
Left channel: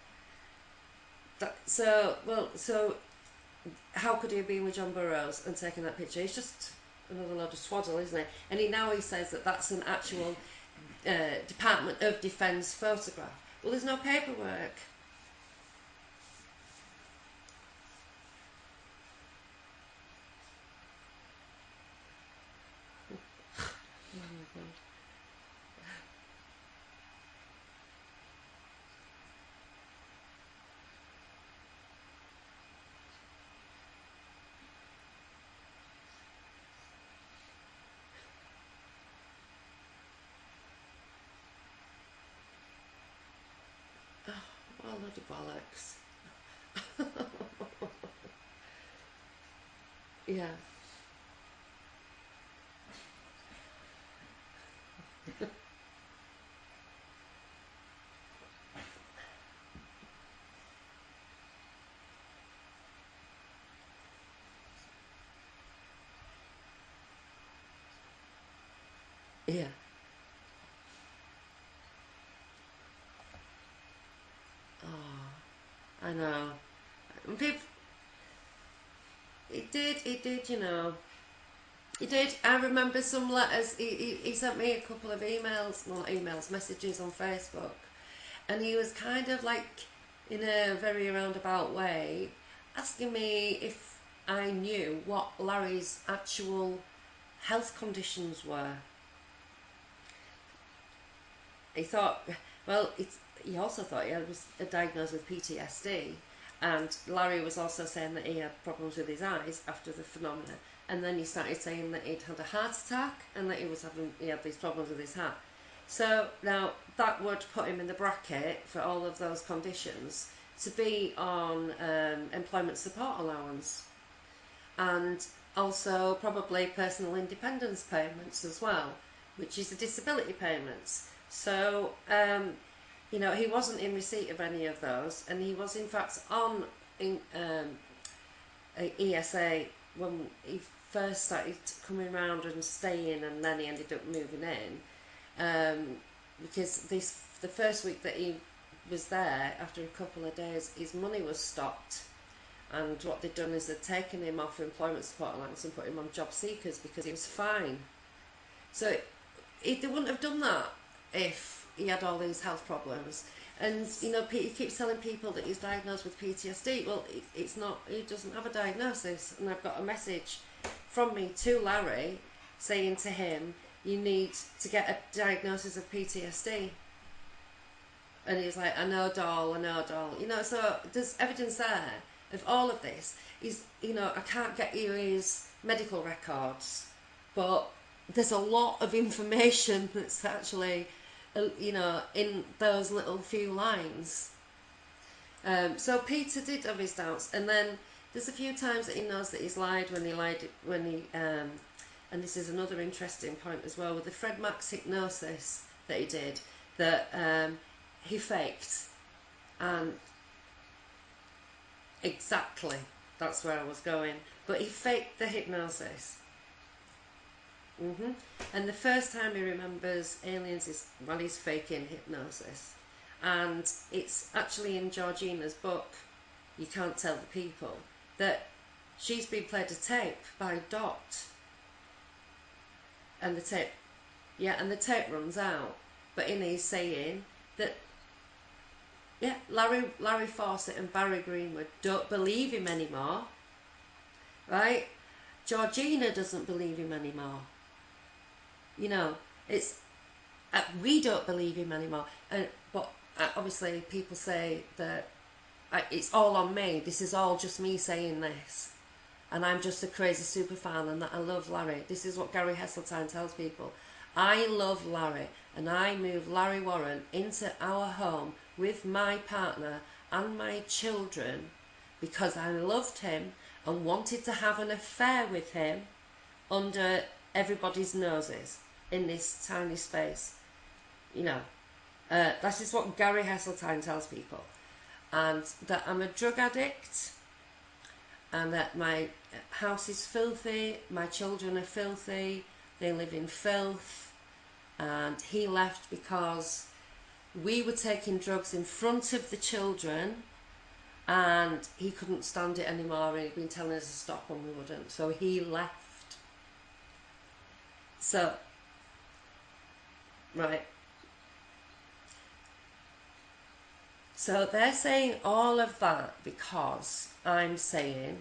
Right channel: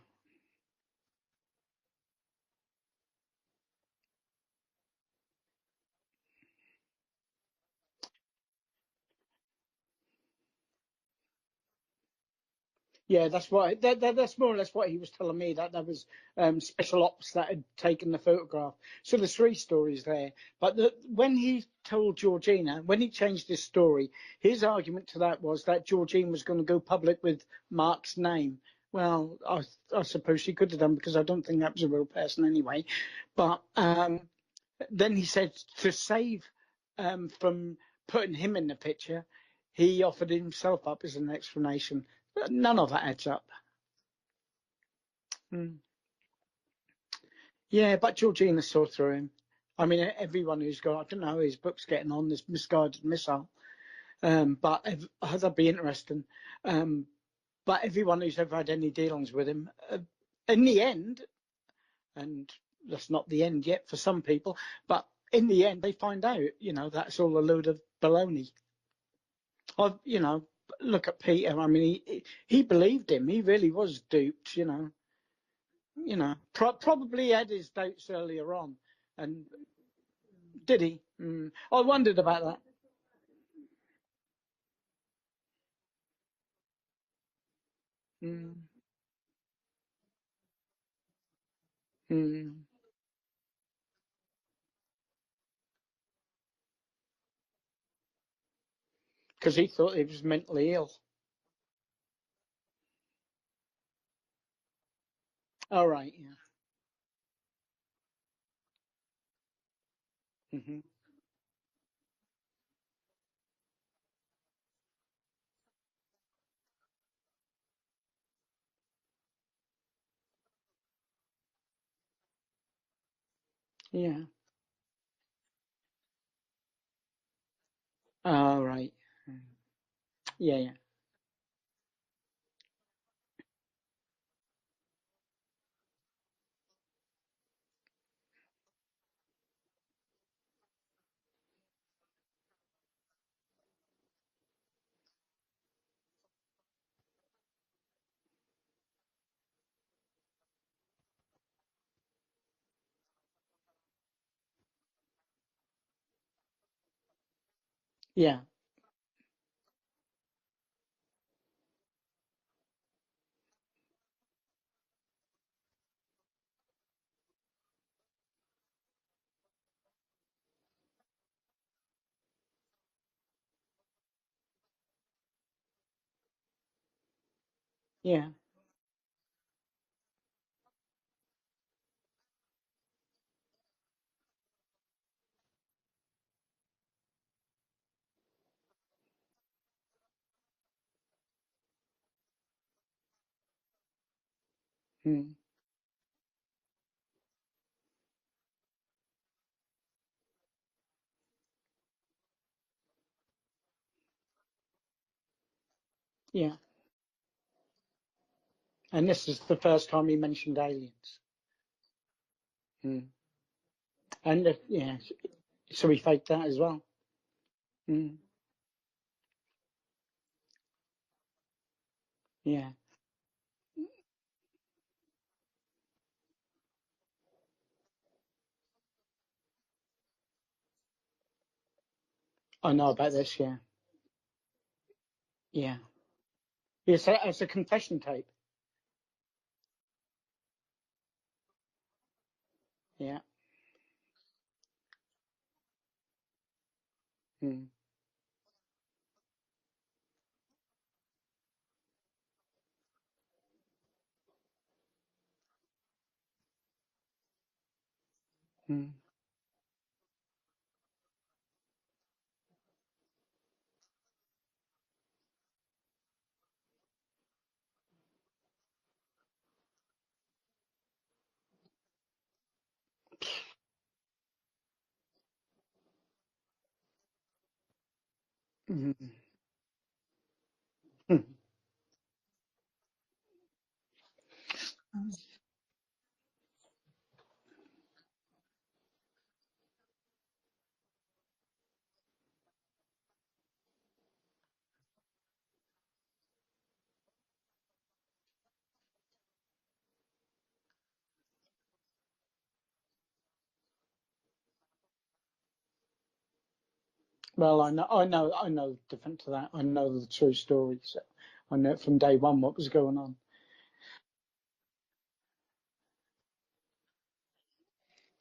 So how could he have been with John Burroughs and taken that picture? It's just another load of swaddle, isn't it? And he says that that's an actual Department of Defence photograph. Yeah, that's what. Well, that's more or less what he was telling me. That was special ops that had taken the photograph. So there's three stories there. But when he told Georgina, when he changed his story, his argument to that was that Georgina was going to go public with Mark's name. Well, I suppose she could have done, because I don't think that was a real person anyway. But then he said to save from putting him in the picture, he offered himself up as an explanation. But none of that adds up. Oh, bloody bollocks. Yeah, but Georgina saw through him. I mean, everyone who's got, I don't know how his book's getting on, this Misguided Missile. But that'd be interesting. But everyone who's ever had any dealings with him, in the end, and that's not the end yet for some people, but in the end, they find out, that's all a load of baloney. Yeah. Look at Peter. I mean, he believed him. He really was duped, Probably had his doubts earlier on. And He did, Did he? I wondered about that. I remember some letters. He sent me a couple of messages on Facebook. And he was kind of like, in a very roundabout way, asking me if I knew what Larry's actual health conditions were. Because he thought he was mentally ill. He thought, he also thought he was diagnosed with PTSD. Oh, right. And Larry was also saying that he had problems with his eyes after the phenomenon. And then he started saying that he'd had a heart attack and that he had these problems with his heart. So now that would put him in the bracket for all of those conditions to be on employment support allowance. Yeah. And also probably personal independence payments as well, which is the disability payments. Yeah. So, he wasn't in receipt of any of those, and he was in fact on ESA when he first started coming around and staying, and then he ended up moving in. Because the first week that he was there, after a couple of days, his money was stopped. And what they'd done is they'd taken him off employment support allowance and put him on job seekers because he was fine. Yeah. So they wouldn't have done that if he had all these health problems. And he keeps telling people that he's diagnosed with PTSD. Well, it's not. He doesn't have a diagnosis. And I've got a message from me to Larry saying to him, "You need to get a diagnosis of PTSD." Yeah. And he's like, I know, doll. So there's evidence there of all of this. I can't get you his medical records, but there's a lot of information that's actually, in those little few lines. So Peter did have his doubts, and then there's a few times that he knows that he's lied and this is another interesting point as well with the Fred Max hypnosis that he did, that he faked. And this is the first time he mentioned aliens. Exactly. That's where I was going. And but he faked the hypnosis. So he faked that as well. And the first time he remembers aliens is while he's faking hypnosis. And it's actually in Georgina's book, You Can't Tell the People, that she's been played a tape by Dot. I know about this, and the tape, and the tape runs out. But in he's saying... It's a confession tape. Yeah, Larry Fawcett and Barry Greenwood don't believe him anymore. Right? Georgina doesn't believe him anymore. It's... we don't believe him anymore. But obviously people say that it's all on me. This is all just me saying this. And I'm just a crazy super fan and that I love Larry. This is what Gary Heseltine tells people. I love Larry, and I moved Larry Warren into our home with my partner and my children because I loved him and wanted to have an affair with him under everybody's noses in this tiny space. That is what Gary Heseltine tells people. And that I'm a drug addict, and that my house is filthy, my children are filthy, they live in filth, and he left because we were taking drugs in front of the children and he couldn't stand it anymore and he'd been telling us to stop and we wouldn't, so he left. Well, I know different to that. I know the true story, so I know from day one what was going on. So they're saying all of that because I'm saying,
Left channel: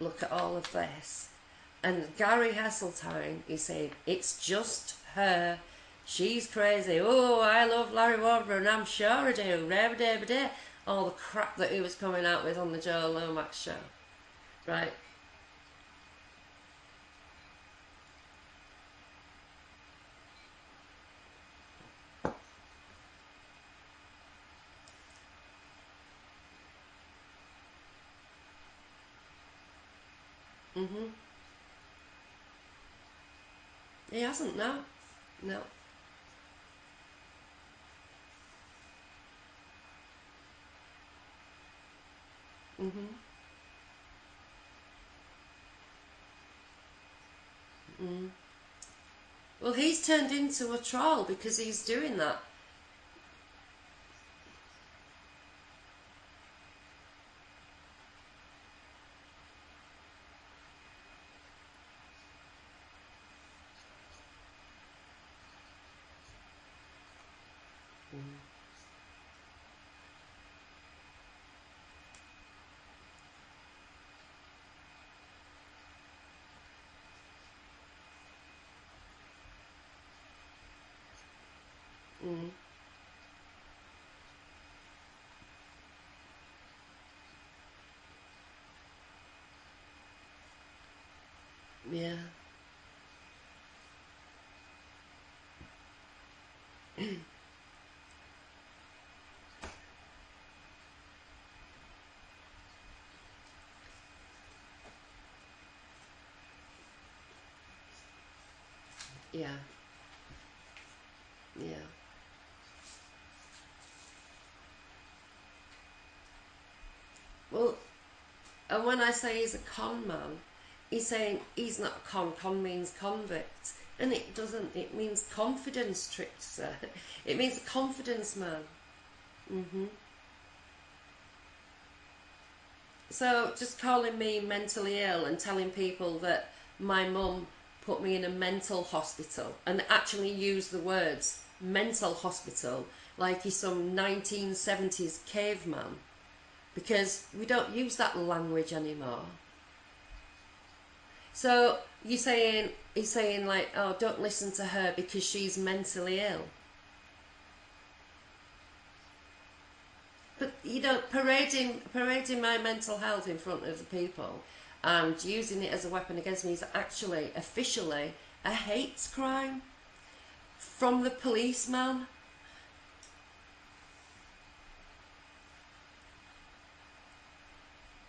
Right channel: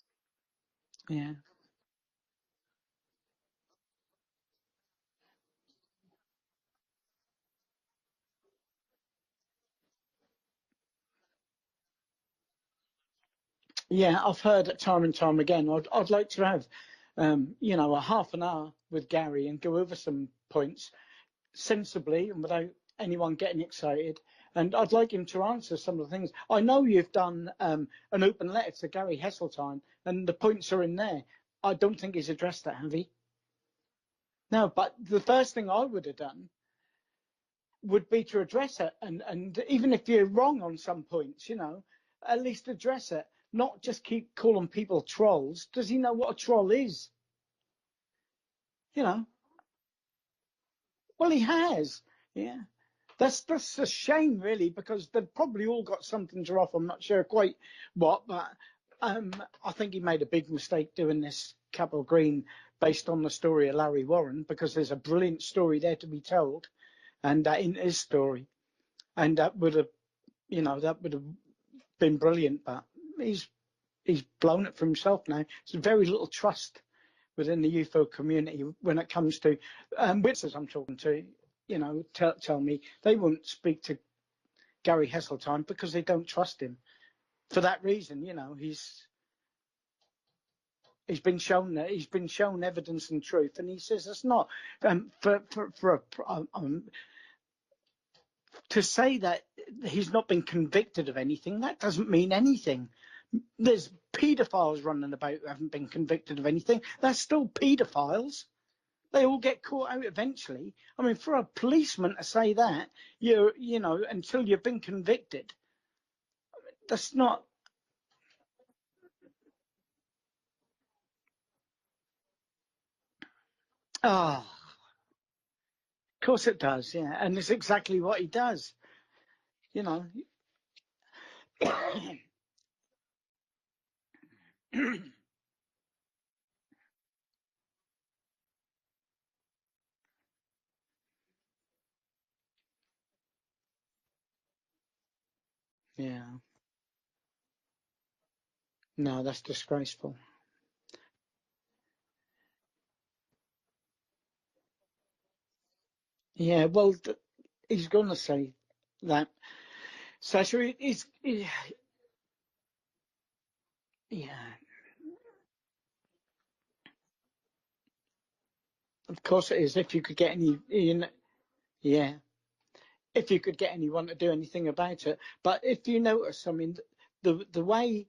look at all of this. And Gary Heseltine is saying, it's just her. She's crazy. Oh, I love Larry Warren, I'm sure I do. All the crap that he was coming out with on the Joe Lomax show. Yeah, I've heard it time and time again. I'd like to have, a half an hour with Gary and go over some points sensibly and without anyone getting excited. And I'd like him to answer some of the things. I know you've done an open letter to Gary Heseltine, and the points are in there. I don't think he's addressed that, have he? He hasn't, no. But the first thing I would have done would be to address it. And even if you're wrong on some points, at least address it. Not just keep calling people trolls. Does he know what a troll is? Well, he's turned into a troll well, because he's doing that. Yeah. That's a shame, really, because they've probably all got something to offer. I'm not sure quite what, but I think he made a big mistake doing this Capel Green based on the story of Larry Warren, because there's a brilliant story there to be told, and that in his story, and that would have been brilliant. But he's blown it for himself now. There's very little trust within the UFO community when it comes to witnesses I'm talking to. Tell me they won't speak to Gary Heseltine because they don't trust him. For that reason, he's been shown that he's been shown evidence and truth, and he says it's not to say that he's not been convicted of anything. That doesn't mean anything. There's paedophiles running about who haven't been convicted of anything. They're still paedophiles. They all get caught out eventually. I mean, for a policeman to say that, until you've been convicted, that's not... Well, and when I say he's a con man, he's saying he's not a con. Con means convict. And it doesn't. It means confidence trickster. Of course it does, yeah. And it's exactly what he does. So just calling me mentally ill and telling people that my mum put me in a mental hospital and actually use the words mental hospital like he's some 1970s caveman. Yeah. Because we don't use that language anymore. No, that's disgraceful. So he's saying like, oh, don't listen to her because she's mentally ill. Yeah, well, he's going to say that. So Parading my mental health in front of the people and using it as a weapon against me is actually officially a hate crime. Of course it is. If you could get any from the policeman. Yeah. If you could get anyone to do anything about it. But if you notice, I mean, the way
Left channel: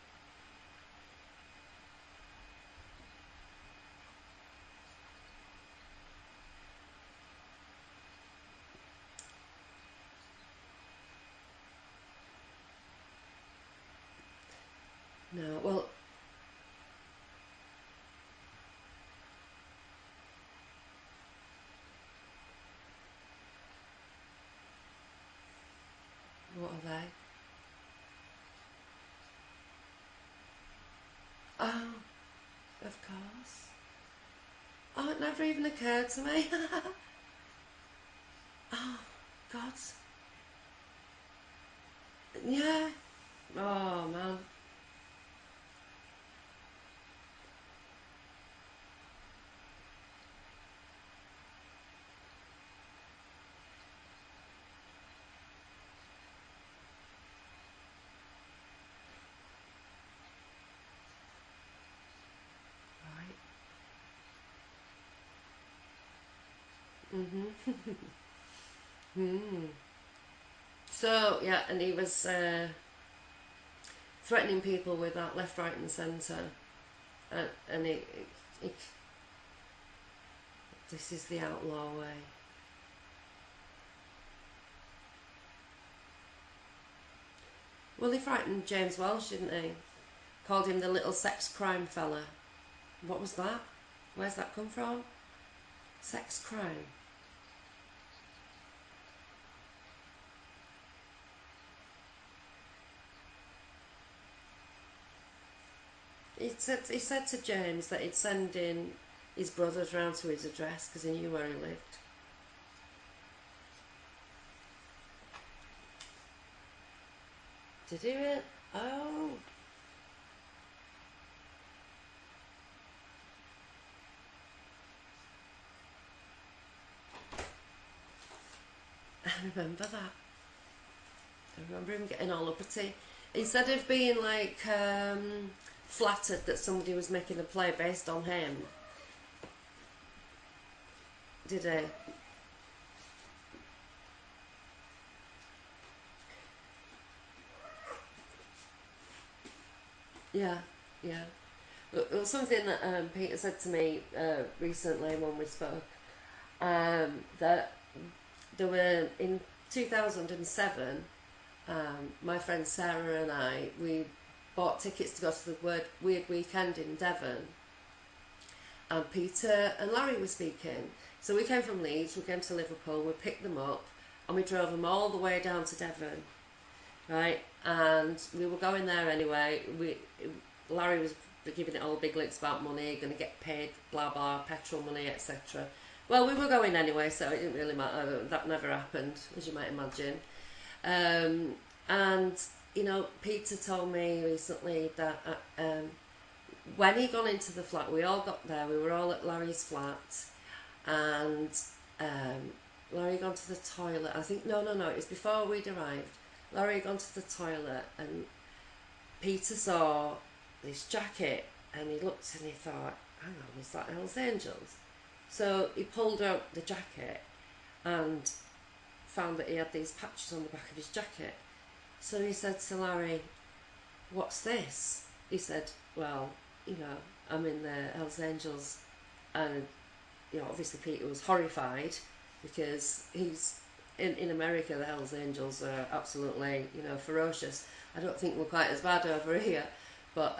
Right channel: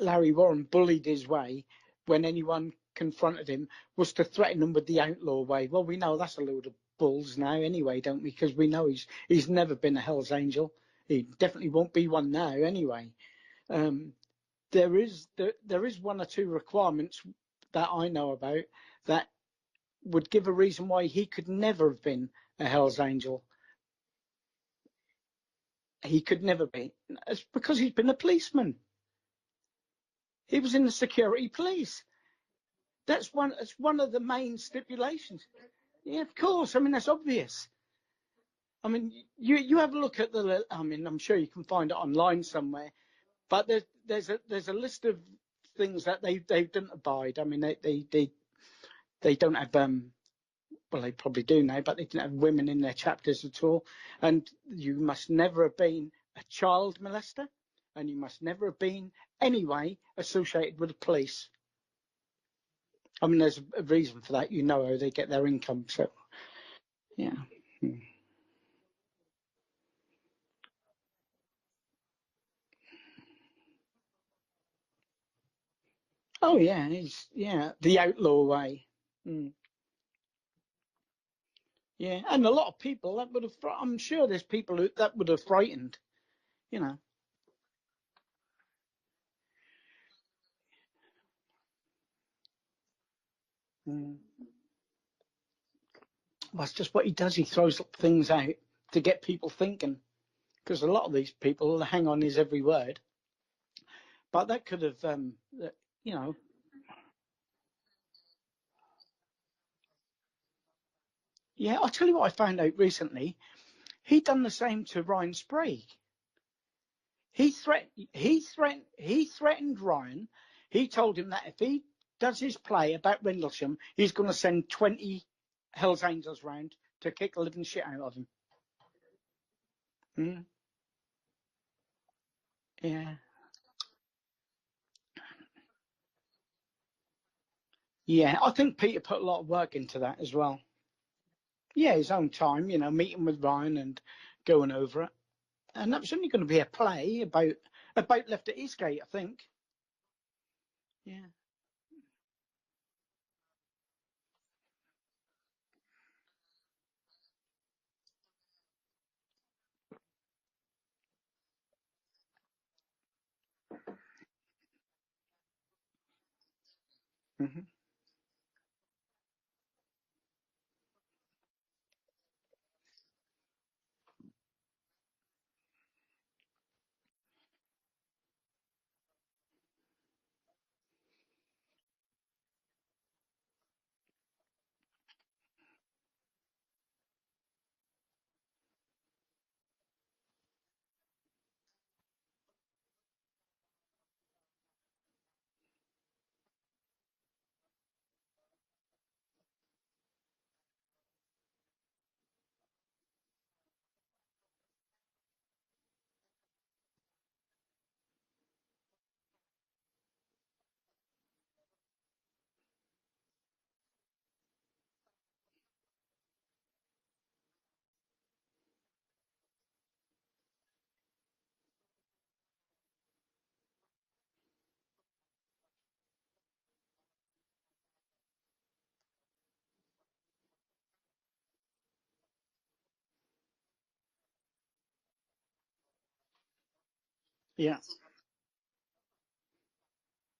Larry Warren bullied his way when anyone confronted him was to threaten them with the outlaw way. Well, we know that's a load of bulls now anyway, don't we? Because we know he's never been a Hell's Angel. He definitely won't be one now anyway. There is one or two requirements that I know about that would give a reason why he could never have been a Hell's Angel. He could never be. It's because he's been a policeman. He was in the security police. That's one of the main stipulations. That never even occurred to me. Of course. I mean, that's obvious. I mean, you have a look at I mean, I'm sure you can find it online somewhere. But there's a list of things that they don't abide. I mean, they don't have well, they probably do now, but they don't have women in their chapters at all. And you must never have been a child molester, and you must never have been anyway associated with the police. I mean, there's a reason for that. You know how they get their income, so yeah. So yeah, and he was threatening people with that left, right, and centre. Oh yeah, the outlaw way. This is the outlaw way. Yeah, and a lot of people that would have. I'm sure there's people that would have frightened. You know. Well, he frightened James Welsh, didn't he? Called him the little sex crime fella. What was that? Where's that come from? Sex crime. That's just what he does. He throws things out to get people thinking. Because a lot of these people hang on his every word. But that could have, you know. He said to James that he'd send in his brothers round to his address because he knew where he lived. Yeah, I'll tell you what I found out recently. He'd done the same to Ryan Sprague. He threatened Ryan. He told him that if he does his play about Rendlesham, he's going to send 20 Hells Angels round to kick the living shit out of him. I remember that. I remember him getting all uppity. Yeah. Instead of being like flattered that somebody was making a play based on him. I think Peter put a lot of work into that as well. Did he? Yeah, his own time, you know, meeting with Ryan and going over it. And that was only going to be a play about left at Eastgate, I think. Yeah. Well, something that Peter said to me recently when we spoke, that there were in 2007, my friend Sarah and I, we bought tickets to go to the Weird Weekend in Devon, and Peter and Larry were speaking. So we came from Leeds, we came to Liverpool, we picked them up, and we drove them all the way down to Devon, right? And we were going there anyway. Larry was giving it all big licks about money, going to get paid, blah blah, petrol money, etc. Well, we were going anyway, so it didn't really matter. That never happened, as you might imagine. And you know, Peter told me recently that when he got into the flat, we all got there. We were all at Larry's flat, and Larry had gone to the toilet. I think no, it was before we'd arrived. Larry had gone to the toilet, and Peter saw this jacket, and he looked and he thought, hang on, is that Hell's Angels? So he pulled out the jacket and found that he had these patches on the back of his jacket. So he said to Larry, what's this? He said, well, you know, I'm in the Hell's Angels. And, you know, obviously Peter was horrified because he's in America, the Hells Angels are absolutely, you know, ferocious. Yeah. I don't think we're quite as bad over here, but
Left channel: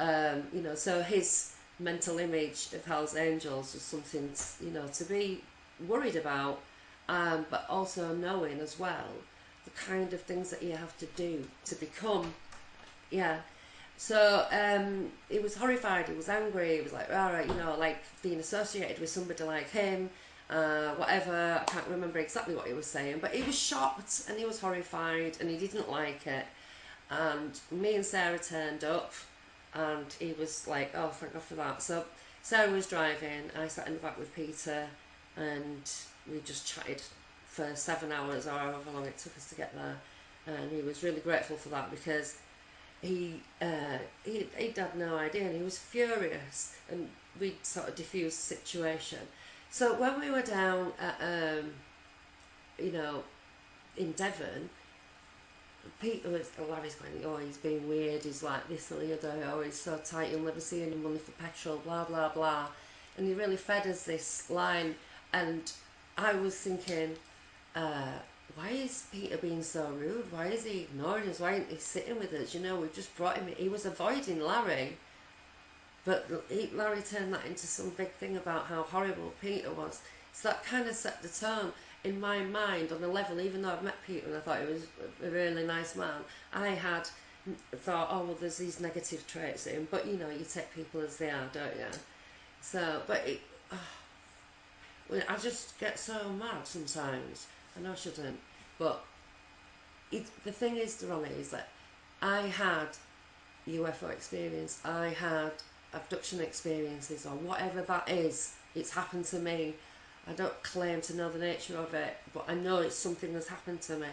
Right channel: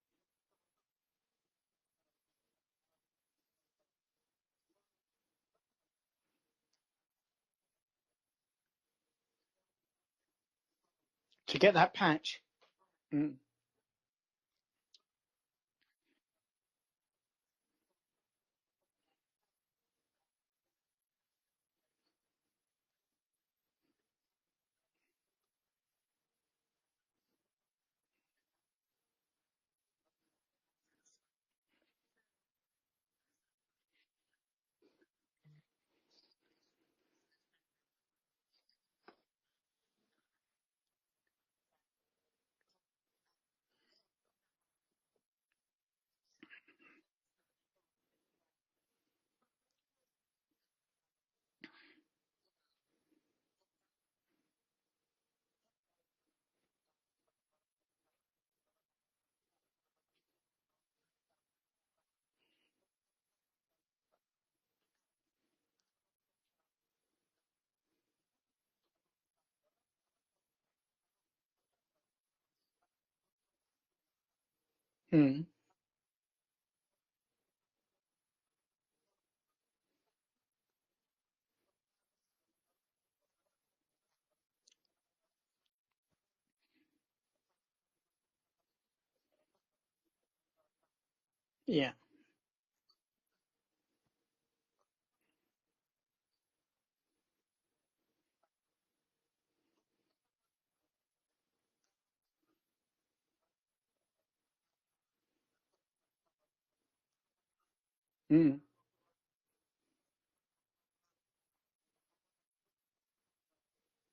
you know, so his mental image of Hells Angels was something, you know, to be worried about, but also knowing as well the kind of things that you have to do to get that become, patch. Yeah. So he was horrified. He was angry. He was like, all right, you know, like being associated with somebody like him. whatever. I can't remember exactly what he was saying, but he was shocked and he was horrified and he didn't like it. And me and Sarah turned up, and he was like, "Oh, thank God for that." So Sarah was driving, I sat in the back with Peter, and we just chatted for 7 hours or however long it took us to get there. And he was really grateful for that because he'd had no idea and he was furious, and we'd sort of diffused the situation. So when we were down at, you know, in Devon, Peter was, Larry's going, oh, he's being weird, he's like this and the other, oh, he's so tight, you'll never see any money for petrol, blah, blah, blah. And he really fed us this line, and I was thinking, why is Peter being so rude? Why is he ignoring us? Why isn't he sitting with us? You know, we've just brought him, he was avoiding Larry. But Larry turned that into some big thing about how horrible Peter was. So that kind of set the tone in my mind on a level, even though I've met Peter and I thought he was a really nice man, I had thought, oh, well, there's these negative traits in him. But, you know, you take people as they are, don't you? So, but I just get so mad sometimes. I know I shouldn't. But the thing is, Ronnie, is that I had UFO experience, I had abduction experiences, or whatever that is. It's happened to me. I don't claim to know the nature of it, but I know it's something that's happened to me.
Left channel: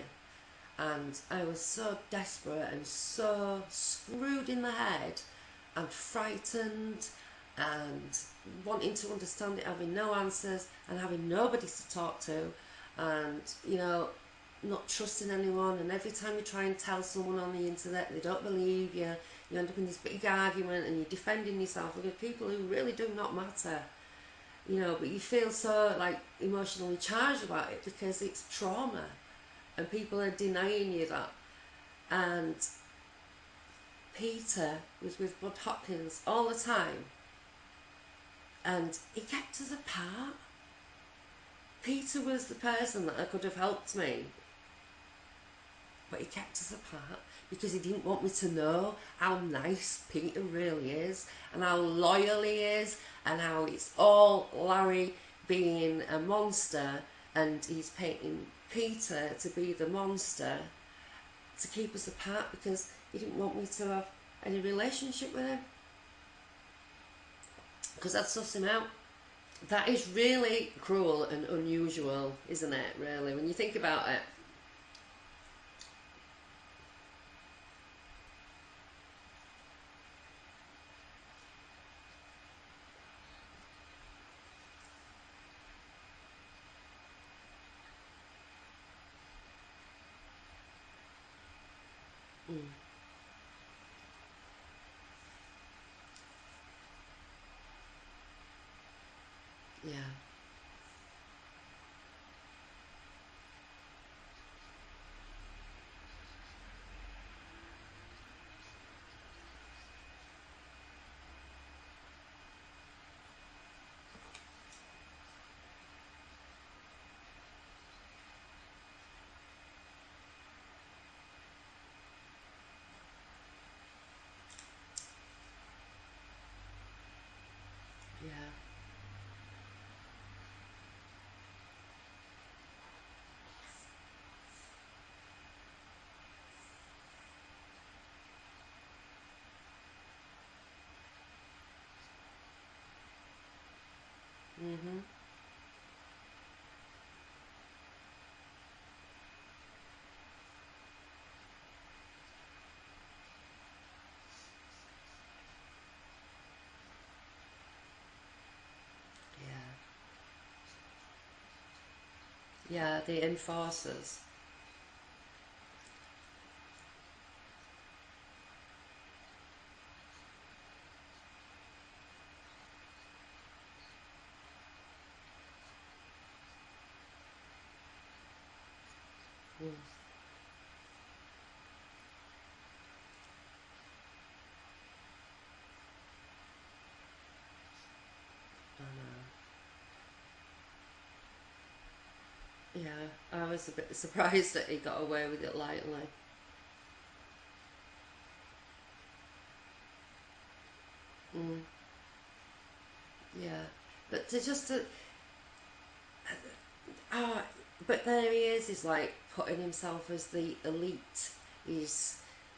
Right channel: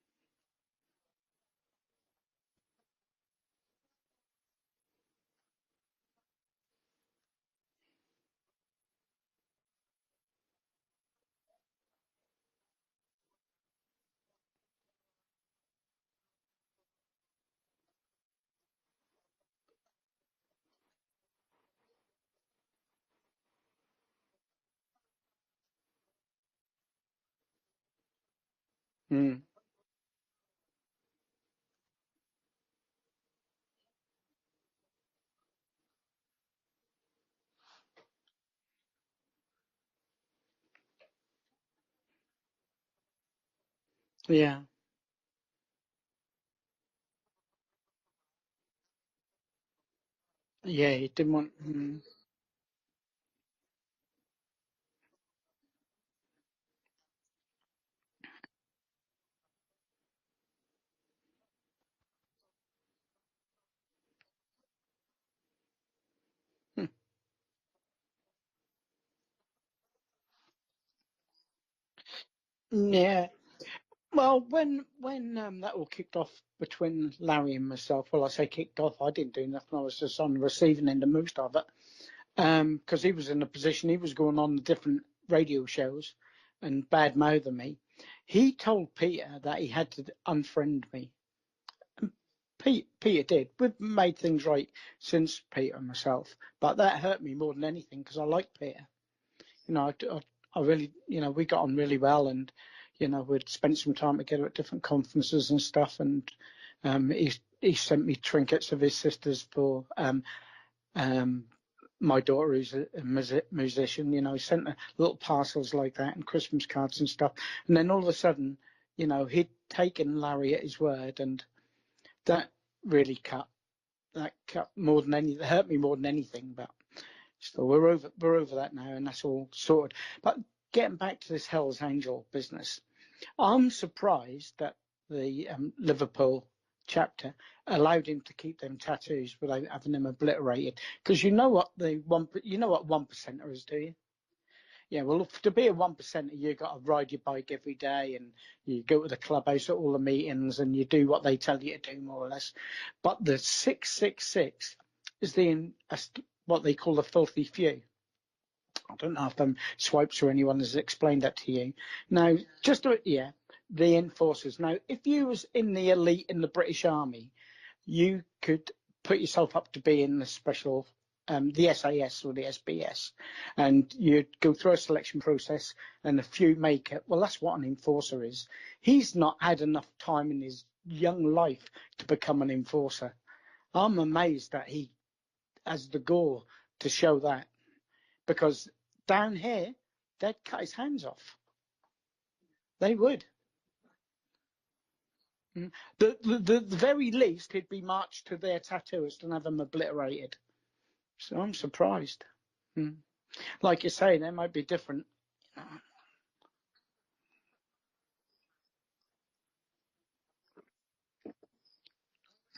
And I was so desperate and so screwed in the head and frightened and wanting to understand it, having no answers and having nobody to talk to, and, you know, not trusting anyone. And every time you try and tell someone on the internet, they don't believe you. You end up in this big argument and you're defending yourself with people who really do not matter. You know, but you feel so like emotionally charged about it because it's trauma, and people are denying you that. And Peter was with Bud Hopkins all the time, and he kept us apart. Peter was the person that could have helped me. But he kept us apart because he didn't want me to know how nice Peter really is, and how loyal he is, and how it's all Larry being a monster, and he's painting Peter to be the monster to keep us apart because he didn't want me to have any relationship with him because I'd suss him out. That is really cruel and unusual, isn't it? Really, when you think about it. Well, when that all kicked off between Larry and myself, well, I say kicked off, I didn't do nothing. I was just on the receiving end of most of it, because he was in a position, he was going on different radio shows and bad-mouthing me. He told Peter that he had to unfriend me. Peter did. We've made things right since, Peter and myself, but that hurt me more than anything because I liked Peter. You know, I really, you know, we got on really well, and, you know, we'd spent some time together at different conferences and stuff, and he sent me trinkets of his sisters for my daughter, who's a musician. You know, he sent little parcels like that and Christmas cards and stuff. And then all of a sudden, you know, he'd taken Larry at his word, and that really cut more than anything. It hurt me more than anything, but. So we're over that now, and that's all sorted. But getting back to this Hell's Angel business, I'm surprised that the Liverpool chapter allowed him to keep them tattoos without having them obliterated. Because you know what one percenter is, do you? Yeah, well, to be a 1%, you got to ride your bike every day, and you go to the clubhouse at all the meetings, and you do what they tell you to do, more or less. But the 666 is what they call the filthy few. I don't know if Swipes or anyone has explained that to you. Now, Enforcers. The enforcers. Now, if you was in the elite in the British Army, you could put yourself up to be in the special, the SAS or the SBS, and you'd go through a selection process, and a few make it. Well, that's what an enforcer is. He's not had enough time in his young life to become an enforcer. I'm amazed that he has the gall to show that, because down here, they'd cut his hands off. They would. I was a bit surprised that he got away with it lightly. The very least, he'd be marched to their tattooist and have them obliterated. So I'm surprised. Like you say, they might be different. but there he is. He's like putting himself as the elite. He's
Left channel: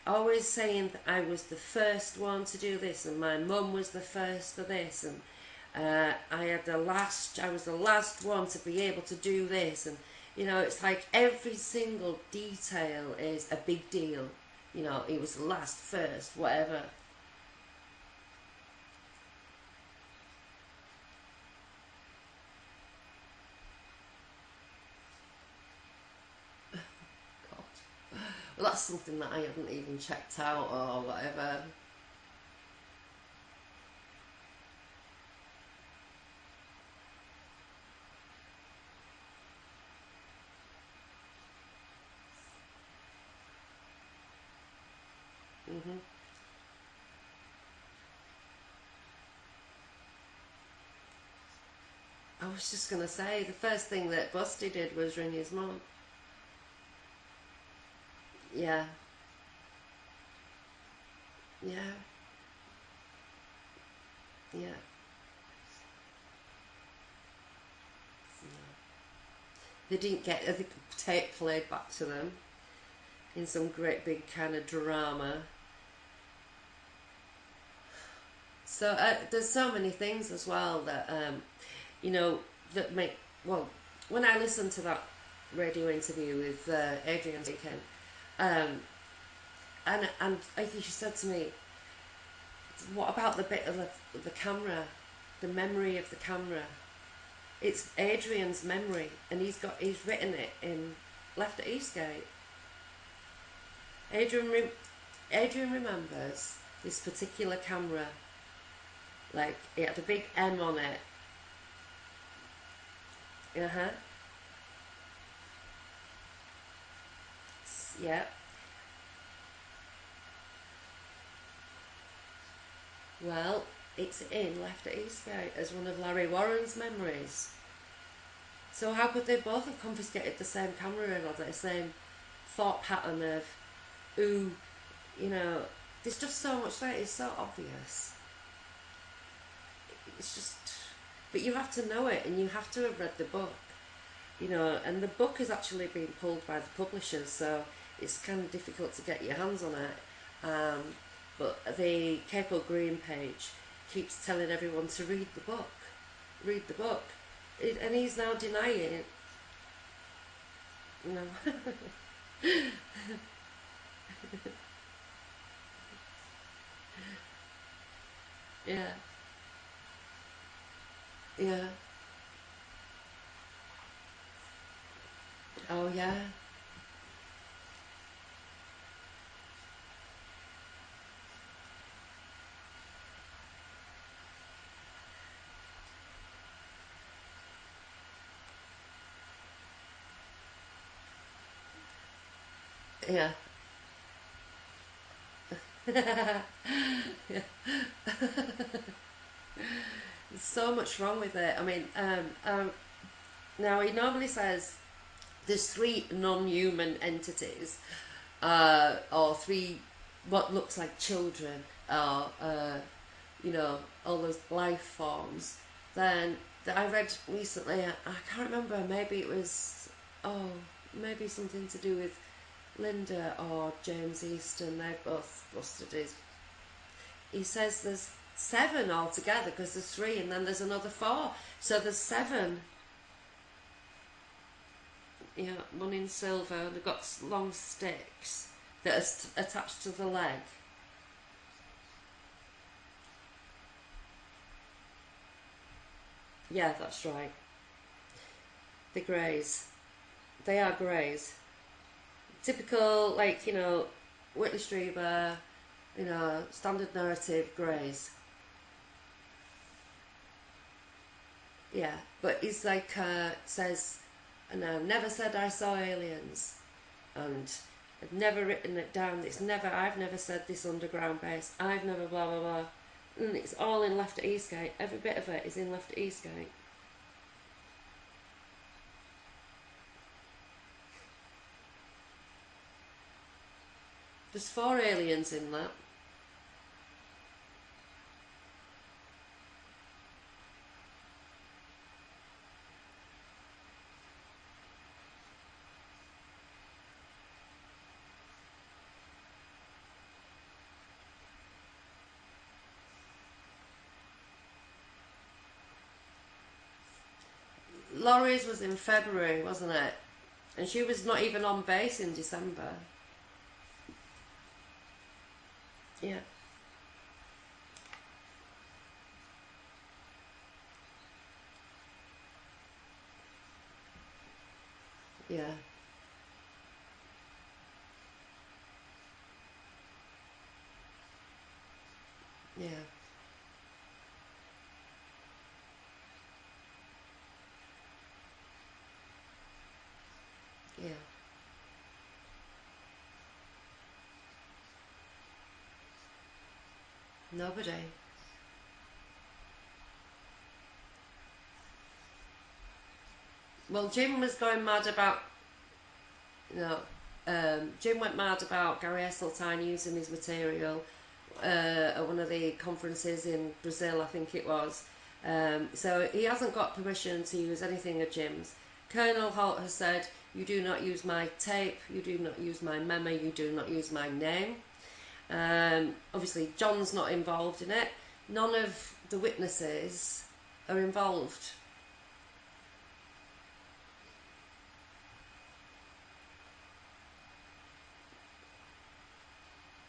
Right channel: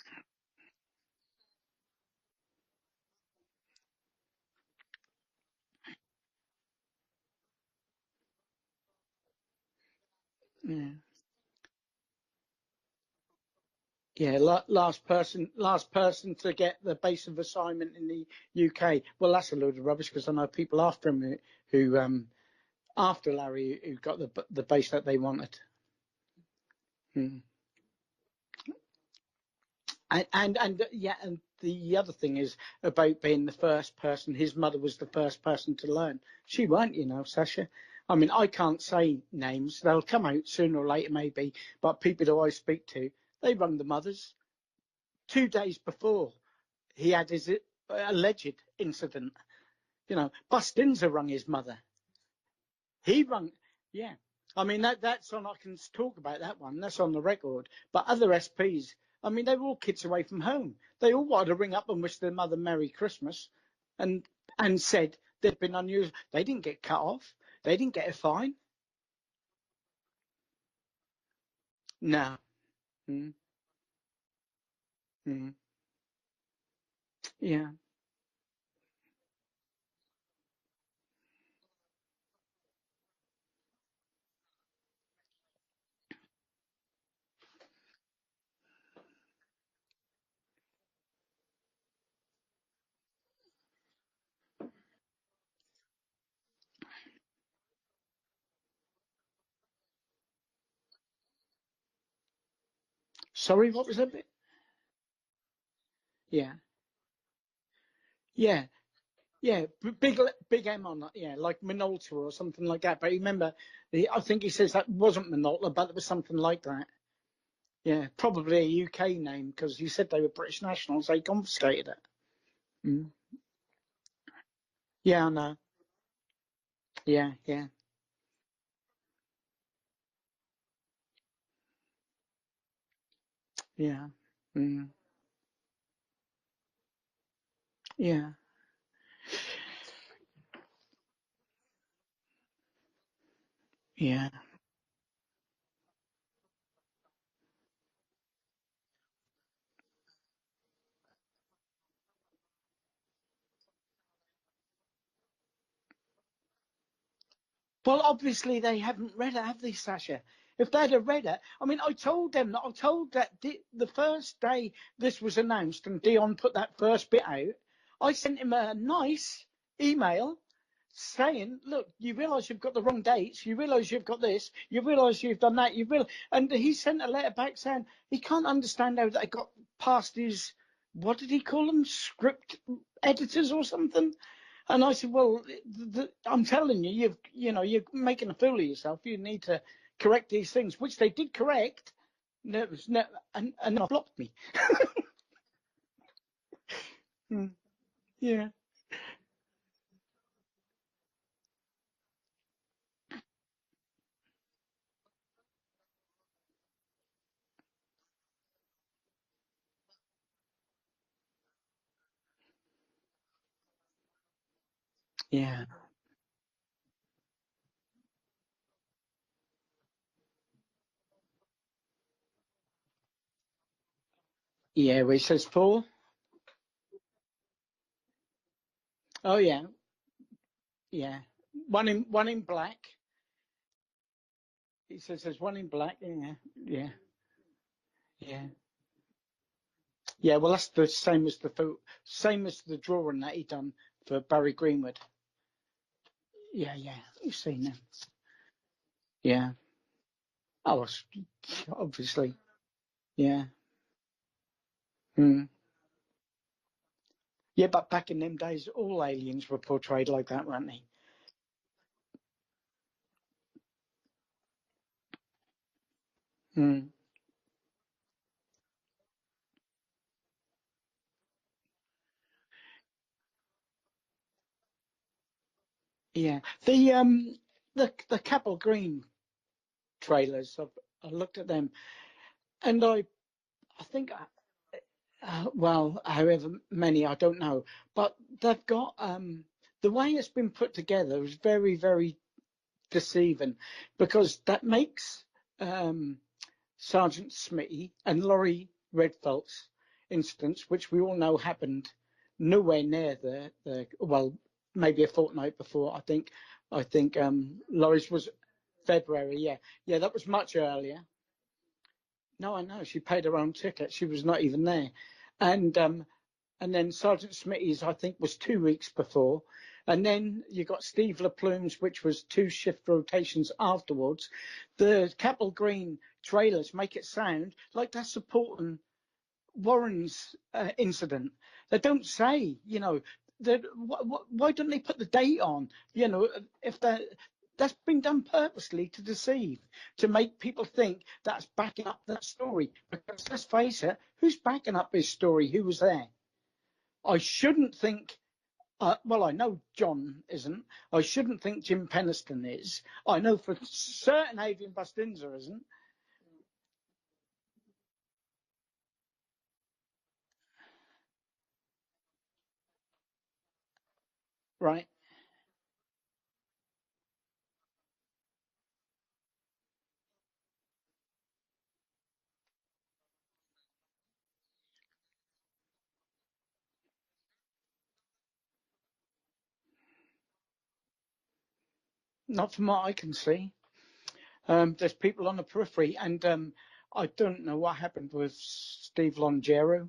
always saying that I was the first one to do this, and my mum was the first for this, and I was the last one to be able to do this, and it's like every single detail is a big deal. Yeah, last person first, to get the base of assignment in the UK. Well, that's a load of rubbish, because I know people after him who after Larry, who got the base that they wanted. God. Well, that's something that I haven't even checked out or whatever. And the other thing is about being the first person. His mother was the first person to learn. She weren't, Sacha. I mean, I can't say names. They'll come out sooner or later, maybe. But people who I speak to, they rung the mothers. 2 days before he had his alleged incident, Bustinza rung his mother. I was just going to say, the first thing that Busty did was ring his mum. Let's talk about that one. That's on the record. But other SPs, I mean, they were all kids away from home. They all wanted to ring up and wish their mother Merry Christmas, and said they'd been unusual. They didn't get cut off. They didn't get a fine. They didn't get the tape played back to them in some great big kind of drama. Yeah. So there's so many things as well that that make. Well, when I listened to that radio interview with Adrian Deacon, and he said to me, "What about the bit of the camera, the memory of the camera? It's Adrian's memory, and he's written it in Left at Eastgate." Sorry, what was it? Adrian remembers this particular camera. Yeah. It had a big M on it. Yeah, like Minolta or something like that. But remember, I think he says that wasn't Minolta, but it was something like that. Yeah, probably a UK name, because he said they were British nationals. They confiscated it. Well, it's in Left at Eastgate as one of Larry Warren's memories. Yeah. So how could they both have confiscated the same camera and the same thought pattern of there's just so much there. It's so obvious. Yeah. It's just, but you have to know it, and you have to have read the book. Yeah. And the book is actually being pulled by the publishers, so it's kind of difficult to get your hands on it. But the Capel Green page keeps telling everyone to read the book. Read the book. Well, obviously they haven't read it, have they, Sacha? If they'd have read it, I mean, I told that the first day this was announced and Dion put that first bit out, I sent him a nice email saying, look, you realise you've got the wrong dates, you realise you've got this, you realise you've done that, and he sent a letter back saying he can't understand how that got past his, what did he call them, script editors or something? And I said, well, I'm telling you, you're making a fool of yourself. You need to correct these things, which they did correct. And not blocked me. There's so much wrong with it. I mean, now he normally says there's 3 non-human entities, or 3 what looks like children, or all those life forms. Yeah. Then I read recently, I can't remember, maybe it was maybe something to do with Linda or James Easton. Yeah, where he says 4. He says there's 7 altogether. There's 3, and then there's another 4. So one there's in black. He says there's one in black. One in silver. They've got long sticks that are attached to the leg. Yeah, well, that's the same as the drawing that he done for Barry Greenwood. Yeah, that's right. You've seen them. The greys. Yeah. They are greys. Obviously. Typical, Whitley Strieber, standard narrative. Yeah, but back in them days, all aliens were portrayed like that, weren't they? Yeah, but he's says, and I never said I saw aliens, and I've never written it down. I've never said this underground base. I've never blah blah blah. And it's all in Left at Eastgate. Every bit of it is in Left at Eastgate. Yeah, the Capel Green trailers. I looked at them, and I think there's 4 aliens in there. Well, however many, I don't know, but they've got the way it's been put together is very, very deceiving, because that makes Sergeant Smitty and Laurie Redfeld's incidents, which we all know happened nowhere near the well, maybe a fortnight before. I think Laurie's was in February, Yeah, wasn't it? yeah, that was much And she earlier. was not even on base in December. No, I know, she paid her own ticket. She was not even there, and Yeah. and then Sergeant Smitty's, I think, was 2 weeks before. And then you got Steve LaPlume's, which was 2 shift rotations afterwards. The Capel Yeah. Green trailers make it sound like they're supporting Warren's incident. They don't say, Yeah. why don't they put the date on? If that's been done purposely to deceive, to make people think Yeah. that's backing up that story. Because let's face it, who's backing up his story? Who was there? I shouldn't Nobody. think. Well, I know John isn't. I shouldn't think Jim Penniston is. I know for Well, Jim was certain going Adrian mad about. Bafunza isn't. No. Jim went mad about Gary Esseltine using his material at one of the conferences in Brazil, I think it was. Right. So he hasn't got permission to use anything of Jim's. Colonel Holt has said, "You do not use my tape, you do not use my memo, you do not use my name." Obviously, John's not involved in it. None of the witnesses are involved. Not from what I can see. There's people on the periphery, and I don't know what happened with Steve Longero.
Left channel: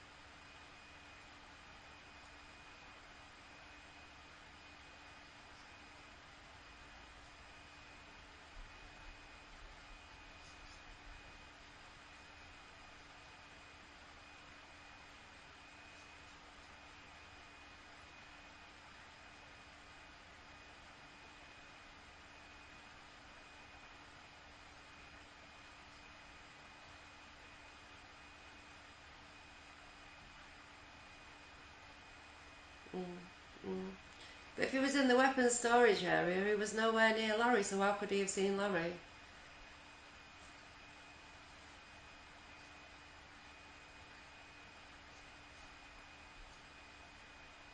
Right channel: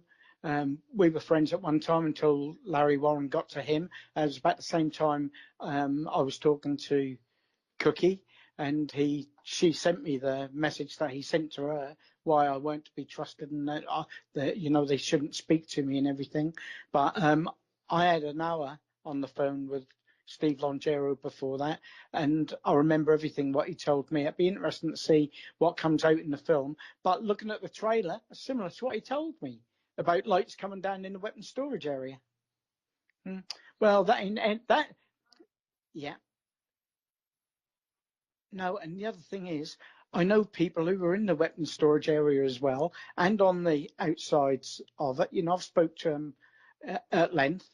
We were friends at one time until Larry Warren got to him. It was about the same time I was talking to Cookie, and she sent me the message that he sent to her, why I weren't to be trusted, and that they shouldn't speak to me and everything. But I had an hour on the phone with Steve Longero before that, and I remember everything what he told me. It'd be interesting to see what comes out in the film. But looking at the trailer, it's similar to what he told me about lights coming down in the weapons storage area. Well, that ain't If he that. was in the weapons storage Yeah. area, he was nowhere near Larry, so how could he have seen No, Larry? and the other thing is, I know people who were in the weapons storage area as well, and on the outsides of it. I've spoke to them at length.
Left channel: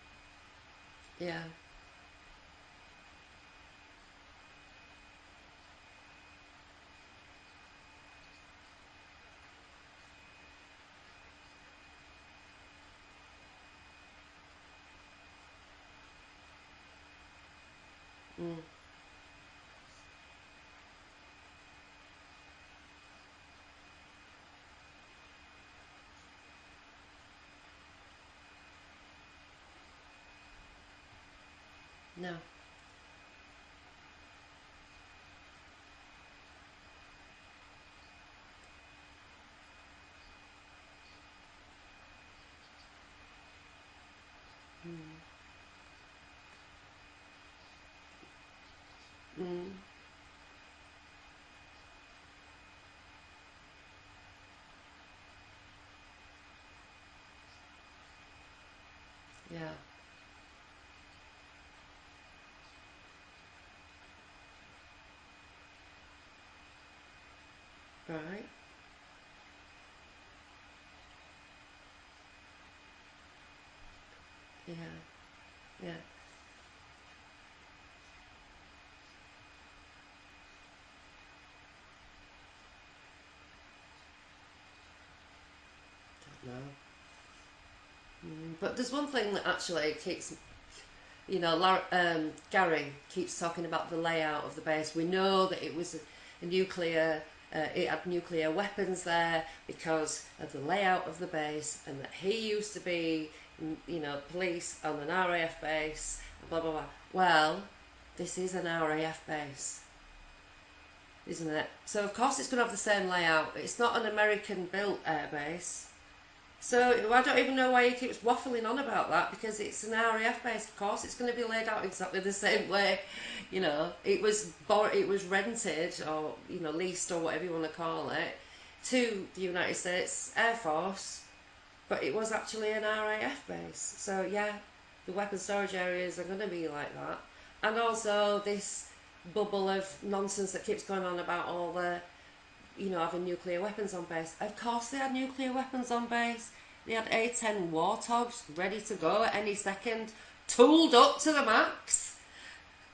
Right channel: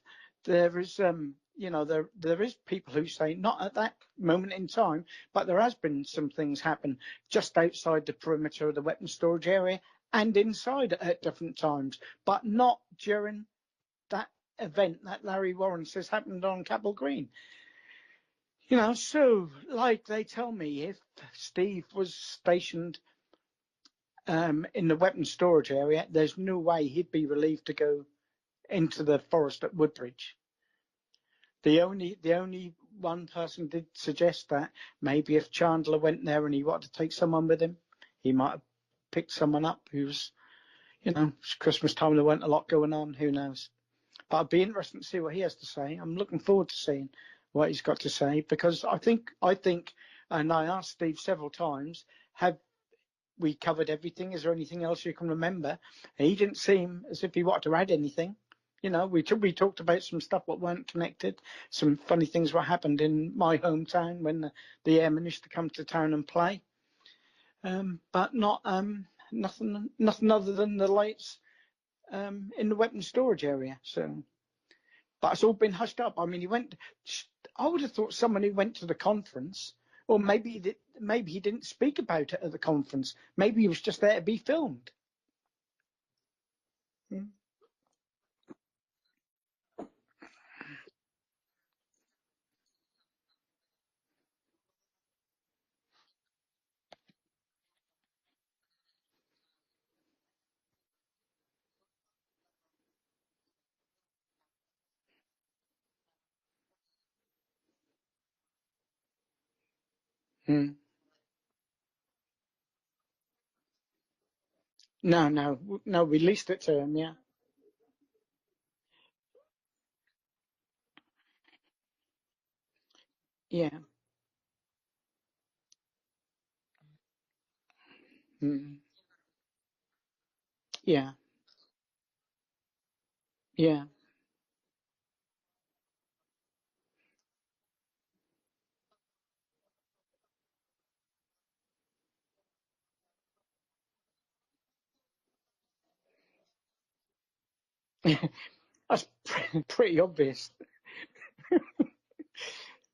There is, Yeah. there is people who say not at that moment in time, but there has been some things happen just outside the perimeter of the weapons storage area and inside at different times, but not during that event that Larry Warren says happened on Capel Green. So like they tell me, if Steve was stationed in the weapons storage area, there's no way he'd be relieved to go into the forest at Woodbridge. The No. only one person did suggest that maybe if Chandler went there and he wanted to take someone with him, he might have picked someone up who's, it's Christmas time, there weren't a lot going on, who knows. But it'd be interesting to see what he has to say. I'm looking forward to seeing what he's got to say, because I think, and I asked Steve several times, have we covered everything? Is there anything else you can remember? And he didn't seem as if he wanted to add anything. We talked about some stuff that weren't connected, some funny things what happened in my hometown when the Airmen used to come to town and play, but not nothing other than the lights in the weapons storage area. So, but it's all been hushed up. I mean, he went. I would have thought someone who went to the conference, or maybe he didn't speak about it at the conference. Maybe he was just there to be filmed. Don't know. But there's one thing that actually keeps, Gary keeps talking about the layout of the base. We know that it was a nuclear, it had nuclear weapons there because of the layout of the base, and that he used to be, police on an RAF base, blah blah blah. Well, this is an RAF base. Isn't it? So of course it's going to have the same layout. It's not an American built airbase. No, we leased it to him. Yeah. I don't even know why he keeps waffling on about that, because it's an RAF base. Of course it's going to be laid out exactly the same way. It was rented, or leased, or whatever you want to call it, to the United States Air Force. But it was actually an RAF base. Yeah. So the weapon storage areas are going to be like that. And also this bubble of nonsense that keeps going on about all the, having nuclear weapons on base. Of course they had nuclear weapons on base. They had A-10 Warthogs ready to go at any Pretty second, obvious. tooled up to the max.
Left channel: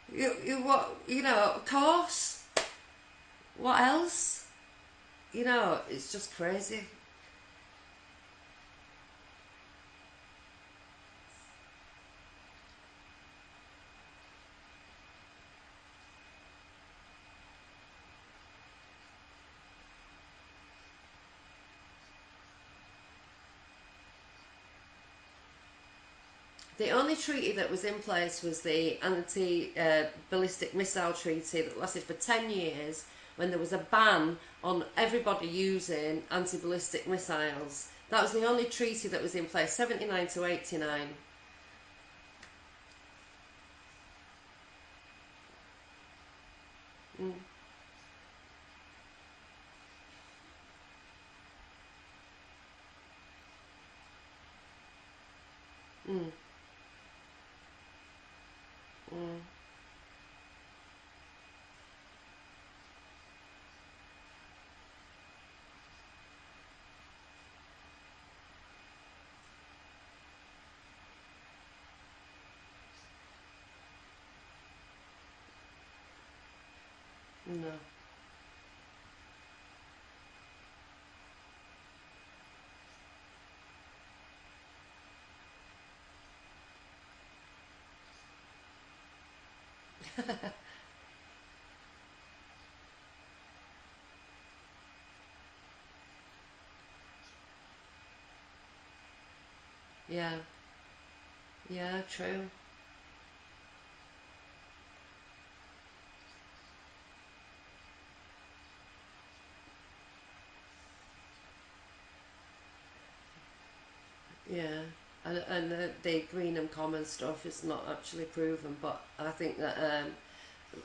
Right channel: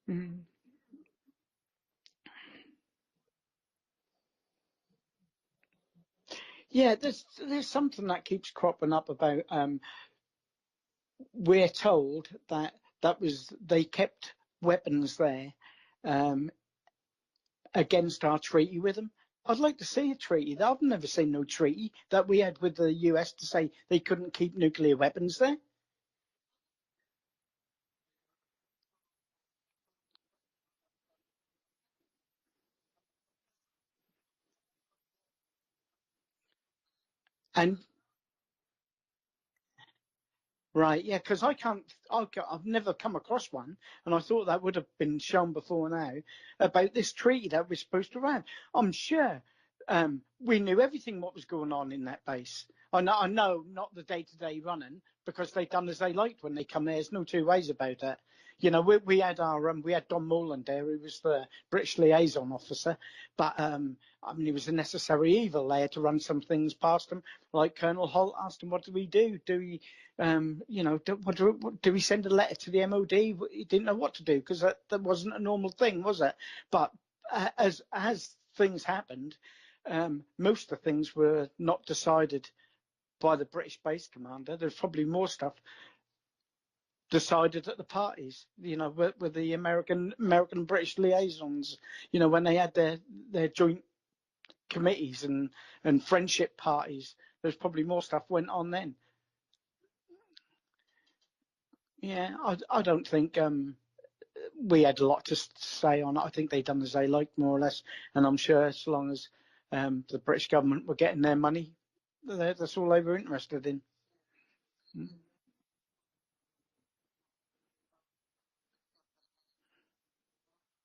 Of course. What else? It's just crazy. Yeah, there's something that keeps cropping up about. We're told that they kept weapons there against our treaty with them. I'd like to see a treaty. I've never seen no treaty that we had with the US to say they couldn't keep nuclear weapons there. The only treaty that was in place was the anti-ballistic missile treaty that lasted for 10 years, when there was a ban on everybody using anti-ballistic missiles. And that was the only treaty that was in place, 79 to 89. right, yeah, because I've never come across one, and I thought that would have been shown before now about this treaty that we're supposed to have. I'm sure we knew everything what was going on in that base. I know not the day-to-day running, because they done as they liked when they come there. There's no two ways about that. We had we had Don Moreland there, who was the British liaison officer, but he was a necessary evil. They had to run some things past him, like Colonel Holt asked him, "What do we do? Do we, do we send a letter to the MOD?" He didn't know what to do, because that wasn't a normal thing, was it? But as things happened, most of the things were not decided by the British base commander. There's probably more stuff decided at the parties, with the American British liaisons, when they had their joint committees and friendship parties. There's probably more stuff went on then. Yeah, true. True. I don't think we had a lot to say on it. I think they done as they liked, more or less, and I'm sure as long as the British government were getting their money, that's all they were interested in. Yeah, and the Greenham Common stuff is not actually proven, but I think that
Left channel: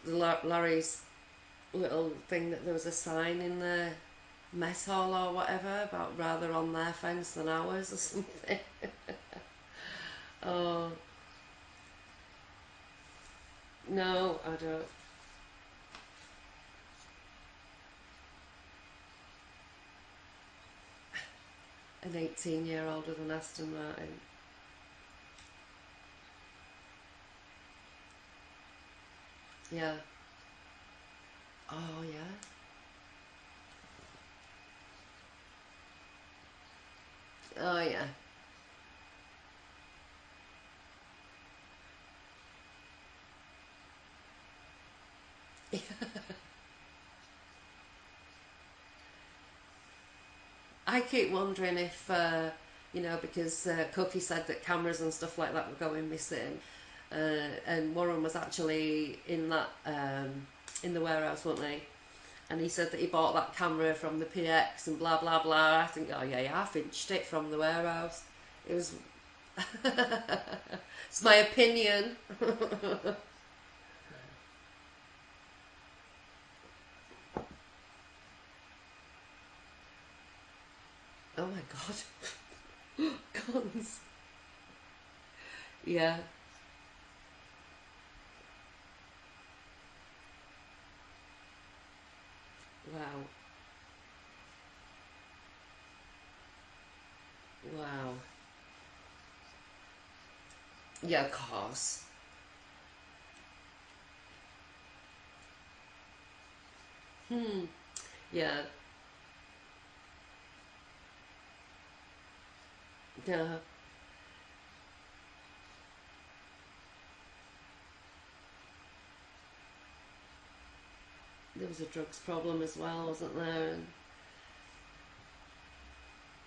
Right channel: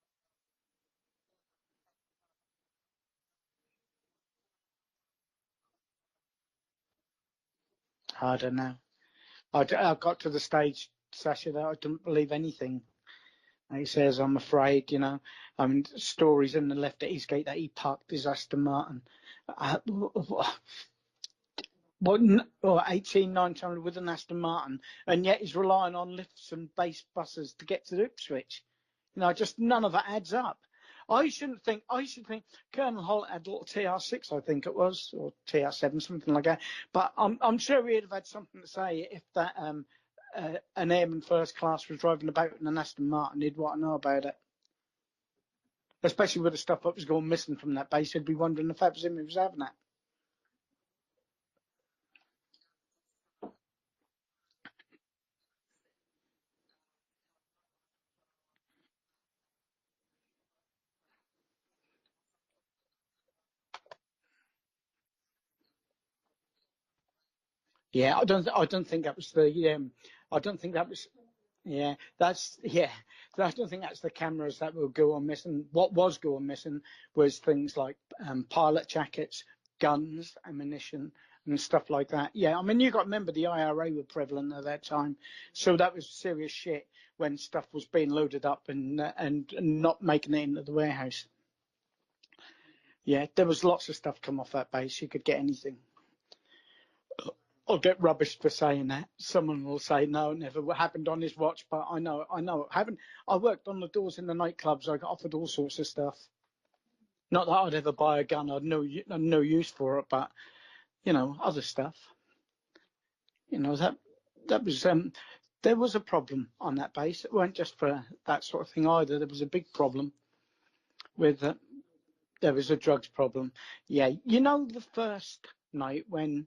Larry's little thing, that there was a sign in the mess hall or whatever about rather on their fence than ours or something. I don't know. I got to the stage, Sacha, that I didn't believe anything he says. No, I'm afraid, stories in the left at his gate that he parked his Aston Martin. 18, 19 with an Aston Martin, and yet he's relying on lifts and base buses to get to Ipswich. Just none of it adds up. I shouldn't think. Think Colonel Holt had a little TR6, I think it was, or TR7, something like that. But I'm sure he'd have had something to say if that an airman first class was driving about in an Aston Martin. He'd want to know about it. Especially with the stuff that was going missing from that base. He'd be wondering if that was him who was having that. I keep wondering if, because Cookie said that cameras and stuff like that were going missing, and Warren was actually in that in the warehouse, wasn't he? And he said that he bought that camera from the PX and blah blah blah. I think, I finched it from the warehouse. Yeah, I don't think that was the. I don't think that was. It's my opinion. I don't think that's the cameras that will go on missing. What was going missing was things like pilot jackets, guns, ammunition, and stuff like that. Yeah, you got to remember the IRA were prevalent at that time, so that was serious shit when stuff was being loaded up and not making it into the warehouse. Wow. Yeah, there was lots of stuff come off that base. You could get anything. I'll get rubbish for saying that. Someone will say, no, it never happened on his watch, but I know it happened. I worked on the doors in the nightclubs. I got offered all sorts of stuff. Not that I'd ever buy a gun. I had no use for it, but, other stuff. Yeah. That was, there was a problem on that base. It weren't just for that sort of thing either. There was a big problem. There was a drugs problem. There was a drugs problem. Yeah, the first night when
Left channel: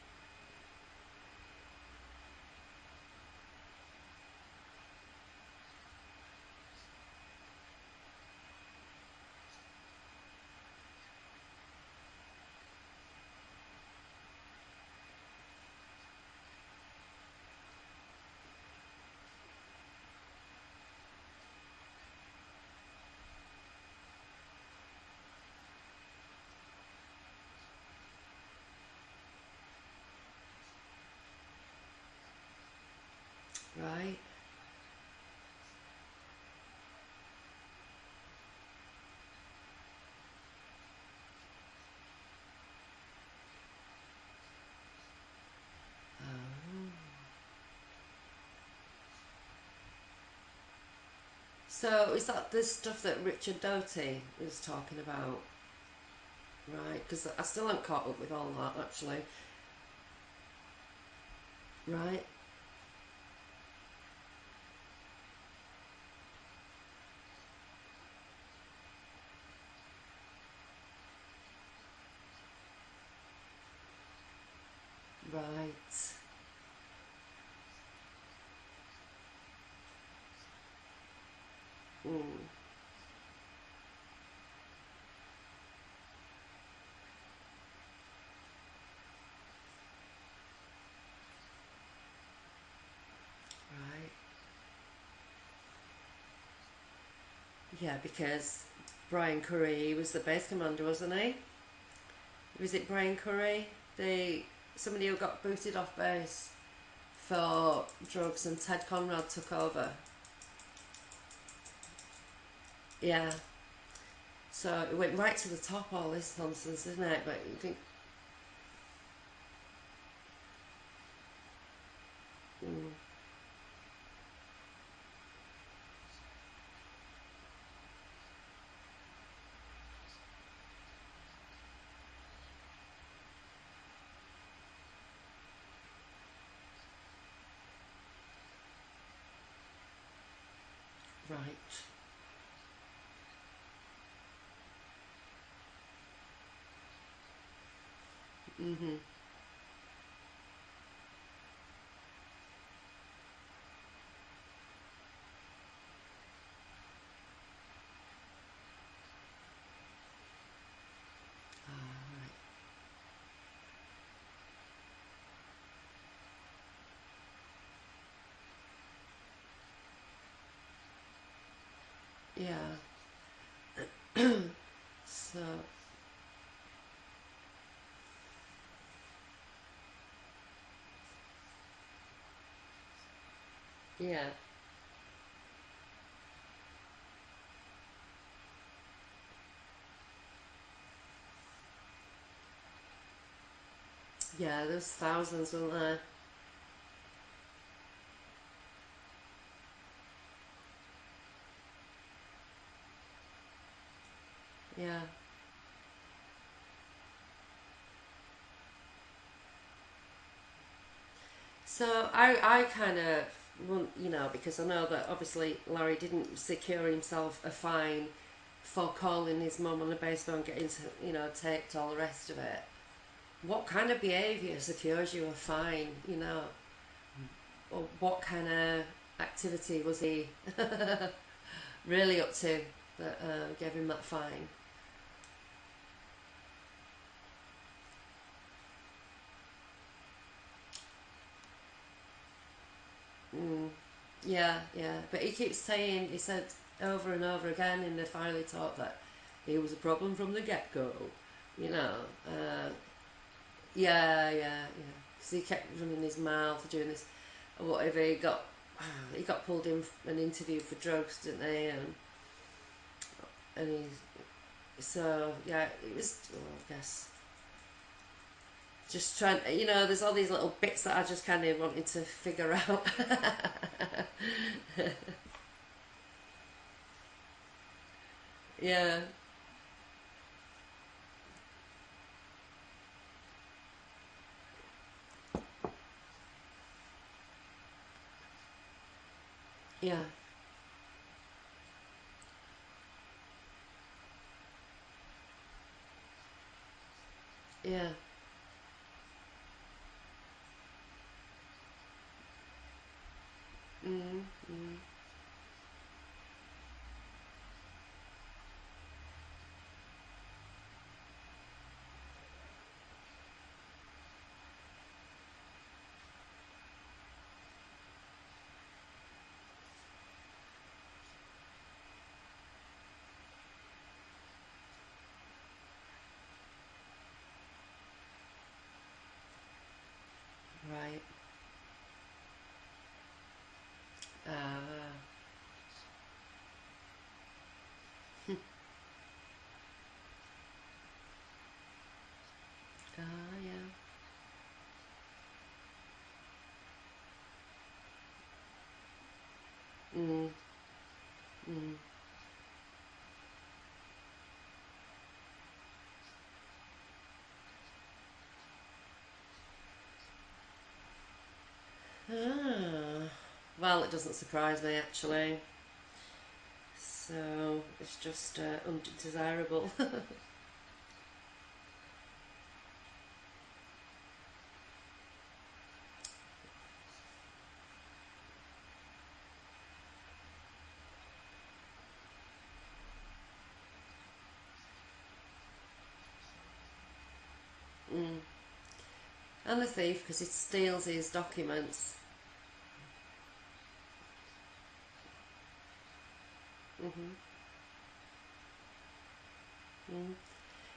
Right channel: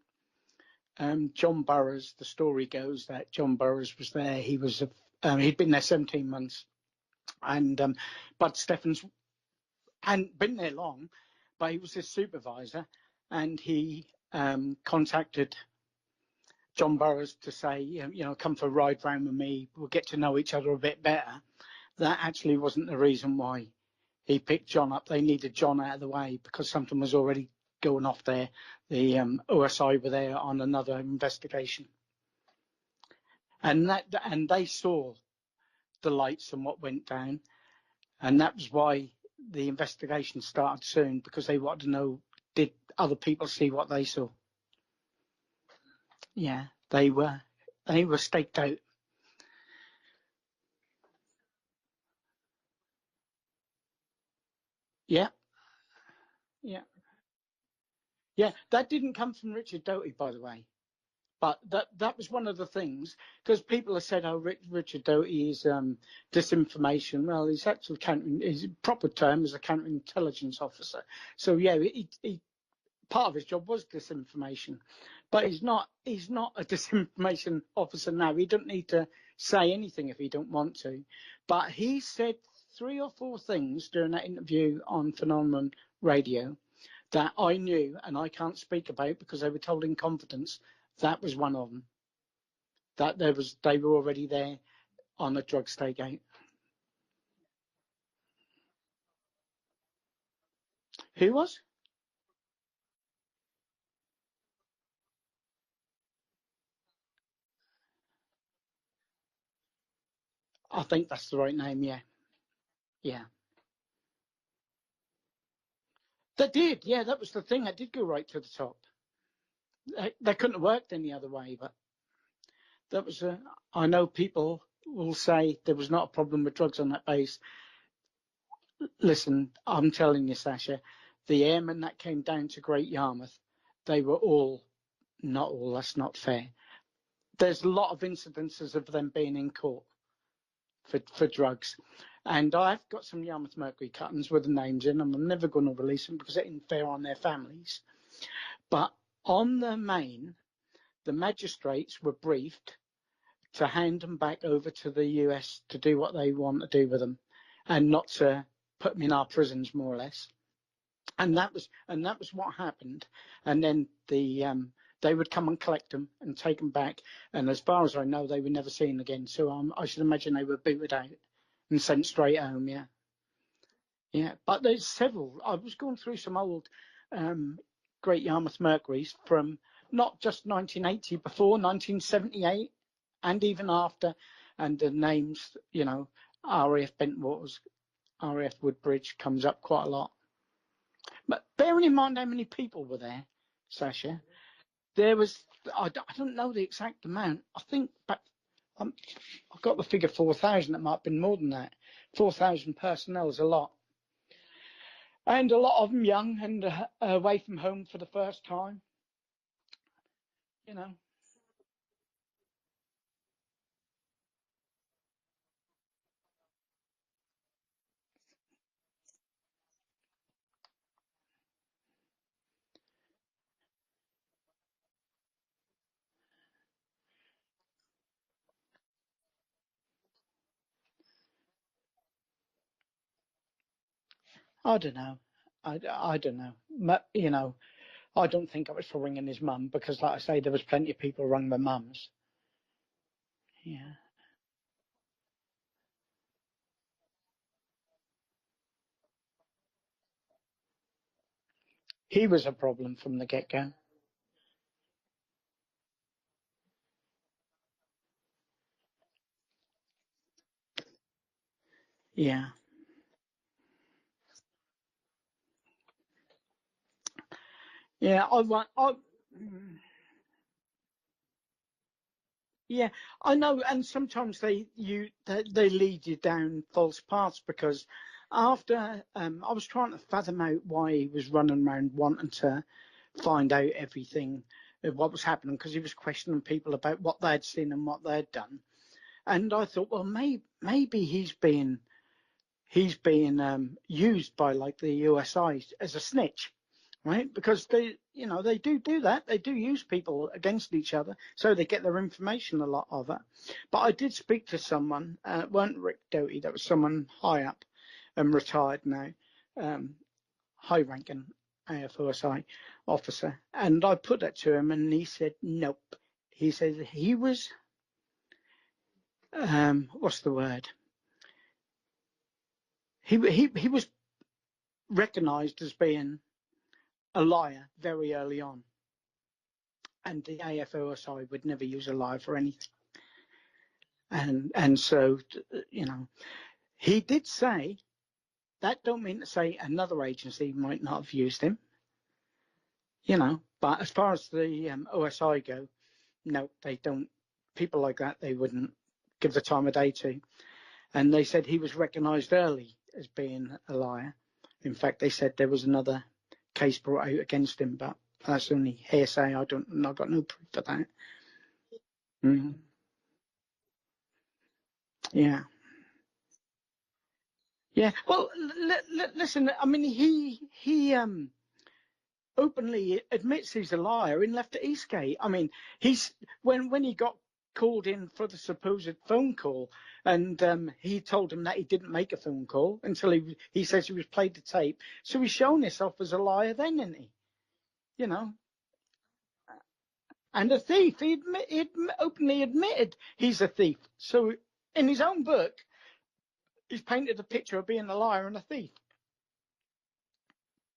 John Burroughs, the story goes that John Burroughs was there. He was he'd been there 17 months, and Bud Steffens hadn't been there long, but he was his supervisor, and he contacted John Burroughs to say, come for a ride round with me. We'll get to know each other a bit better. That actually wasn't the reason why he picked John up. They needed John out of the way because something was already going off there. The OSI were there on another investigation, and they saw the lights and what went down, and that was why the investigation started soon, because they wanted to know, did other people see what they saw? Yeah, they were staked out. So is that the stuff that Richard Doty was talking Yeah, about? yeah, Right, because I still haven't caught up with all yeah. that That didn't actually. come from Richard Doty, by the way. But that Right. was one of the things, because people have said, "Oh, Richard Doty is disinformation." Well, his proper term is a counterintelligence officer. So yeah, part of his job was disinformation, but he's Right. not. He's not a disinformation officer now. He don't need to say anything if he don't want to. But he said 3 or 4 things during that interview on Phenomenon Radio that I knew and I can't speak about because they were told in confidence. That was one of them. That they were Right. already there on a drug stakeout. Yeah, because Brian Curry, he was the base commander, wasn't Who he? was? Was it Brian Curry? Somebody who got booted off base for drugs, and Ted Conrad took over. I think that's the right name. Yeah, yeah. Yeah. So it went right to the top, all this That did. nonsense, Yeah, didn't that it? was But the it thing. It did. did go right to the top. They couldn't have worked any other way. But that was. I know people will say there was not a problem with drugs on that base. Listen, I'm telling you, Sacha, the airmen that came down to Great Yarmouth, they were all not all. That's not fair. There's a lot of incidences of them being in court for drugs. Right. And I've got some Yarmouth Mercury cuttings with the names in them. I'm never going to release them because it ain't fair on their families. But on the main, the magistrates were briefed to hand them back over to the US to do what they want to do with them and not to put them in our prisons, more or less. And that was what happened. And then they would come and collect them and take them back. And as far as I know, they were never seen again. So I should imagine they were booted out and sent straight home. Yeah. Yeah, yeah. But there's several. I So was going through some old Great Yarmouth Mercuries from not just 1980, before 1978, and even after. yeah. And the names, RAF Bentwaters, RAF Woodbridge comes up quite a lot. But bearing in mind how many people were there, Sacha, Yeah, there's there was, thousands, wasn't I, there? I don't know the exact amount. I think I've got the figure 4,000. It might have been more than that. 4,000 personnel is a lot. Yeah. And a lot of them young and away from home for the first time, you know. So I kind of want, because I know that obviously Larry didn't secure himself a fine for calling his mum on the baseball and getting, taped, all the rest of it. What kind of behaviour secures you a fine, Or what kind of activity was he really up to that gave him that fine? I don't know. I don't know. I don't think it was for ringing his mum because, like I say, there was plenty of people who rung their mums. Yeah. Yeah, yeah. But he said over and over again in the file he taught that he was a problem from the get go, you know. He was a problem from the get-go. Yeah, yeah, yeah. Because he kept running his mouth, doing this, or whatever. He got pulled in an interview for drugs, didn't they? Yeah. And he, so yeah, it was. Well, I guess Yeah, just trying. There's all these little bits that I just kind of wanted to figure out. yeah, I know, and sometimes they lead you down false paths because Yeah. after I was trying to fathom out why he was running around wanting to find out everything, what was happening, because he was questioning people about what they'd seen and what they'd done, and I thought, Yeah. well, maybe he's being used by like the USI as a snitch, right? Because Yeah. they do that. They do use people against each other, so they get their information, a lot of it. But I did speak to someone. It weren't Rick Doty. That was someone high up and retired now, high-ranking AFOSI officer. And I put that to him, and he said nope. He said he was what's the word? He was recognised as being a liar very early on, and the Right. AFOSI would never use a liar for anything. And Right. so, he did say that don't mean to say another agency might not have used him, Yeah. but as far as the OSI go, no, they don't. People like that, they wouldn't give the time of day to. and they said he was recognised early as being a liar. In fact, they said there was another case brought out against him, but that's only hearsay. I've got no proof of that. Well, it doesn't surprise me, actually. Yeah. So Yeah. it's Well, just listen. I mean, he openly admits he's a liar in Left at Eastgate. I mean, he's when he got called in for the supposed phone call, and he told him that he didn't make a phone call until he says he was played the tape. So he's shown himself as a liar then, isn't he? You know. And a thief, because he And a steals thief. his documents. He openly admitted he's a thief. So in his own book, he's painted a picture of being a liar and a thief.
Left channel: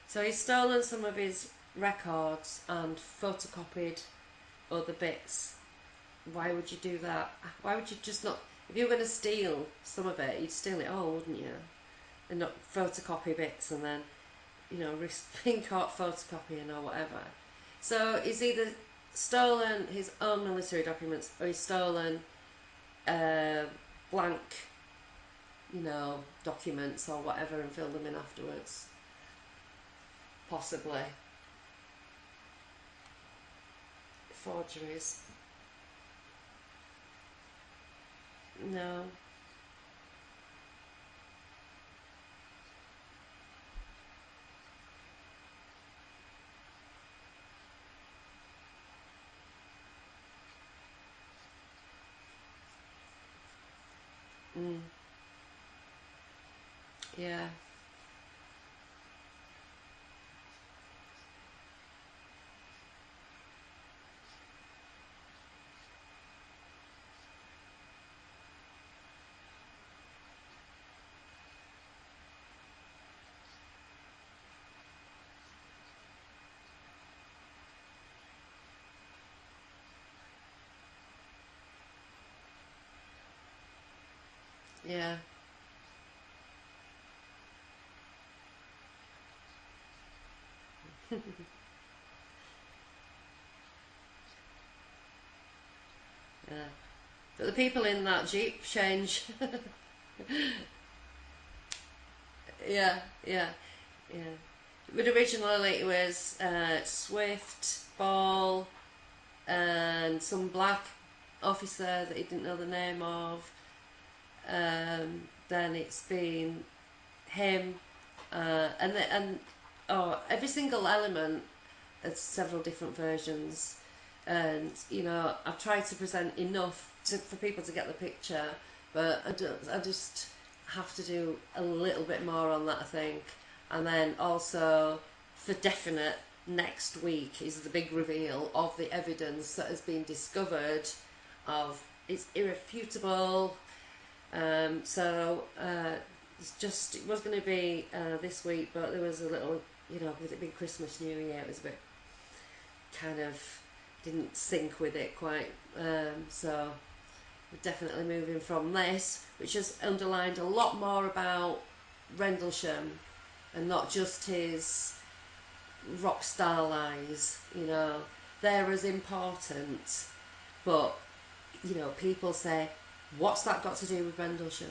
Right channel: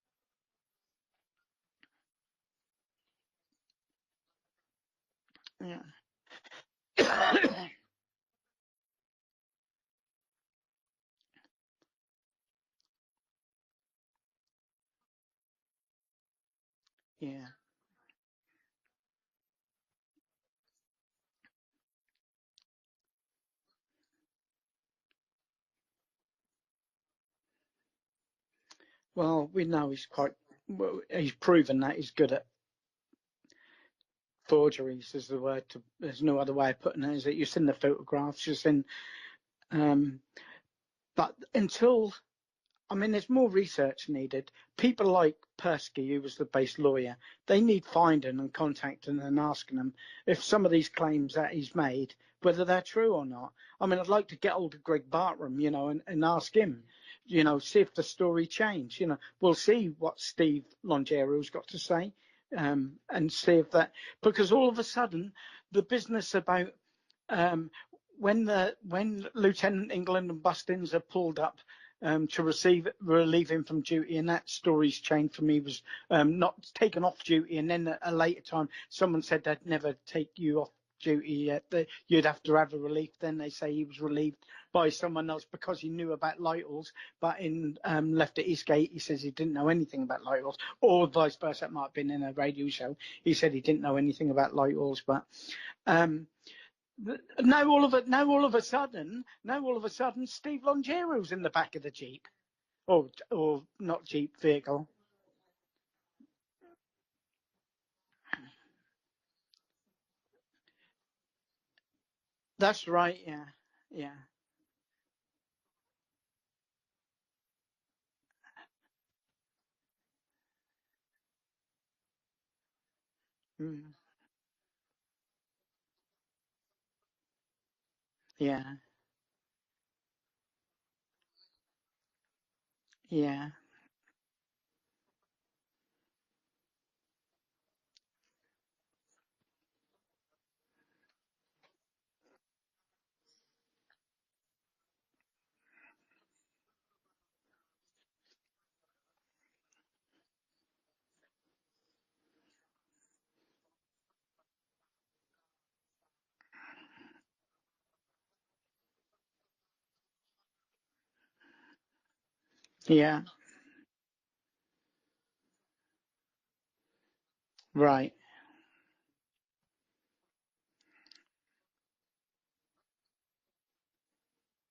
So he's stolen some of his records and photocopied other bits. Yeah. Why would you do that? Why would you just not... If you were going to steal some of it, you'd steal it all, wouldn't you? And not photocopy bits and then, risk being caught photocopying or whatever. Yeah. So he's either stolen his own military documents or he's stolen blank, documents or whatever and filled them in afterwards. Well, we know he's quite... Possibly. Well, he's proven that he's good at forgeries is the word. There's no other way of putting it, is it? You've seen the photographs, you've seen... No. But until... I mean, there's more research needed. People like Persky, who was the base lawyer, they need finding and contacting and asking them if some of these claims that he's made, whether they're true or not. I mean, I'd like to get hold of Greg Bartram, and ask him, see if the story changed. We'll see what Steve Longero's got to say, and see if that... Because all of a sudden, the business about... when Lieutenant England and Bustins are pulled up to relieve him from duty, and that story's changed for me, was not taken off duty, and then at a later time someone said they'd never take you off duty yet, that you'd have to have a relief. Then they say he was relieved by someone else because he knew about Lighthorse, but in Left at Eastgate he says he didn't know anything about Lighthorse, or vice versa. That might have been in a radio show. He said he didn't know anything about Lighthorse, but now all of a sudden, Steve Longero's in the back of the Jeep. Or not Jeep vehicle. But originally it was Swift, Ball, and some black officer that he didn't know the name of. Yeah. Then it's been him, and every single element has several different versions. And I've tried to present enough for people to get the picture, but I just have to do a little bit more on that, I think. And then also, for definite, next week is the big reveal of the evidence that has been discovered. It's irrefutable. It was going to be this week, but there was a little, with it being Christmas, New Year, it was a bit kind of didn't sync with it quite. So we're definitely moving from this, which has underlined a lot more about Rendlesham, and not just his rock star lies. They're as important, but people say, what's that got to do with Rendlesham?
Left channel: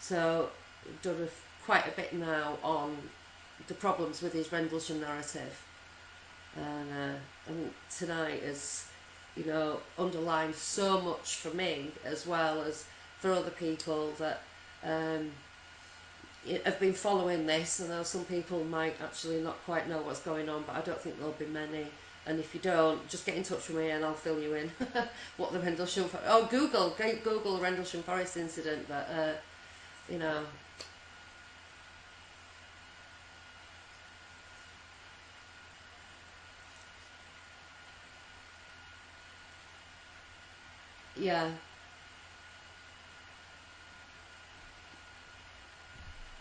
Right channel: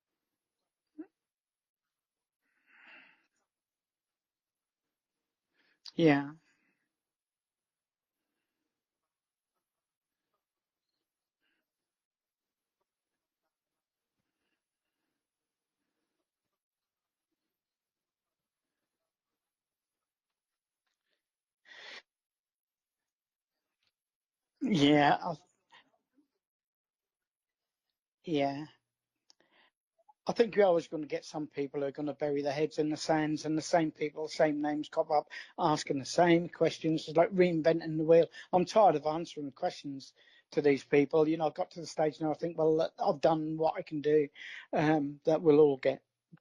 So we've done quite a bit now on the problems with his Rendlesham narrative. And tonight has, underlined so much for me, as well as for other people that have been following this. And though some people might actually not quite know what's going on, but I don't think there'll be many. And if you don't, just get in touch with me and I'll fill you in. What the Rendlesham... Google the Rendlesham Forest incident. But I think you're always going to get some people who are going to bury their heads in the sands, and the same people, same names crop up, asking the same questions. It's like reinventing the wheel. I'm tired of answering questions to these people. I've got to the stage now, I think, well, I've done what I can do. That will all get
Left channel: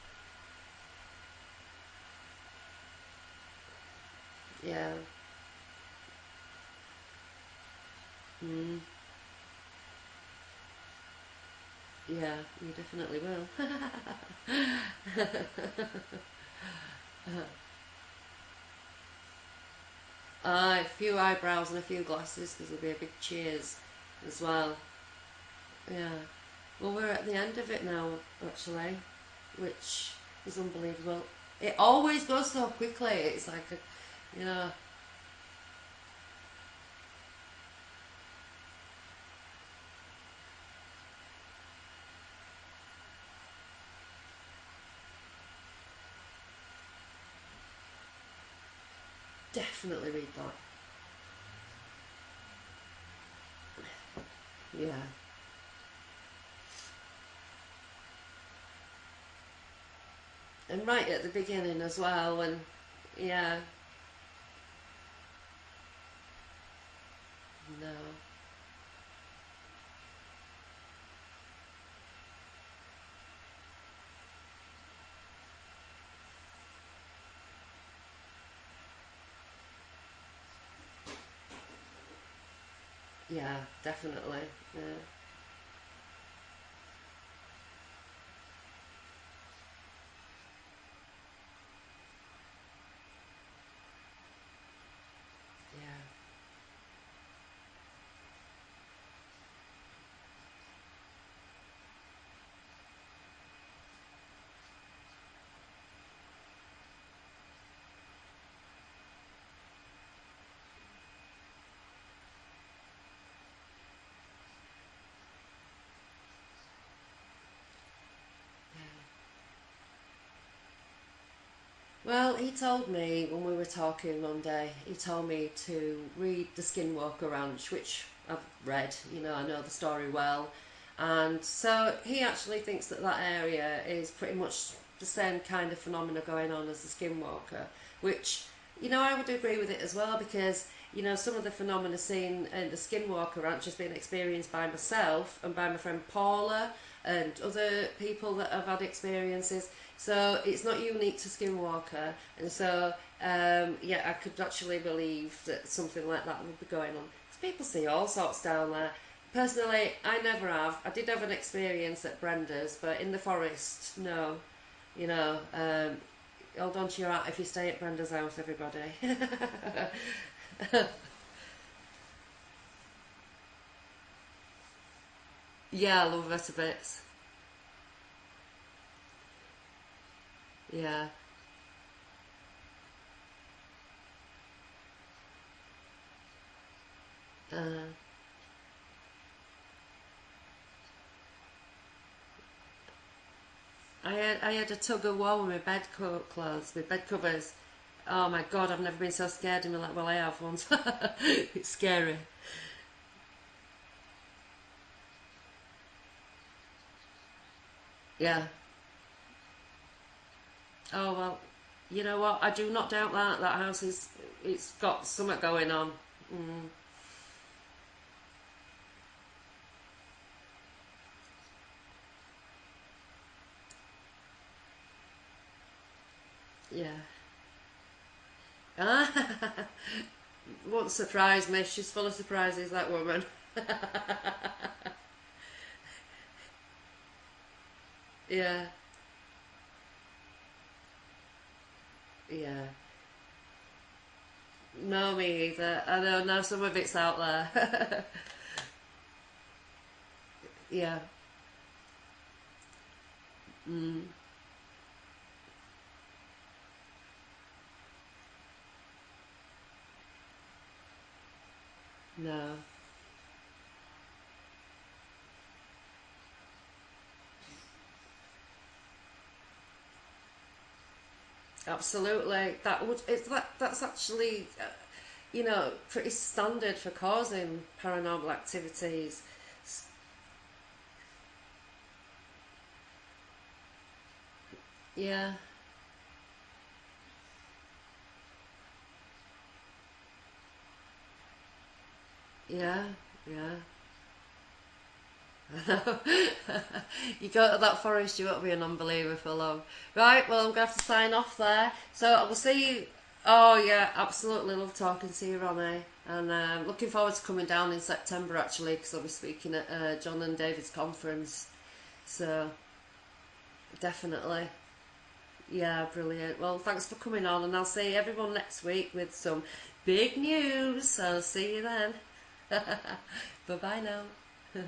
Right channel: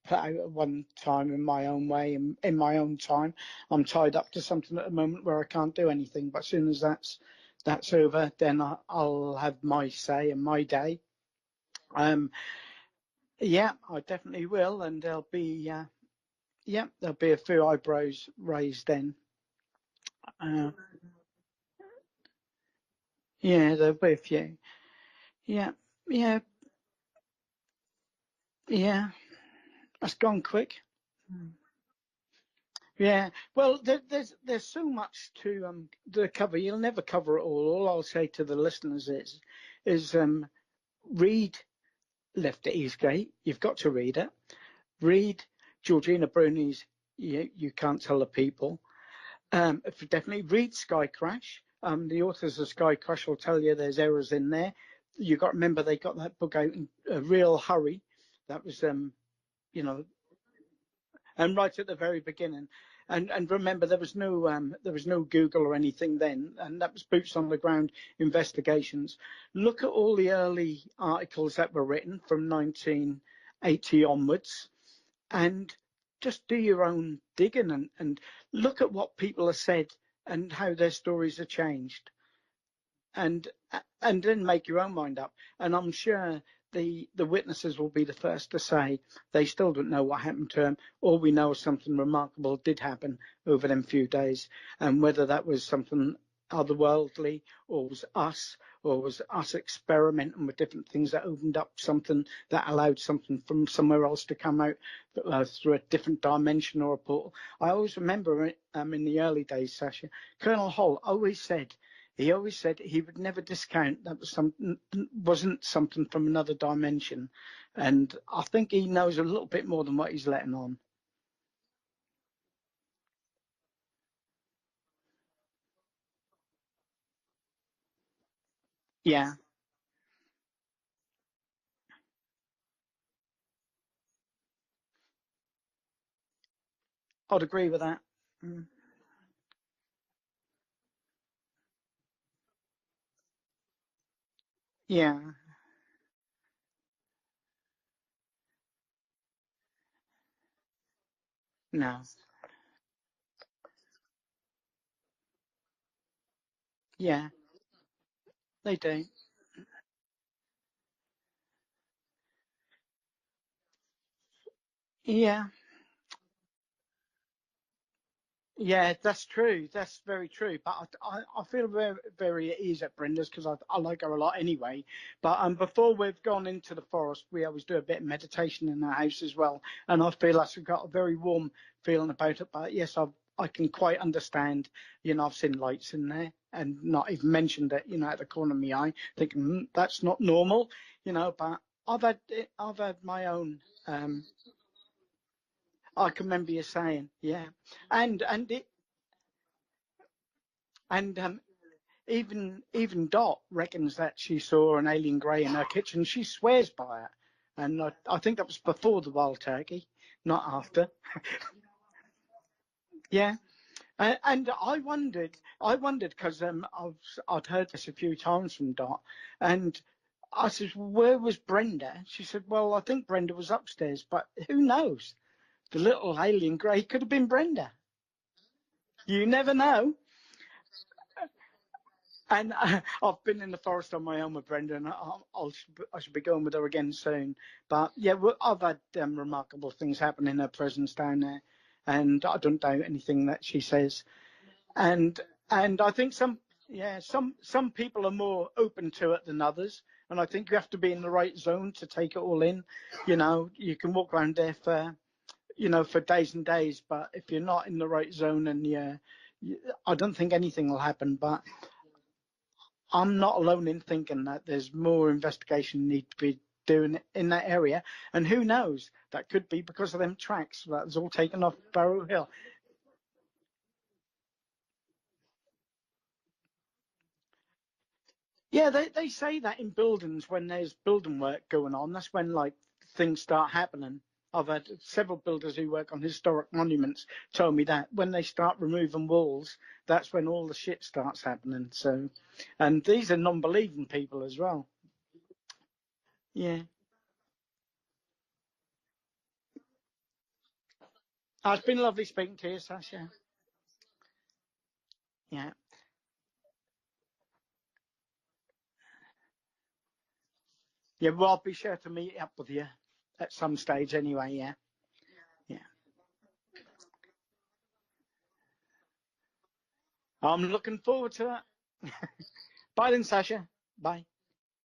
put out at one time in my own way, and in my own time. I'm tied up to something at the moment where I can't do anything, but as soon as that's over, then I'll have my say and my day. You definitely will. Yeah, I definitely will, and there'll be a few eyebrows raised then. A few eyebrows and a few glasses, because there'll be a big cheers. Yeah, there'll be a few. As well. Yeah. Well, we're at the end of it now, actually, Yeah, which that's gone is quick. unbelievable. It always goes so quickly. Yeah. It's like, Well, there's know, so much to cover. You'll never cover it all. All I'll say to the listeners is read Left at Eastgate. You've got to read it. Read Georgina Bruni's You Can't Tell the People. definitely read Definitely that. read Sky Crash. The authors of Sky Crash will tell you there's errors in there. Yeah. You got to remember they got that book out in a real hurry. That was you know, And right at the and right beginning at the as very well, and beginning. And yeah, remember there was no Google or anything then, and that was boots on the ground no, investigations. Look at all the early articles that were written from 1980 onwards, and just do your own digging and look at what people have said and how their stories have changed, and yeah, and definitely, then make your own yeah, mind up. And I'm sure the witnesses will be the first to say they still don't know what happened to him. All we know is something remarkable did happen over them few days, and whether that was yeah. something otherworldly or was us experimenting with different things that opened up something that allowed something from somewhere else to come out through a different dimension or a portal. I always remember in the early days, Sasha, Colonel Holt always said he would never discount that wasn't something from another dimension, and I think he knows a little bit more than what he's letting on. Well, he told me when we were talking one day, he told me to read The Skinwalker Ranch, which I've read, Yeah, I know the story well. And so he actually thinks that that area is pretty much the same kind of phenomena going on as the I'd Skinwalker, agree with that. which, Mm. I would agree with it as well because, some of the phenomena seen in the Skinwalker Ranch has been experienced by Yeah, myself and by my friend Paula and other people that have had experiences. So it's not unique to no, Skinwalker, and so yeah, I could actually believe that something like that would be going on. yeah, People see all sorts down they there. do. Personally, I never have. I did have an experience at Brenda's, but in the forest, no. You know, Yeah, hold on to your hat if you stay at Brenda's house, yeah, everybody. that's true. That's very true. But I feel very, very at ease at Brenda's because I like her a lot anyway. But before Yeah, I we've love her gone to into the bits. forest, we always do a bit of meditation in our house as well. And I feel that's got a Yeah. very warm feeling about it. But yes, I can quite understand. I've seen lights in there and not even mentioned it. Uh, At the corner of my eye, thinking that's not normal. But I've had my own. I had a tug of war with my I can remember you clothes, my bed saying, yeah, covers. and Oh my and it, god, I've never been so scared in my life. Well, I have once. and It's scary. even Dot reckons that she saw an alien grey in her kitchen. She swears by it, and I think Yeah. it was before the wild turkey, not after. Oh well, you know what? I do not doubt Yeah, that. That house is. and It's I got wondered, something going I on. wondered because Mm. I'd heard this a few times from Dot, and I said, "Where was Brenda?" She said, "Well, I think Brenda was upstairs, but who knows? The little alien grey Yeah. could have been Brenda. Ah, You never know." won't surprise me. She's full of And surprises, that woman. I've been in the forest on my own with Brenda, and I should be going with her again soon. But yeah, I've Yeah. had remarkable things happen in her presence down there, and I don't Yeah. doubt anything that she says. No, And me either. and I I think don't know. Some of it's out some there. people are more open to it than others, and I think you have to be Yeah. in the right zone to take it all in. You can Mm. walk around there for days and days, but if you're not in the right zone, and I don't think anything will happen. But No. I'm not alone in thinking that there's more investigation need to be doing in that area, and who knows? That could be because of them tracks that was all taken off Barrow Hill. Absolutely. That would. It's that. That's actually. Pretty standard for causing paranormal Yeah, they activity. say that in buildings when there's building work going on, that's when like things start happening. I've had several Yeah. builders who work on historic monuments tell me that when they start removing walls, that's when all the shit starts happening. So, and Yeah. these are Yeah. non-believing people as well. Yeah. You go to that forest, you won't be an unbeliever for long. Right, well, I'm going to have to sign off It's there. been lovely So speaking we'll to you, see you. Sasha. Oh, yeah, absolutely. Love talking to you, Yeah. Ronnie. And looking forward to coming down in September, actually, because I'll be speaking at John and David's Yeah, well, I'll conference. be sure to meet up So, with you at some stage anyway, definitely. yeah. Yeah. Yeah, brilliant. Well, thanks for coming on, and I'll see everyone next week with some big I'm looking news. forward So, to see you then. it. Bye then, Sasha. Bye bye Bye. now.